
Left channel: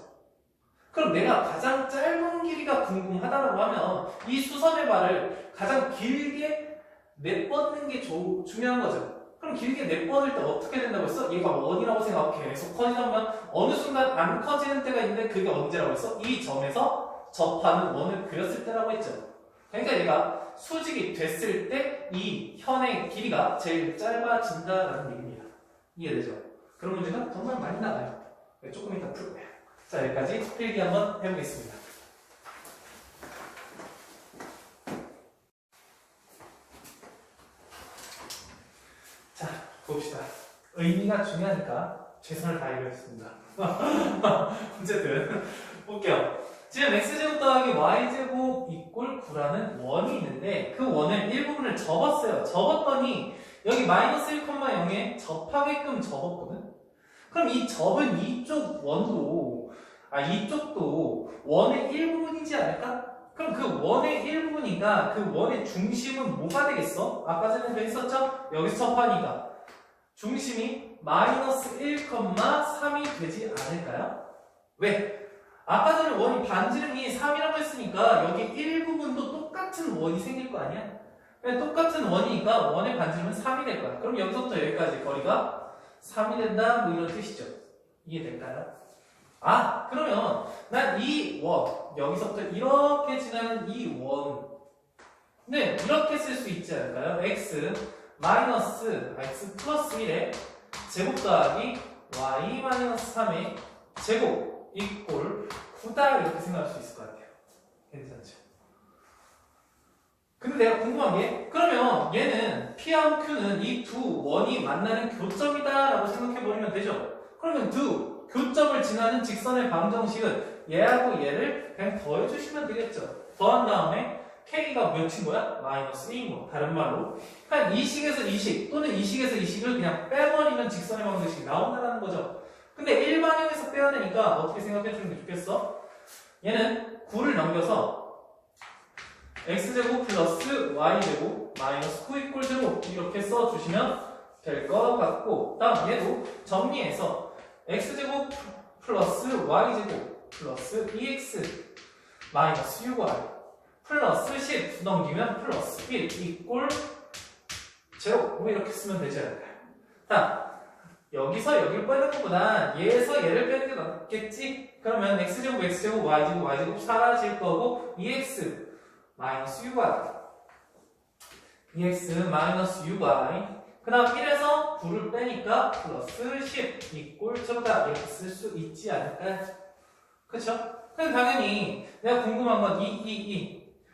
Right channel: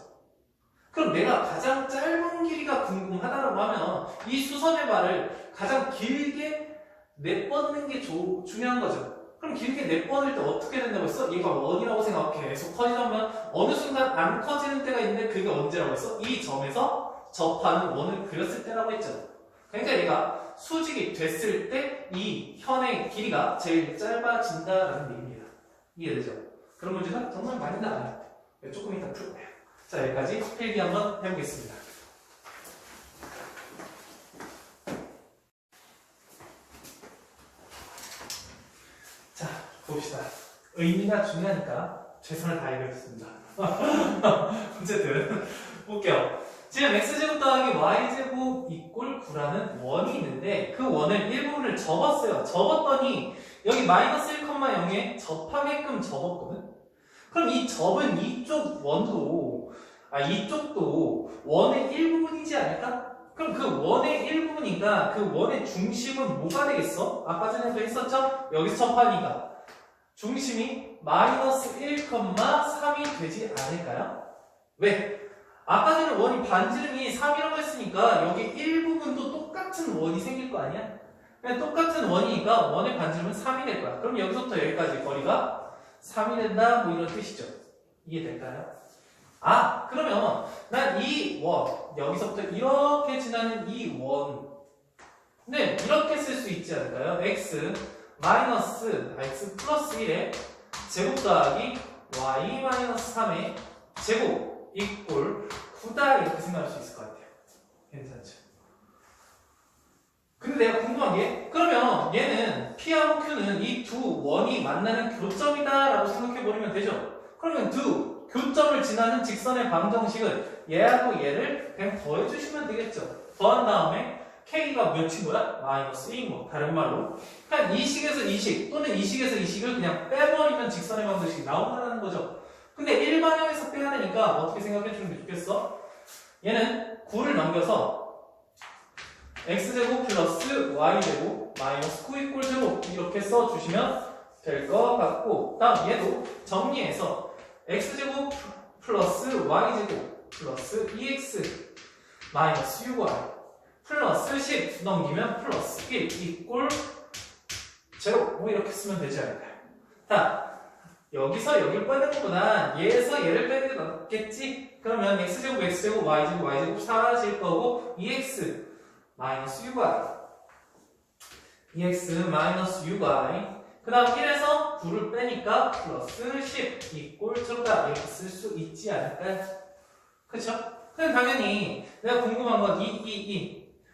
그럼 내가 가장 짧은 길이가 궁금하다고 하면 이 수선의 발을 가장 길게 내뻗는 게 중요한 거죠. 그럼 길게 내뻗을 때 어떻게 된다고 했어? 얘가 원이라고 생각해. 계속 커지면 어느 순간 안 커지는 때가 있는데 그게 언제라고 했어? 이 점에서 접하는 원을 그렸을 때라고 했죠. 그러니까 얘가 수직이 됐을 때 이 현의 길이가 제일 짧아진다라는 얘기입니다. 이해되죠? 그런 문제가 정말 많이 나와요. 조금 이따 풀 거예요. 자, 여기까지 필기 한번 해보겠습니다. 자, 봅시다. 의미가 중요하니까 최선을 다해보겠습니다. 어쨌든 볼게요. 지금 x제곱 더하기 y제곱 이꼴 9라는 원이 있는데 그 원을 일부분을 접었어요. 접었더니 여기 마이너스 1,0에 접하게끔 접었거든. 그럼 이 접은 이쪽도 원의 일부분이지 않을까? 그럼 그 원의 일부분이니까 그 원의 중심은 뭐가 되겠어? 아까 전에도 했었죠? 여기서 접하니까 중심이 마이너스 1,3이 되지 않을까요? 왜? 아까 전에 원이 반지름이 3이라고 했으니까 여기 일부분도 똑같은 원이 생길 거 아니야? 그냥 똑같은 원이니까 원의 반지름은 3이 될 거야. 그럼 여기서부터 여기까지 거리가 3이 된다 뭐 이런 뜻이죠. 이해될까요? 아, 그러면 난 이 원, 여기서부터 이렇게 지나는 이 원, 네, 이렇게 쓸 수 있지 않을까요? x 플러스 1의 제곱 더하기 y 마이너스 3의 제곱 이꼴 9다 이렇게 생각할 수 있을 것 같아요. 괜찮죠? 근데 내가 궁금한 게 그러면 얘는 P하고 Q는 이 두 원이 만나는 교점이다 라고 생각해버리면 되죠? 그러면 두 교점을 지나는 직선의 방정식은 얘하고 얘를 그냥 더해주시면 되겠죠? 더한 다음에 K가 몇인 거야? 마이너스 1인 거. 다른 말로 그냥 이 식에서 이 식 또는 이 식에서 이 식을 그냥 빼버리면 직선의 방정식이 나온다는 거죠. 근데 일반형에서 빼야 되니까 어떻게 생각해 주는 게 좋겠어? 얘는 9를 넘겨서 x제곱 플러스 y제곱 마이너스 9 이꼴 제로 이렇게 써주시면 될 것 같고 다음 얘도 정리해서 x제곱 플러스 y제곱 플러스 2x 마이너스 6y 플러스 10 넘기면 플러스 1 이꼴 제로 뭐 이렇게 쓰면 되지 않을까요? 자, 여기서 여기를 빼는 것보다 얘에서 얘를 빼는 게 낫겠지? 그러면 x제곱 x제곱 y제곱 y제곱 사라질 거고 2x 마이너스 6y 2x 마이너스 6y 그 다음 1에서 9를 빼니까 플러스 10 이꼴 제로다 이렇게 쓸 수 있지 않을까요? 그쵸? 그럼 당연히 내가 궁금한 건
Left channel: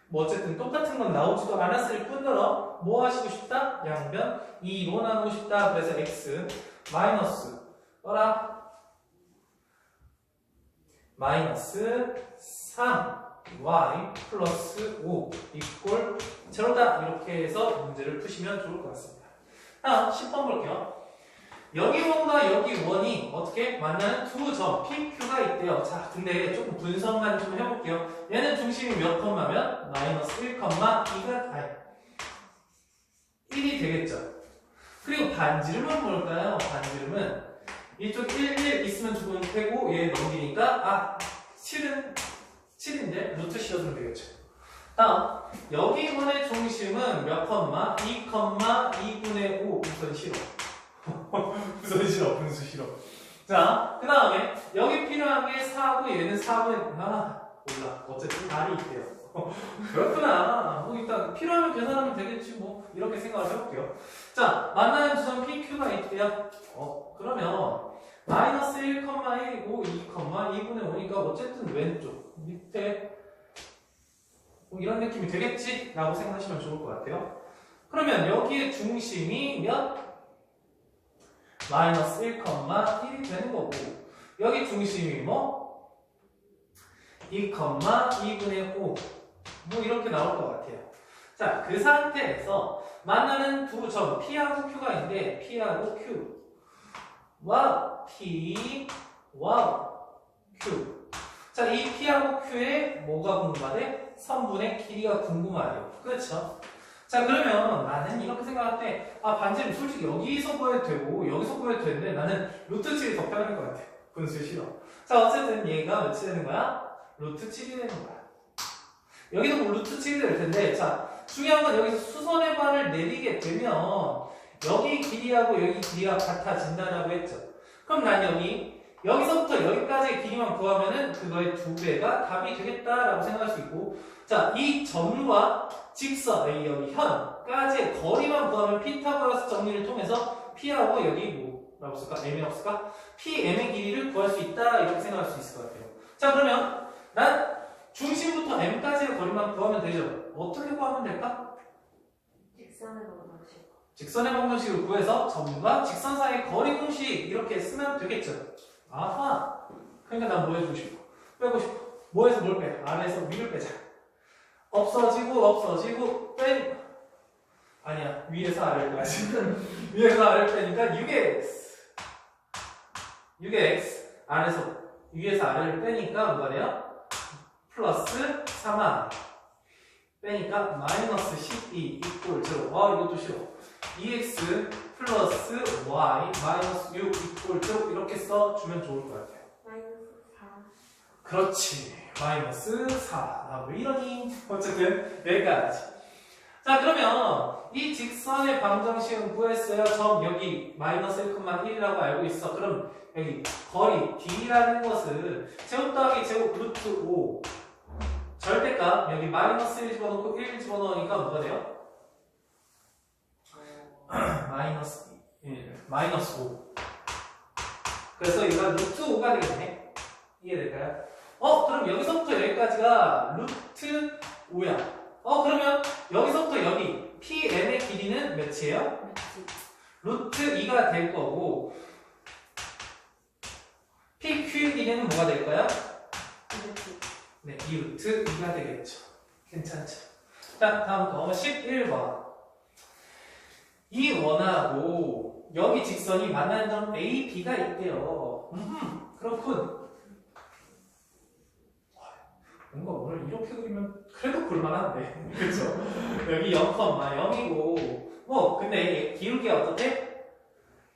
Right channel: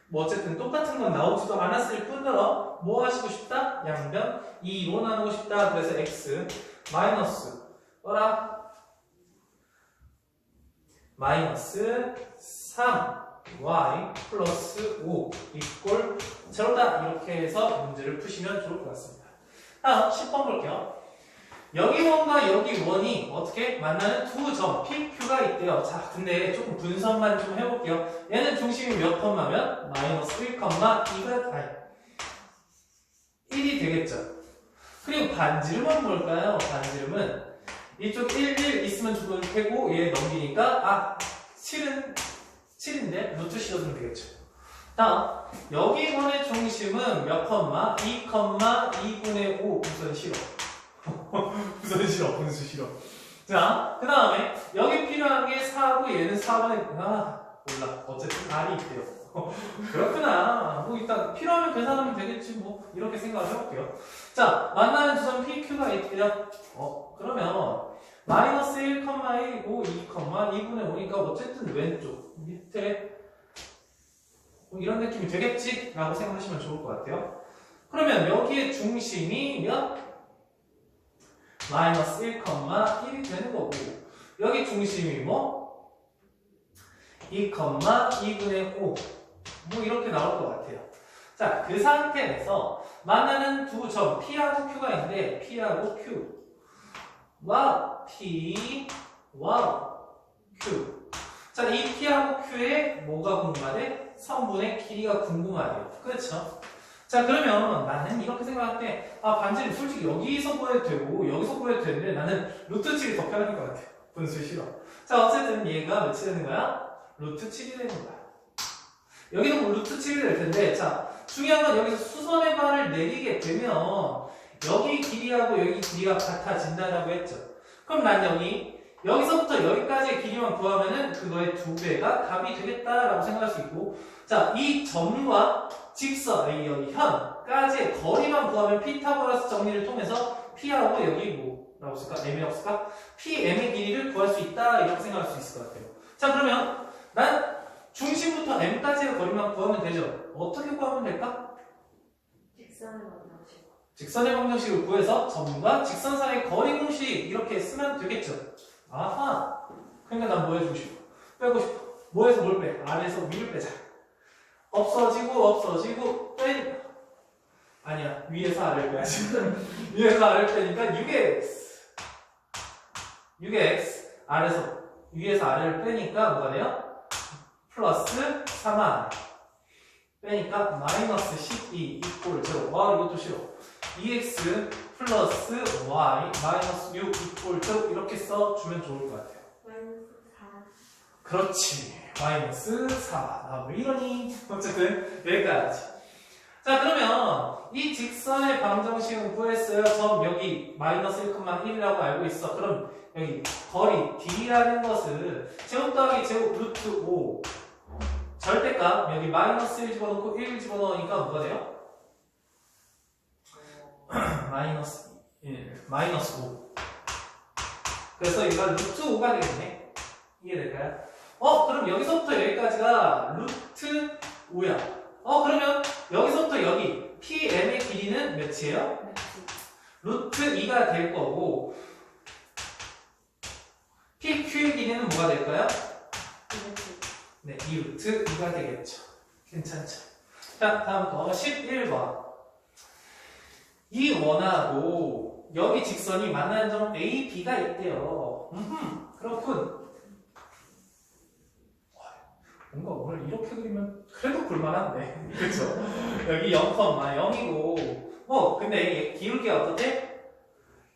뭐 어쨌든 똑같은 건 나오지도 않았을 뿐더러 뭐 하시고 싶다? 양변 2로 나누고 싶다. 그래서 x 마이너스 마이너스 3y 플러스 5 이꼴 제로다 이렇게 해서 문제를 푸시면 좋을 것 같습니다. 다음 10번 볼게요. 여기 원과 여기 원이 어떻게 만나는 두 점 PQ가 있대요. 자, 근데 조금 분석만 좀 해볼게요. 얘는 중심이 몇 컴마면 마이너스 1,2가 1이 되겠죠. 그리고 반지름은 뭘까요? 반지름은 이쪽 1, 1 있으면 조금 빼고 얘 넘기니까 7인데 루트 씌워주면 되겠죠. 다음 여기 원의 중심은 몇 컴마? 2,2분의 5 우선 싫어. 우선 싫어. 분수 싫어. 자, 그 다음에 여기 필요한 게 4고 얘는 4분의 몰라. 어쨌든 R이 있대요. 그렇구나. 뭐 일단 필요하면 계산하면 되겠지 뭐 이렇게 생각을 해볼게요. 자, 만나는 지점 PQ가 있대요. 그러면 마이너스 1,1, 5, 2,2분의 5니까 어쨌든 왼쪽 밑에 뭐 이런 느낌이 되겠지? 라고 생각하시면 좋을 것 같아요. 그러면 여기에 중심이 몇? 마이너스 1,1이 되는 거고 여기 중심이 뭐? 2,2분의 5 뭐 이렇게 나올 것 같아요. 자, 그 상태에서 만나는 두 점 P하고 Q가 있는데 P하고 Q P Q 자, 이 P하고 Q에 뭐가 궁금하대? 선분의 길이가 궁금하대요. 그렇죠? 자, 그러면 나는 이렇게 생각할 때, 아, 반지름 솔직히 여기서 구해도 되고, 여기서 구해도 되는데 나는 루트 7이 더 편할 것 같아. 분수 싫어. 자, 어쨌든 얘가 몇이 되는 거야? 루트 7이 되는 거야. 여기도 뭐 루트 7이 될 텐데, 자, 중요한 건 여기서 수선의 발을 내리게 되면, 여기 길이하고 여기 길이가 같아진다라고 했죠. 그럼 난 여기서부터 여기까지의 길이만 구하면은 그거의 2배가 답이 되겠다라고 생각할 수 있고, 자, 이 점과 직선, 여기 현까지의 거리만 구하면 피타고라스 정리를 통해서 P하고 여기 뭐라고 쓸까? M이라고 쓸까? PM의 길이를 구할 수 있다 이렇게 생각할 수 있을 것 같아요. 자, 그러면 난 중심부터 M까지의 거리만 구하면 되죠. 어떻게 구하면 될까? 직선의 방정식. 직선의 방정식을 구해서 점과 직선 사이의 거리 공식 이렇게 쓰면 되겠죠. 아하. 그러니까 난 뭐 해주고 싶어? 빼고 싶어. 뭐에서 뭘 빼? 아래에서 위를 빼자. 없어지고 빼. 아니야. 위에서 아래를 빼야지. 위에서 아래를 빼니까 6x 아래에서 위에서 아래를 빼니까 뭐가 돼요? 플러스 3r 빼니까 마이너스 12 이꼴 0. 아, 이것도 싫어. 2x 플러스 y 마이너스 6 이꼴 0 이렇게 써주면 좋을 것 같아요. 마이너스 4. 그렇지. 마이너스 4. 아, 왜 이러니? 어쨌든 여기까지. 자, 그러면 이 직선의 방정식은 구했어요. 점 여기 마이너스 1,1이라고 알고 있어. 그럼 여기 거리 d라는 것을 제곱 더하기 제곱 루트 5 절대값 여기 마이너스 1 집어넣고 1 집어넣으니까 뭐가 돼요? 마이너스 1, 마이너스 5. 그래서 이거 루트 5가 되겠네. 이해될까요? 그럼 여기서부터 여기까지가 루트 5야. 그러면 여기서부터 여기 PM의 길이는 몇이에요? 루트 2가 될 거고 PQ의 길이는 뭐가 될까요? 네, 2루트 2가 되겠죠. 괜찮죠? 자, 다음 거 11번. 이 원하고 여기 직선이 만나는 점 A, B가 있대요. 그렇군. 뭔가 오늘 이렇게 그리면 그래도 볼만한데. 그쵸? 여기 0,0이고 근데 기울기가 어떻대?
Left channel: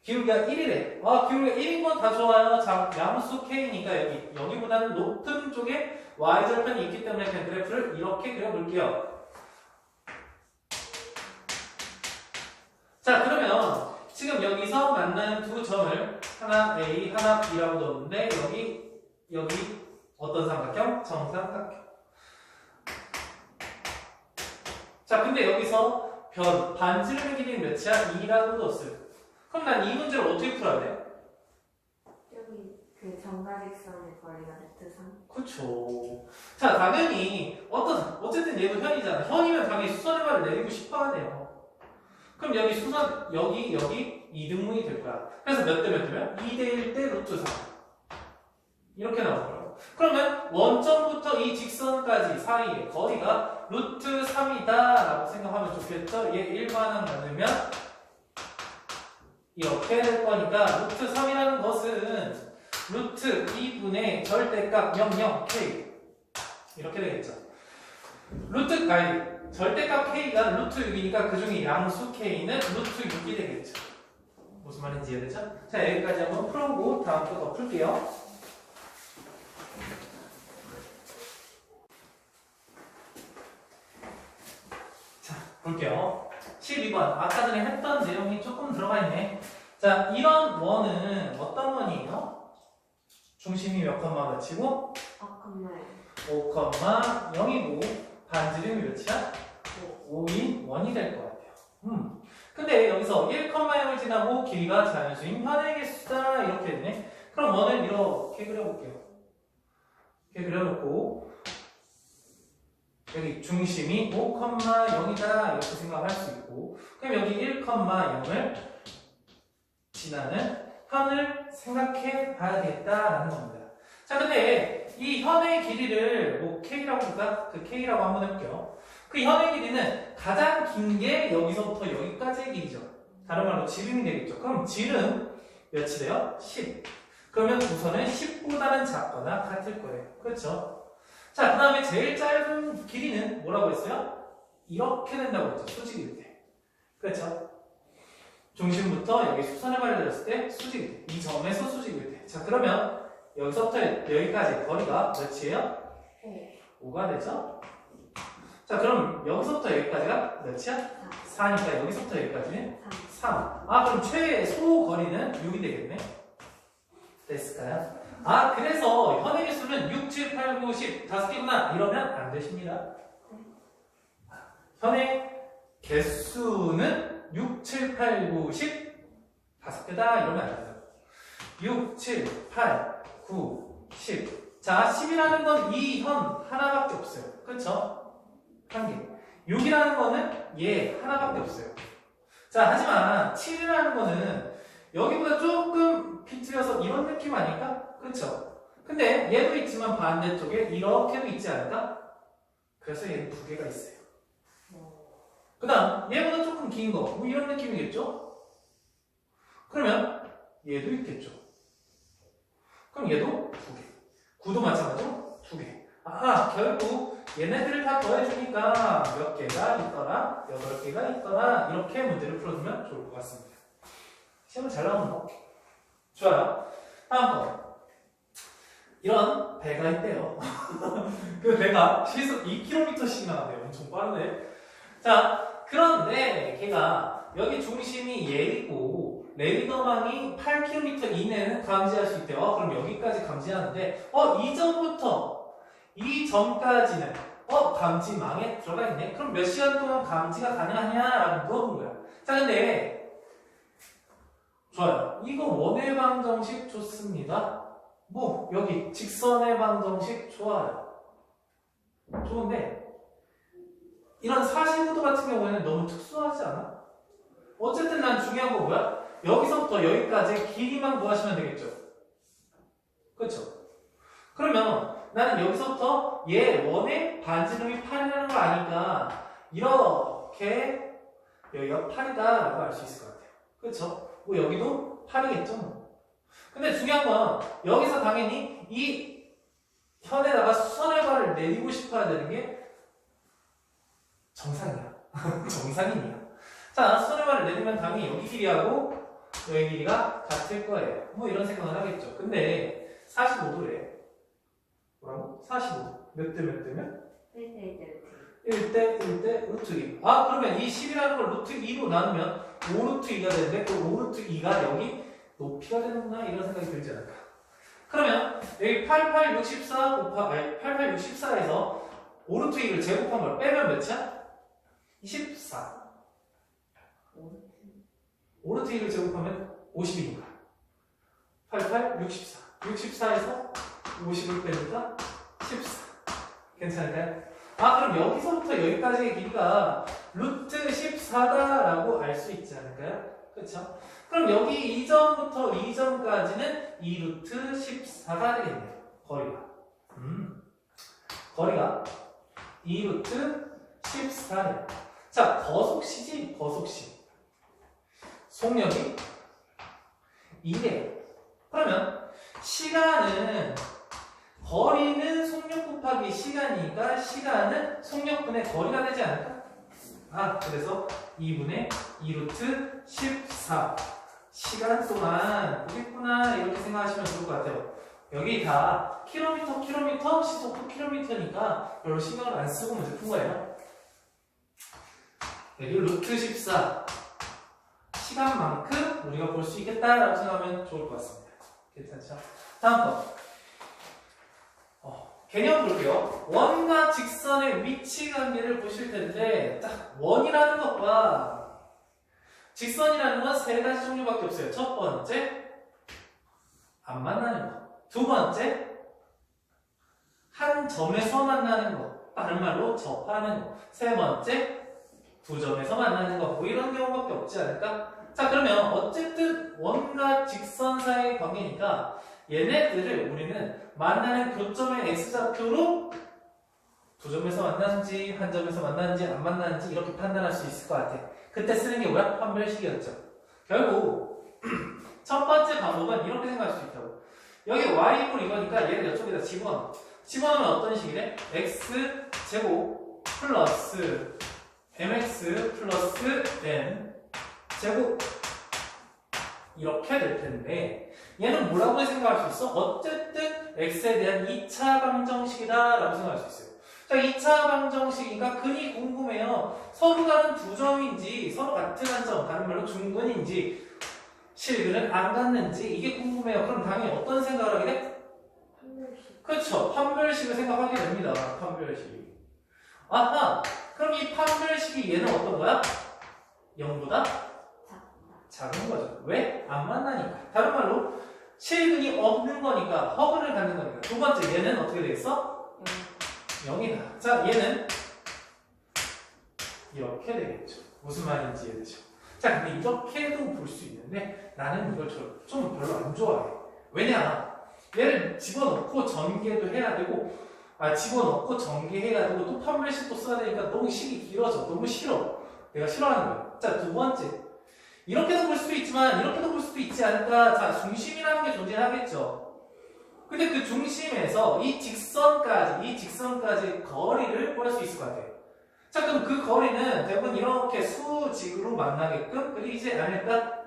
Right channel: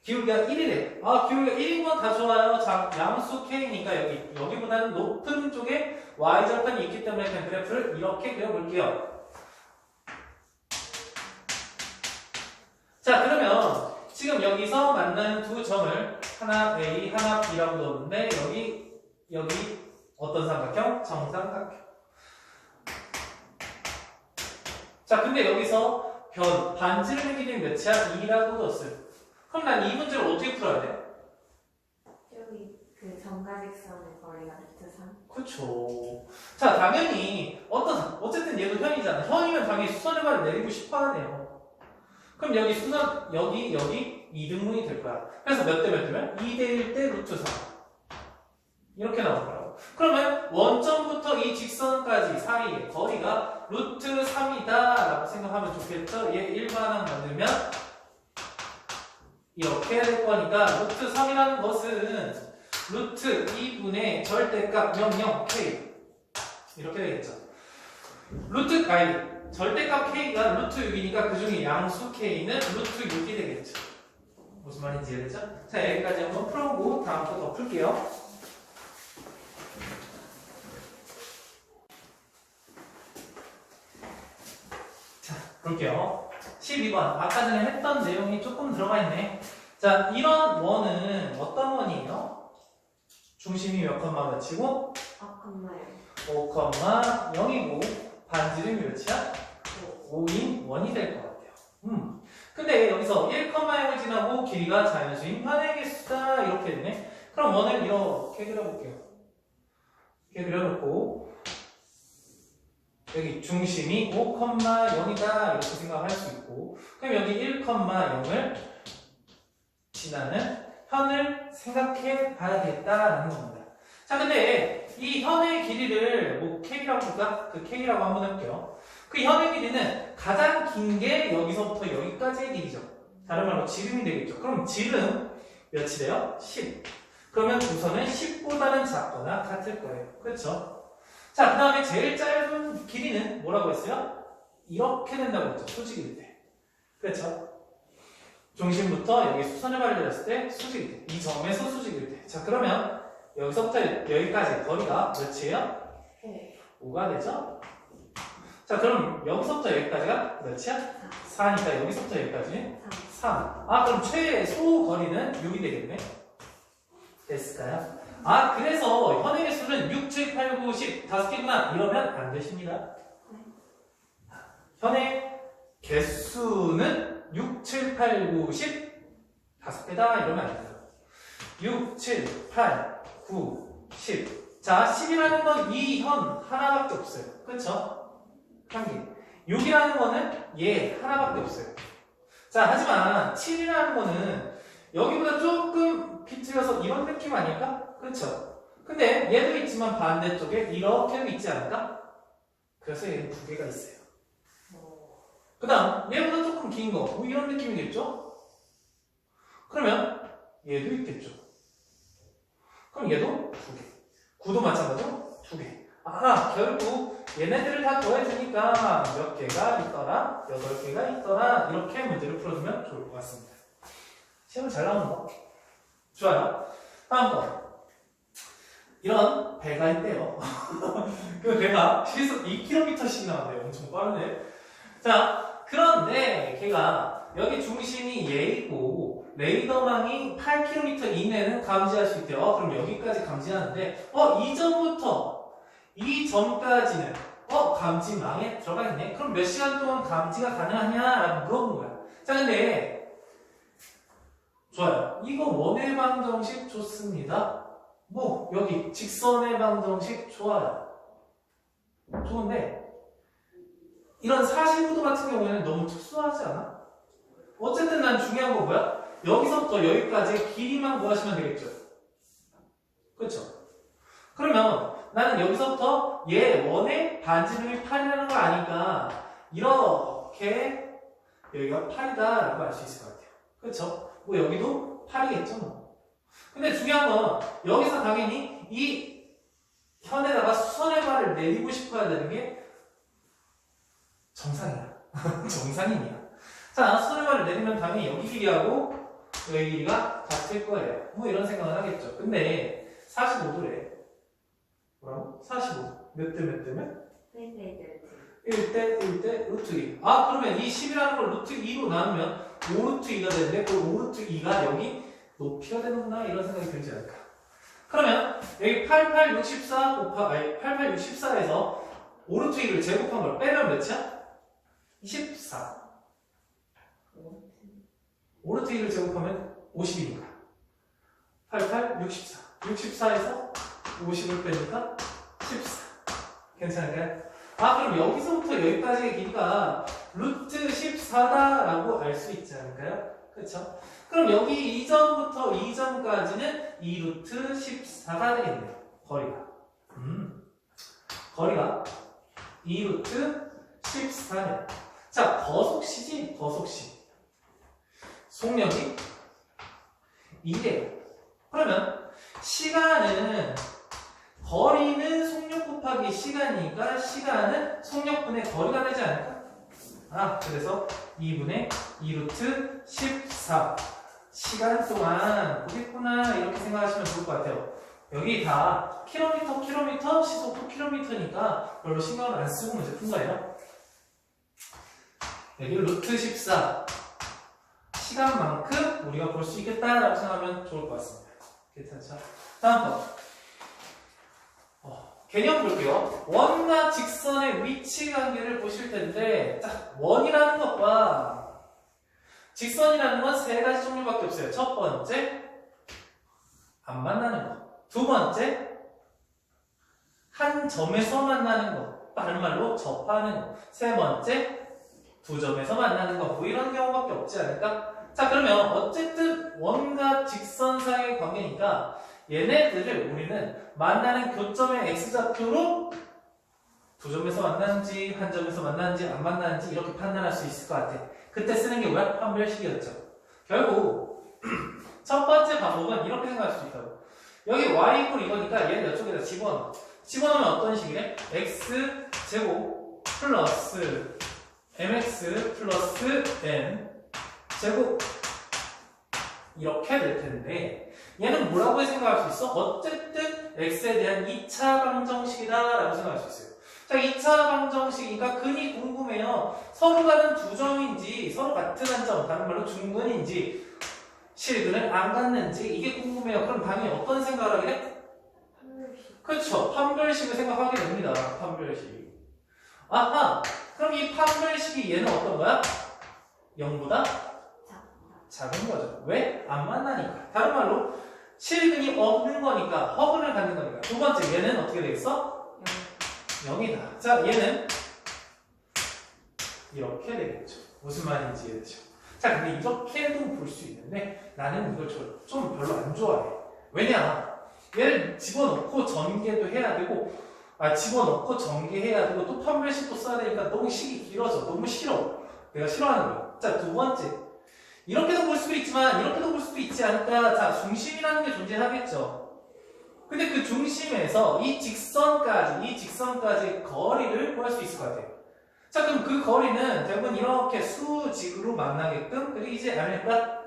기울기가 1이래. 아, 기울기가 1인 건 다 좋아요. 자, 양수 K니까 여기보다는 높은 쪽에 Y절편이 있기 때문에 그냥 그래프를 이렇게 그려볼게요. 자, 그러면 지금 여기서 만나는 두 점을 하나 A, 하나 B라고 넣었는데 여기 어떤 삼각형? 정삼각형. 자, 근데 여기서 반지름의 길이는 몇이야? 2라고 넣었어요. 그럼 난 이 문제를 어떻게 풀어야 돼? 여기 그 정가직선의 거리가 루트 3. 그쵸. 자, 당연히 어쨌든 얘도 현이잖아. 현이면 당연히 수선의 발을 내리고 싶어 하네요. 그럼 여기 여기 이등분이 될 거야. 그래서 몇 대 몇 대면? 2대 1대 루트 3. 이렇게 나올 거라고. 그러면 원점부터 이 직선까지 사이의 거리가 루트 3이다 라고 생각하면 좋겠죠? 얘 일반항 만들면 이렇게 될 거니까 루트 3이라는 것은 루트 2분의 절대값 00k 이렇게 되겠죠. 절대값 k가 루트 6이니까 그 중에 양수 k는 루트 6이 되겠죠. 무슨 말인지 이해되죠? 자, 여기까지 한번 풀어보고 다음 거 더 풀게요. 자, 볼게요. 12번. 아까 전에 했던 내용이 조금 들어가 있네. 자, 이런 원은 어떤 원이에요? 중심이 몇 컴마 몇이고? 5,0이고 반지름이 몇이야? 5인 원이 될 것 같아요. 근데 여기서 1,0을 지나고 길이가 자연수인 현의 개수다 이렇게 되네. 그럼 원을 이렇게 그려볼게요. 이렇게 그려놓고 여기 중심이 5,0이다 이렇게 생각할 수 있고, 그럼 여기 1,0을 지나는 현을 생각해 봐야겠다라는 겁니다. 자, 근데 이 현의 길이를 뭐 K라고 볼까? 그 K라고 한번 해볼게요. 그 현의 길이는 가장 긴 게 여기서부터 여기까지의 길이죠. 다른 말로 지름이 되겠죠. 그럼 지름 몇이 돼요? 10. 그러면 우선은 10보다는 작거나 같을 거예요. 그렇죠? 자, 그 다음에 제일 짧은 길이는 뭐라고 했어요? 이렇게 된다고 했죠. 수직일 때. 그렇죠? 중심부터 여기 수선의 발을 내렸을 때 수직일 때. 이 점에서 수직일 때. 자, 그러면 여기서부터 여기까지 거리가 몇이에요? 네. 5가 되죠? 자, 그럼 여기서부터 여기까지가 몇이야? 4니까 여기서부터 여기까지는 3. 아, 그럼 최소 거리는 6이 되겠네? 됐을까요? 아, 그래서 현의 개수는 6, 7, 8, 9, 10 5개구나 이러면 안 되십니다. 현의 개수는 6, 7, 8, 9, 10 5개다 이러면 안 돼요. 6, 7, 8, 9, 10. 자, 10이라는 건 이 현 하나밖에 없어요. 그쵸? 한 개. 6이라는 거는 얘 하나밖에 없어요. 자, 하지만 7이라는 거는 여기보다 조금 비틀려서 이런 느낌 아닐까? 그쵸? 근데 얘도 있지만 반대쪽에 이렇게도 있지 않을까? 그래서 얘는 두 개가 있어요. 그 다음 얘보다 조금 긴 거, 뭐 이런 느낌이겠죠? 그러면 얘도 있겠죠. 그럼 얘도 두 개. 9도 마찬가지로 두 개. 아, 결국 얘네들을 다 더해주니까 몇 개가 있더라, 8개가 있더라 이렇게 문제를 풀어주면 좋을 것 같습니다. 시험 잘 나오는 거? 좋아요. 다음 거. 이런 배가 있대요. 그 배가 시속 2km씩 나온대요. 엄청 빠르네. 자, 그런데 걔가 여기 중심이 얘이고 레이더망이 8km 이내는 감지할 수 있대요. 그럼 여기까지 감지하는데 이 점부터 이 점까지는 감지망에 들어가 있네. 그럼 몇 시간 동안 감지가 가능하냐라고 물어본 거야. 자, 근데 좋아요. 이거 원의 방정식 좋습니다. 뭐 여기 직선의 방정식 좋아요. 좋은데 이런 45도 같은 경우에는 너무 특수하지 않아? 어쨌든 난 중요한 거 뭐야? 여기서부터 여기까지 길이만 구하시면 되겠죠. 그렇죠? 그러면 나는 여기서부터 얘 원의 반지름이 8이라는 걸 아니까 이렇게 여기가 8이다 라고 알 수 있을 것 같아요. 그렇죠? 뭐 여기도 8이겠죠 뭐. 근데 중요한 건 여기서 당연히 이 현에다가 수선의 발을 내리고 싶어야 되는 게 정상이야. 정상인이야. 자, 수선의 발을 내리면 당연히 여기 길이하고 여기 길이가 같을 거예요. 뭐 이런 생각을 하겠죠. 근데 45도래. 뭐라고? 45도. 몇 대 몇 대면? 1대 1대 루트 2. 아, 그러면 이 10이라는 걸 루트 2로 나누면 5 루트 2가 되는데 그 5 루트 2가 여기 높이가 되는구나 이런 생각이 들지 않을까. 그러면 여기 88, 64 88, 64에서 5 루트 2를 제곱한 걸 빼면 몇이야? 14. 5 루트 2를 제곱하면 50이니까 88, 64 64에서 50을 빼니까 14. 괜찮을까요? 아, 그럼 여기서부터 여기까지의 길이가 루트 14다라고 알 수 있지 않을까요? 그렇죠? 그럼 여기 2점부터 2점까지는 2루트 14가 되겠네요. 거리가. 거리가 2루트 14네요. 자, 거속시지, 거속시. 속력이 2래요. 그러면 시간은 거리는 속력 곱하기 시간이니까 시간은 속력분의 거리가 되지 않을까? 아, 그래서 2분의 2루트 14 시간 동안 보겠구나 이렇게 생각하시면 좋을 것 같아요. 여기 다 킬로미터 시속 킬로미터니까 별로 신경을 안 쓰고 문제 푼 거예요. 여기 루트 14 시간만큼 우리가 볼 수 있겠다라고 생각하면 좋을 것 같습니다. 괜찮죠? 다음 거. 개념 볼게요. 원과 직선의 위치 관계를 보실 텐데, 딱 원이라는 것과 직선이라는 건 세 가지 종류밖에 없어요. 첫 번째, 안 만나는 거. 두 번째, 한 점에서 만나는 거. 다른 말로 접하는 거. 세 번째, 두 점에서 만나는 거. 뭐 이런 경우밖에 없지 않을까? 자, 그러면 어쨌든 원과 직선 사이의 관계니까 얘네들을 우리는 만나는 교점의 x좌표로 두 점에서 만나는지 한 점에서 만나는지 안 만나는지 이렇게 판단할 수 있을 것 같아. 그때 쓰는 게 뭐야? 판별식이었죠. 결국 첫 번째 방법은 이렇게 생각할 수 있다고. 여기 y 이퀄 이거니까 얘를 이쪽에다 집어넣으면 어떤 식이래? x 제곱 플러스 mx 플러스 n 제곱 이렇게 될 텐데 얘는 뭐라고 생각할 수 있어? 어쨌든 x에 대한 2차 방정식이다 라고 생각할 수 있어요. 자, 2차 방정식이니까 근이 궁금해요. 서로 다른 두 점인지 서로 같은 한 점, 다른 말로 중근인지 실근을 안 갖는지 이게 궁금해요. 그럼 당연히 어떤 생각을 하게 돼? 판별식. 그렇죠. 판별식을 생각하게 됩니다. 판별식. 아하, 그럼 이 판별식이 얘는 어떤 거야? 0보다 작은 거죠. 왜? 안 만나니까. 다른 말로 실근이 없는 거니까 허근을 갖는 거니까. 두 번째 얘는 어떻게 되겠어? 0이다. 자, 얘는 이렇게 되겠죠. 무슨 말인지 이해되죠? 자, 근데 이렇게도 볼 수 있는데 나는 이걸 좀 별로 안 좋아해. 왜냐? 얘를 집어넣고 전개도 해야 되고 집어넣고 전개해야 되고 또 판별식도 써야 되니까 너무 식이 길어져. 너무 싫어. 내가 싫어하는 거야. 자, 두 번째. 이렇게도 볼 수도 있지만 이렇게도 볼 수도 있지 않을까? 자, 중심이라는 게 존재하겠죠. 근데 그 중심에서 이 직선까지 거리를 구할 수 있을 것 같아요. 자, 그럼 그 거리는 대부분 이렇게 수직으로 만나게끔 그리지 않을까?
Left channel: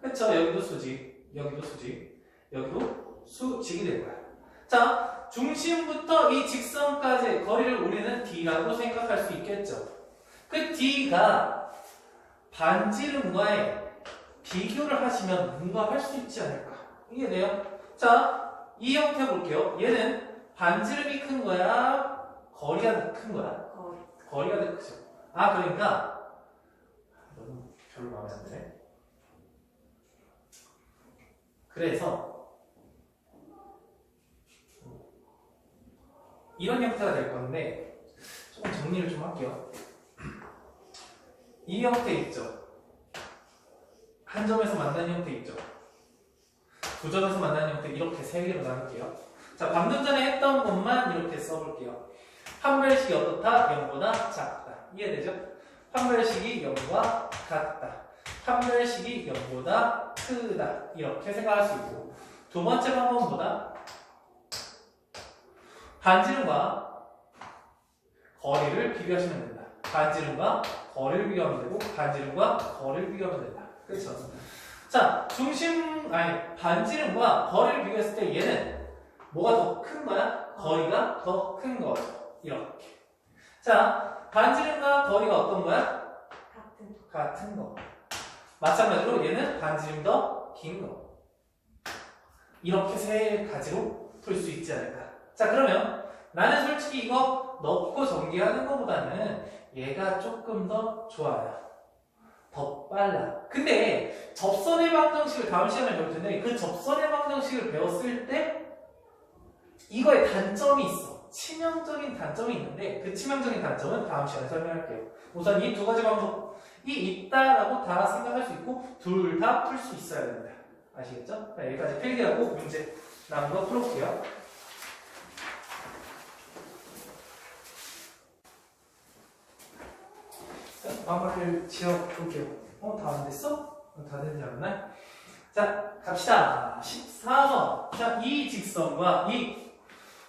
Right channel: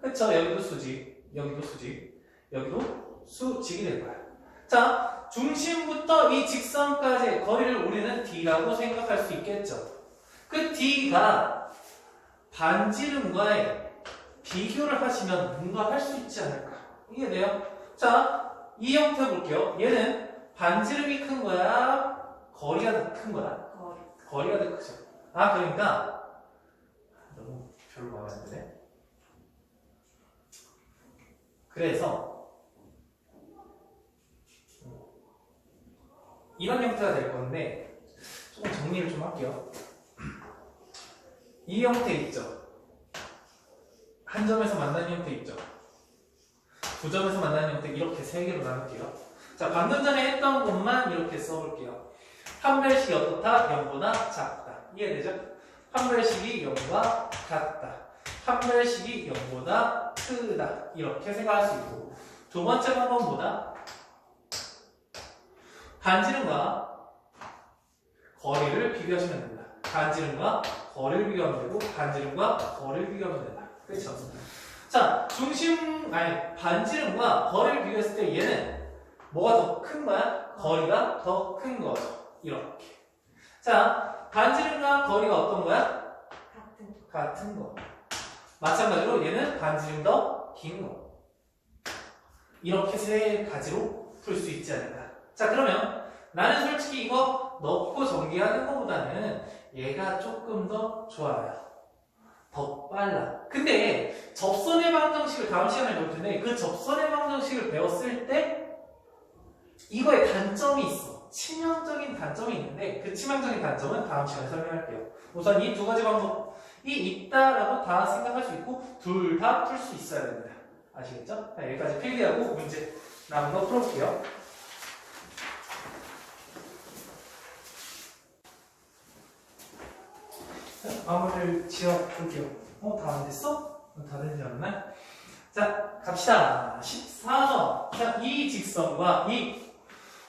그쵸? 여기도 수직, 여기도 수직, 여기도 수직이 될 거야. 자, 중심부터 이 직선까지의 거리를 우리는 D라고 생각할 수 있겠죠. 그 D가 반지름과의 비교를 하시면 뭔가 할 수 있지 않을까? 이해돼요? 자, 이 형태 볼게요. 얘는 반지름이 큰 거야? 거리가 더 큰 거야? 거리가 더 크죠. 그러니까 너무 별로 마음에 안 드네. 그래서 이런 형태가 될 건데 조금 정리를 좀 할게요. 이 형태 있죠. 한 점에서 만나는 형태 있죠. 두 점에서 만나는 형태 이렇게 세 개로 나눌게요. 자, 방금 전에 했던 것만 이렇게 써볼게요. 판별식이 어떻다? 0보다 작다. 이해되죠? 판별식이 0과 같다. 판별식이 0보다 크다. 이렇게 생각할 수 있고 두 번째 방법보다 반지름과 거리를 비교하시면 됩니다. 반지름과 거리를 비교하면 되고 반지름과 거리를 비교하면 된다. 그렇죠? 자, 반지름과 거리를 비교했을 때 얘는 뭐가 더 큰 거야? 거리가 더 큰 거죠. 이렇게. 자, 반지름과 거리가 어떤 거야? 같은 거. 마찬가지로 얘는 반지름 더 긴 거. 이렇게 세 가지로 풀 수 있지 않을까. 자, 그러면 나는 솔직히 이거 넣고 전개하는 것보다는 얘가 조금 더 좋아요. 더 빨라. 근데 접선의 방정식을 다음 시간에 배울 텐데 그 접선의 방정식을 배웠을 때 이거에 단점이 있어. 치명적인 단점이 있는데 그 치명적인 단점은 다음 시간에 설명할게요. 우선 이 두 가지 방법이 있다라고 다 생각할 수 있고 둘 다 풀 수 있어야 됩니다. 아시겠죠? 자, 여기까지 필기하고 문제 남은 거 풀어볼게요. 마무리를 지어볼게요. 다 안 됐어? 다 되지 않았나? 자, 갑시다. 14번. 자, 이 직선과 이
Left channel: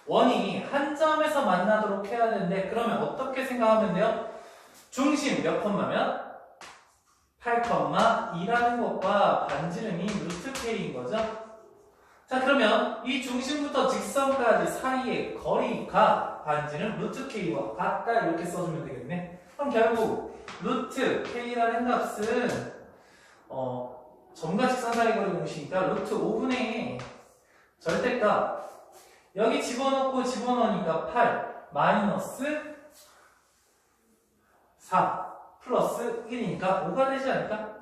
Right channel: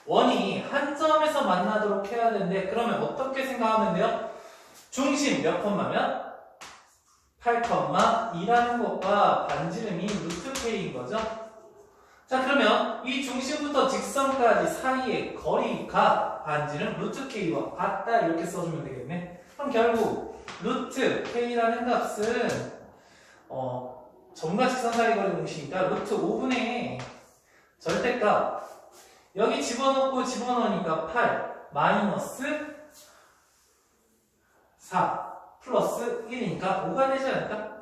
원이 한 점에서 만나도록 해야 되는데 그러면 어떻게 생각하면 돼요? 중심 몇 콤마면? 8,2라는 것과 반지름이 루트 K인 거죠? 자, 그러면 이 중심부터 직선까지 사이의 거리가 반지름 루트 K와 같다 이렇게 써주면 되겠네. 그럼 결국 루트 K라는 값은 점과 직선 사이 거리 공식이니까 루트 5분의 절대값 여기 집어넣으니까 8 마이너스 4 플러스 1이니까 5가 되지 않을까?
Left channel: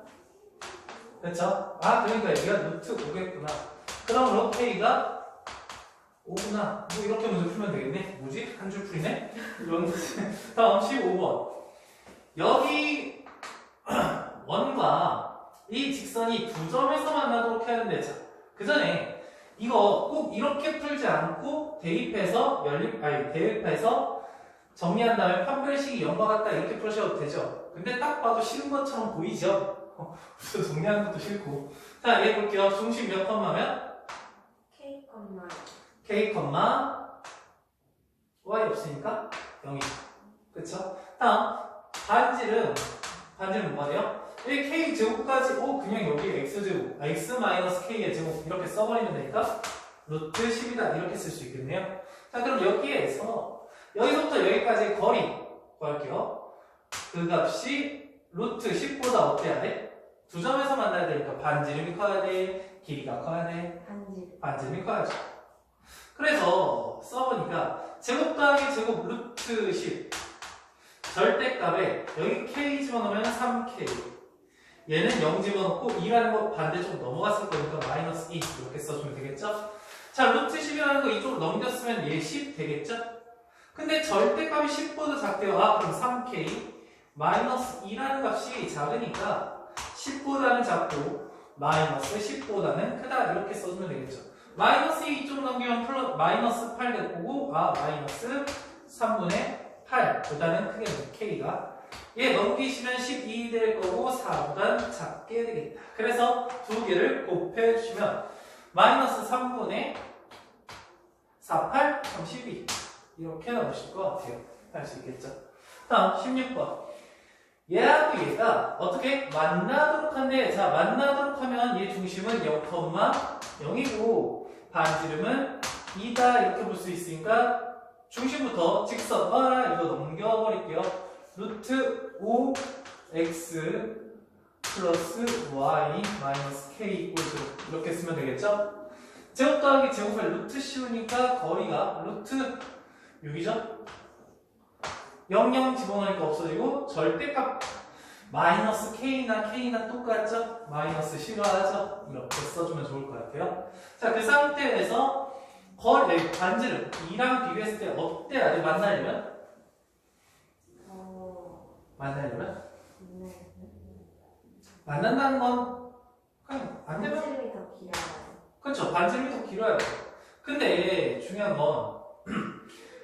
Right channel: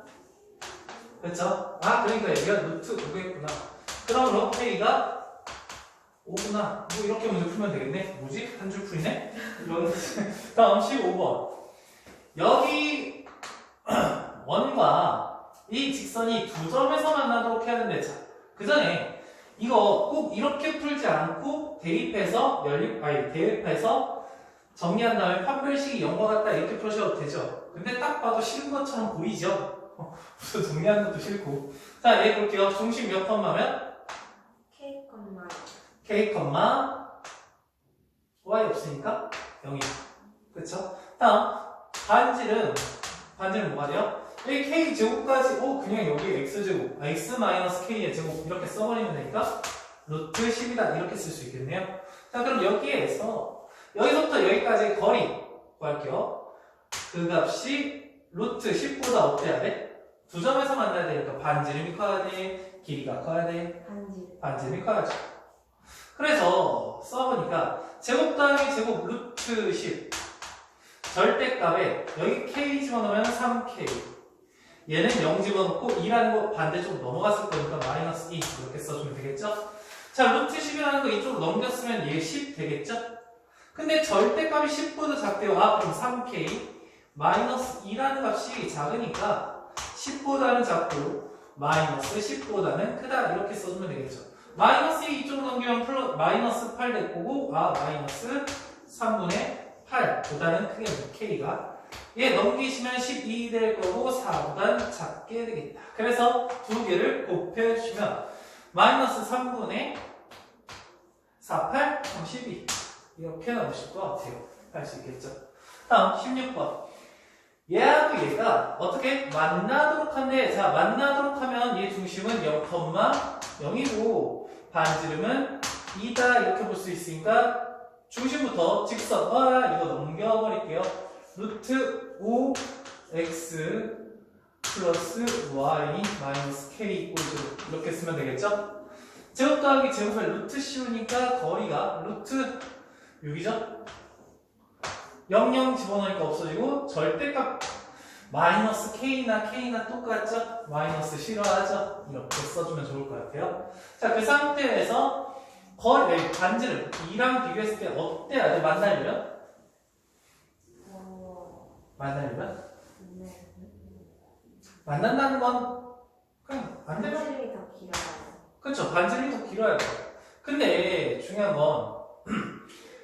그렇죠? 그러니까 여기가 루트 5겠구나. 그러므로 K가 5구나. 뭐 이렇게 문제 풀면 되겠네. 뭐지? 한 줄 풀이네? 다음 15번. 여기 원과 이 직선이 두 점에서 만나도록 해야 하는데 자, 그 전에 이거 꼭 이렇게 풀지 않고 대입해서 정리한 다음에 판별식이 0과 같다 이렇게 풀으셔도 되죠. 근데 딱 봐도 싫은 것처럼 보이죠? 무슨 정리하는 것도 싫고. 자, 얘 볼게요. 중심 몇 콤마면? K, Y 없으니까 0이죠. 그쵸? 다음 반지름 뭐가 돼요? 1k 제곱까지 그냥 여기 x제곱 x 마이너스 k의 제곱 이렇게 써버리면 되니까 루트 10이다 이렇게 쓸 수 있겠네요. 자 그럼 여기서부터 여기까지의 거리 구할게요. 그 값이 루트 10보다 어때야 돼? 두 점에서 만나야 되니까 반지름이 커야 돼? 길이가 커야 돼? 반지름이 커야죠. 그래서 써보니까 제곱 더하기 제곱 루트 10 절대값에 여기 k 집어넣으면 3k 얘는 0 집어넣고 2라는 거 반대쪽 넘어갔을 거니까 마이너스 2 이렇게 써주면 되겠죠? 자 루트 10이라는 거 이쪽 넘겼으면 얘 10 되겠죠? 근데 절대값이 10보다 작대요. 그럼 3k 마이너스 2라는 값이 작으니까 10보다는 작고 마이너스 10보다는 크다 이렇게 써주면 되겠죠. 마이너스 2 이쪽 넘기면 마이너스 8 될 거고 마이너스 3분의 8보다는 크게 k가 얘 넘기시면 12 될 거고 4보단 작게 되겠다. 그래서 두 개를 곱해주시면 마이너스 3분의 4, 8, 3, 12 이렇게 나오실 것 같아요. 할 수 있겠죠. 다음 16번 얘하고 얘가 어떻게 만나도록 한데 자 만나도록 하면 얘 중심은 0,0이고 반지름은 2다 이렇게 볼 수 있으니까 중심부터 직선 이거 넘겨버릴게요. 루트 5x 플러스 y 마이너스 k 이꼴 이렇게 쓰면 되겠죠? 제곱 더하기 제곱을 루트 씌우니까 거리가 루트 6이죠? 0 집어넣으니까 없어지고 절대값 마이너스 k나 똑같죠? 마이너스 싫어하죠? 이렇게 써주면 좋을 것 같아요. 자, 그 상태에서 반지름 2랑 비교했을 때 어때야 돼? 만나려면? 만난다는 건 그냥 안 되면 반지름이 더 길어요. 그렇죠. 반지름이 더 길어야 돼. 근데 중요한 건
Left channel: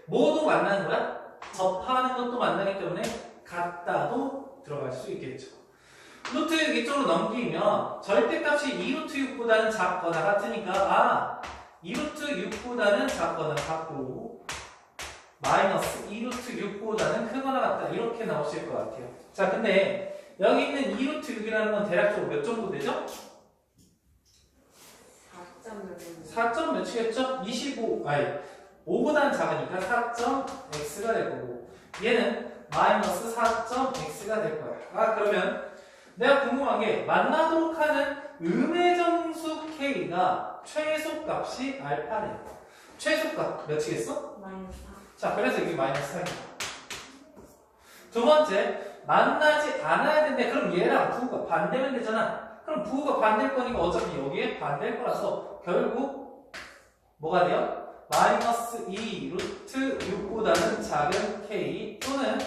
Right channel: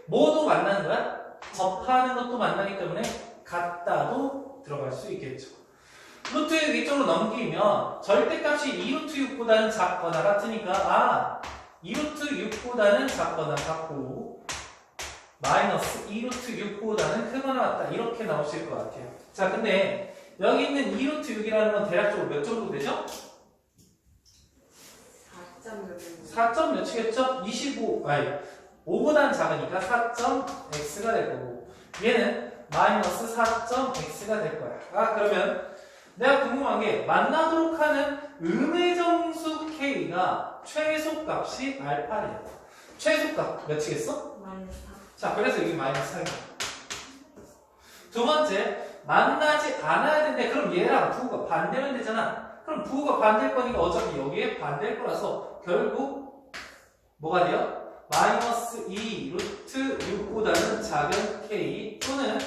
모두 만나는 거야? 접하는 것도 만나기 때문에 같다도 들어갈 수 있겠죠. 루트 6 이쪽으로 넘기면 절대값이 2루트 6보다는 작거나 같으니까 2루트 6보다는 작거나 같고 마이너스 2루트 6보다는 크거나 같다 이렇게 나오실 것 같아요. 자 근데 여기 있는 2루트 6이라는 건 대략적으로 몇 정도 되죠? 4점 몇이겠죠? 5보다는 작으니까 4.x가 될 거고 얘는 마이너스 4.x가 될 거야. 그러면 내가 궁금한 게 만나도록 하는 음의정수 k가 최소값이 알파래요. 최소값 몇이겠어? 마이너스 4. 자 그래서 여기 마이너스 4입니다. 두 번째 만나지 않아야 되는데 그럼 얘랑 부호가 반대면 되잖아. 그럼 부호가 반대일 거니까 어차피 여기에 반대일 거라서 결국 뭐가 돼요? 마이너스 2 루트 6보다는 작은 k 또는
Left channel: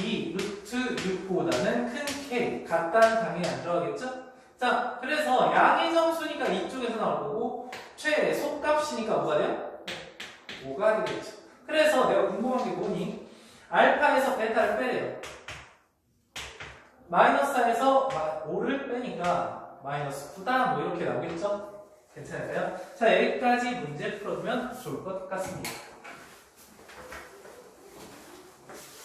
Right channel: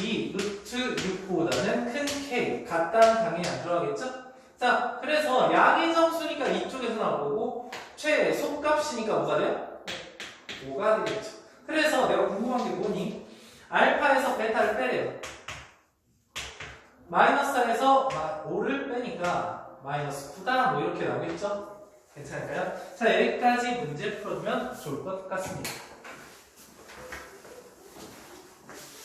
2 루트 6보다는 큰 k 같다는 당연히 안 들어가겠죠? 자 그래서 양의 정수니까 이쪽에서 나올 거고 최소값이니까 뭐가 돼요? 5가 되겠죠. 그래서 내가 궁금한 게 뭐니? 알파에서 베타를 빼래요. 마이너스 4에서 5를 빼니까 마이너스 9다 뭐 이렇게 나오겠죠? 괜찮을까요? 자 여기까지 문제 풀어주면 좋을 것 같습니다.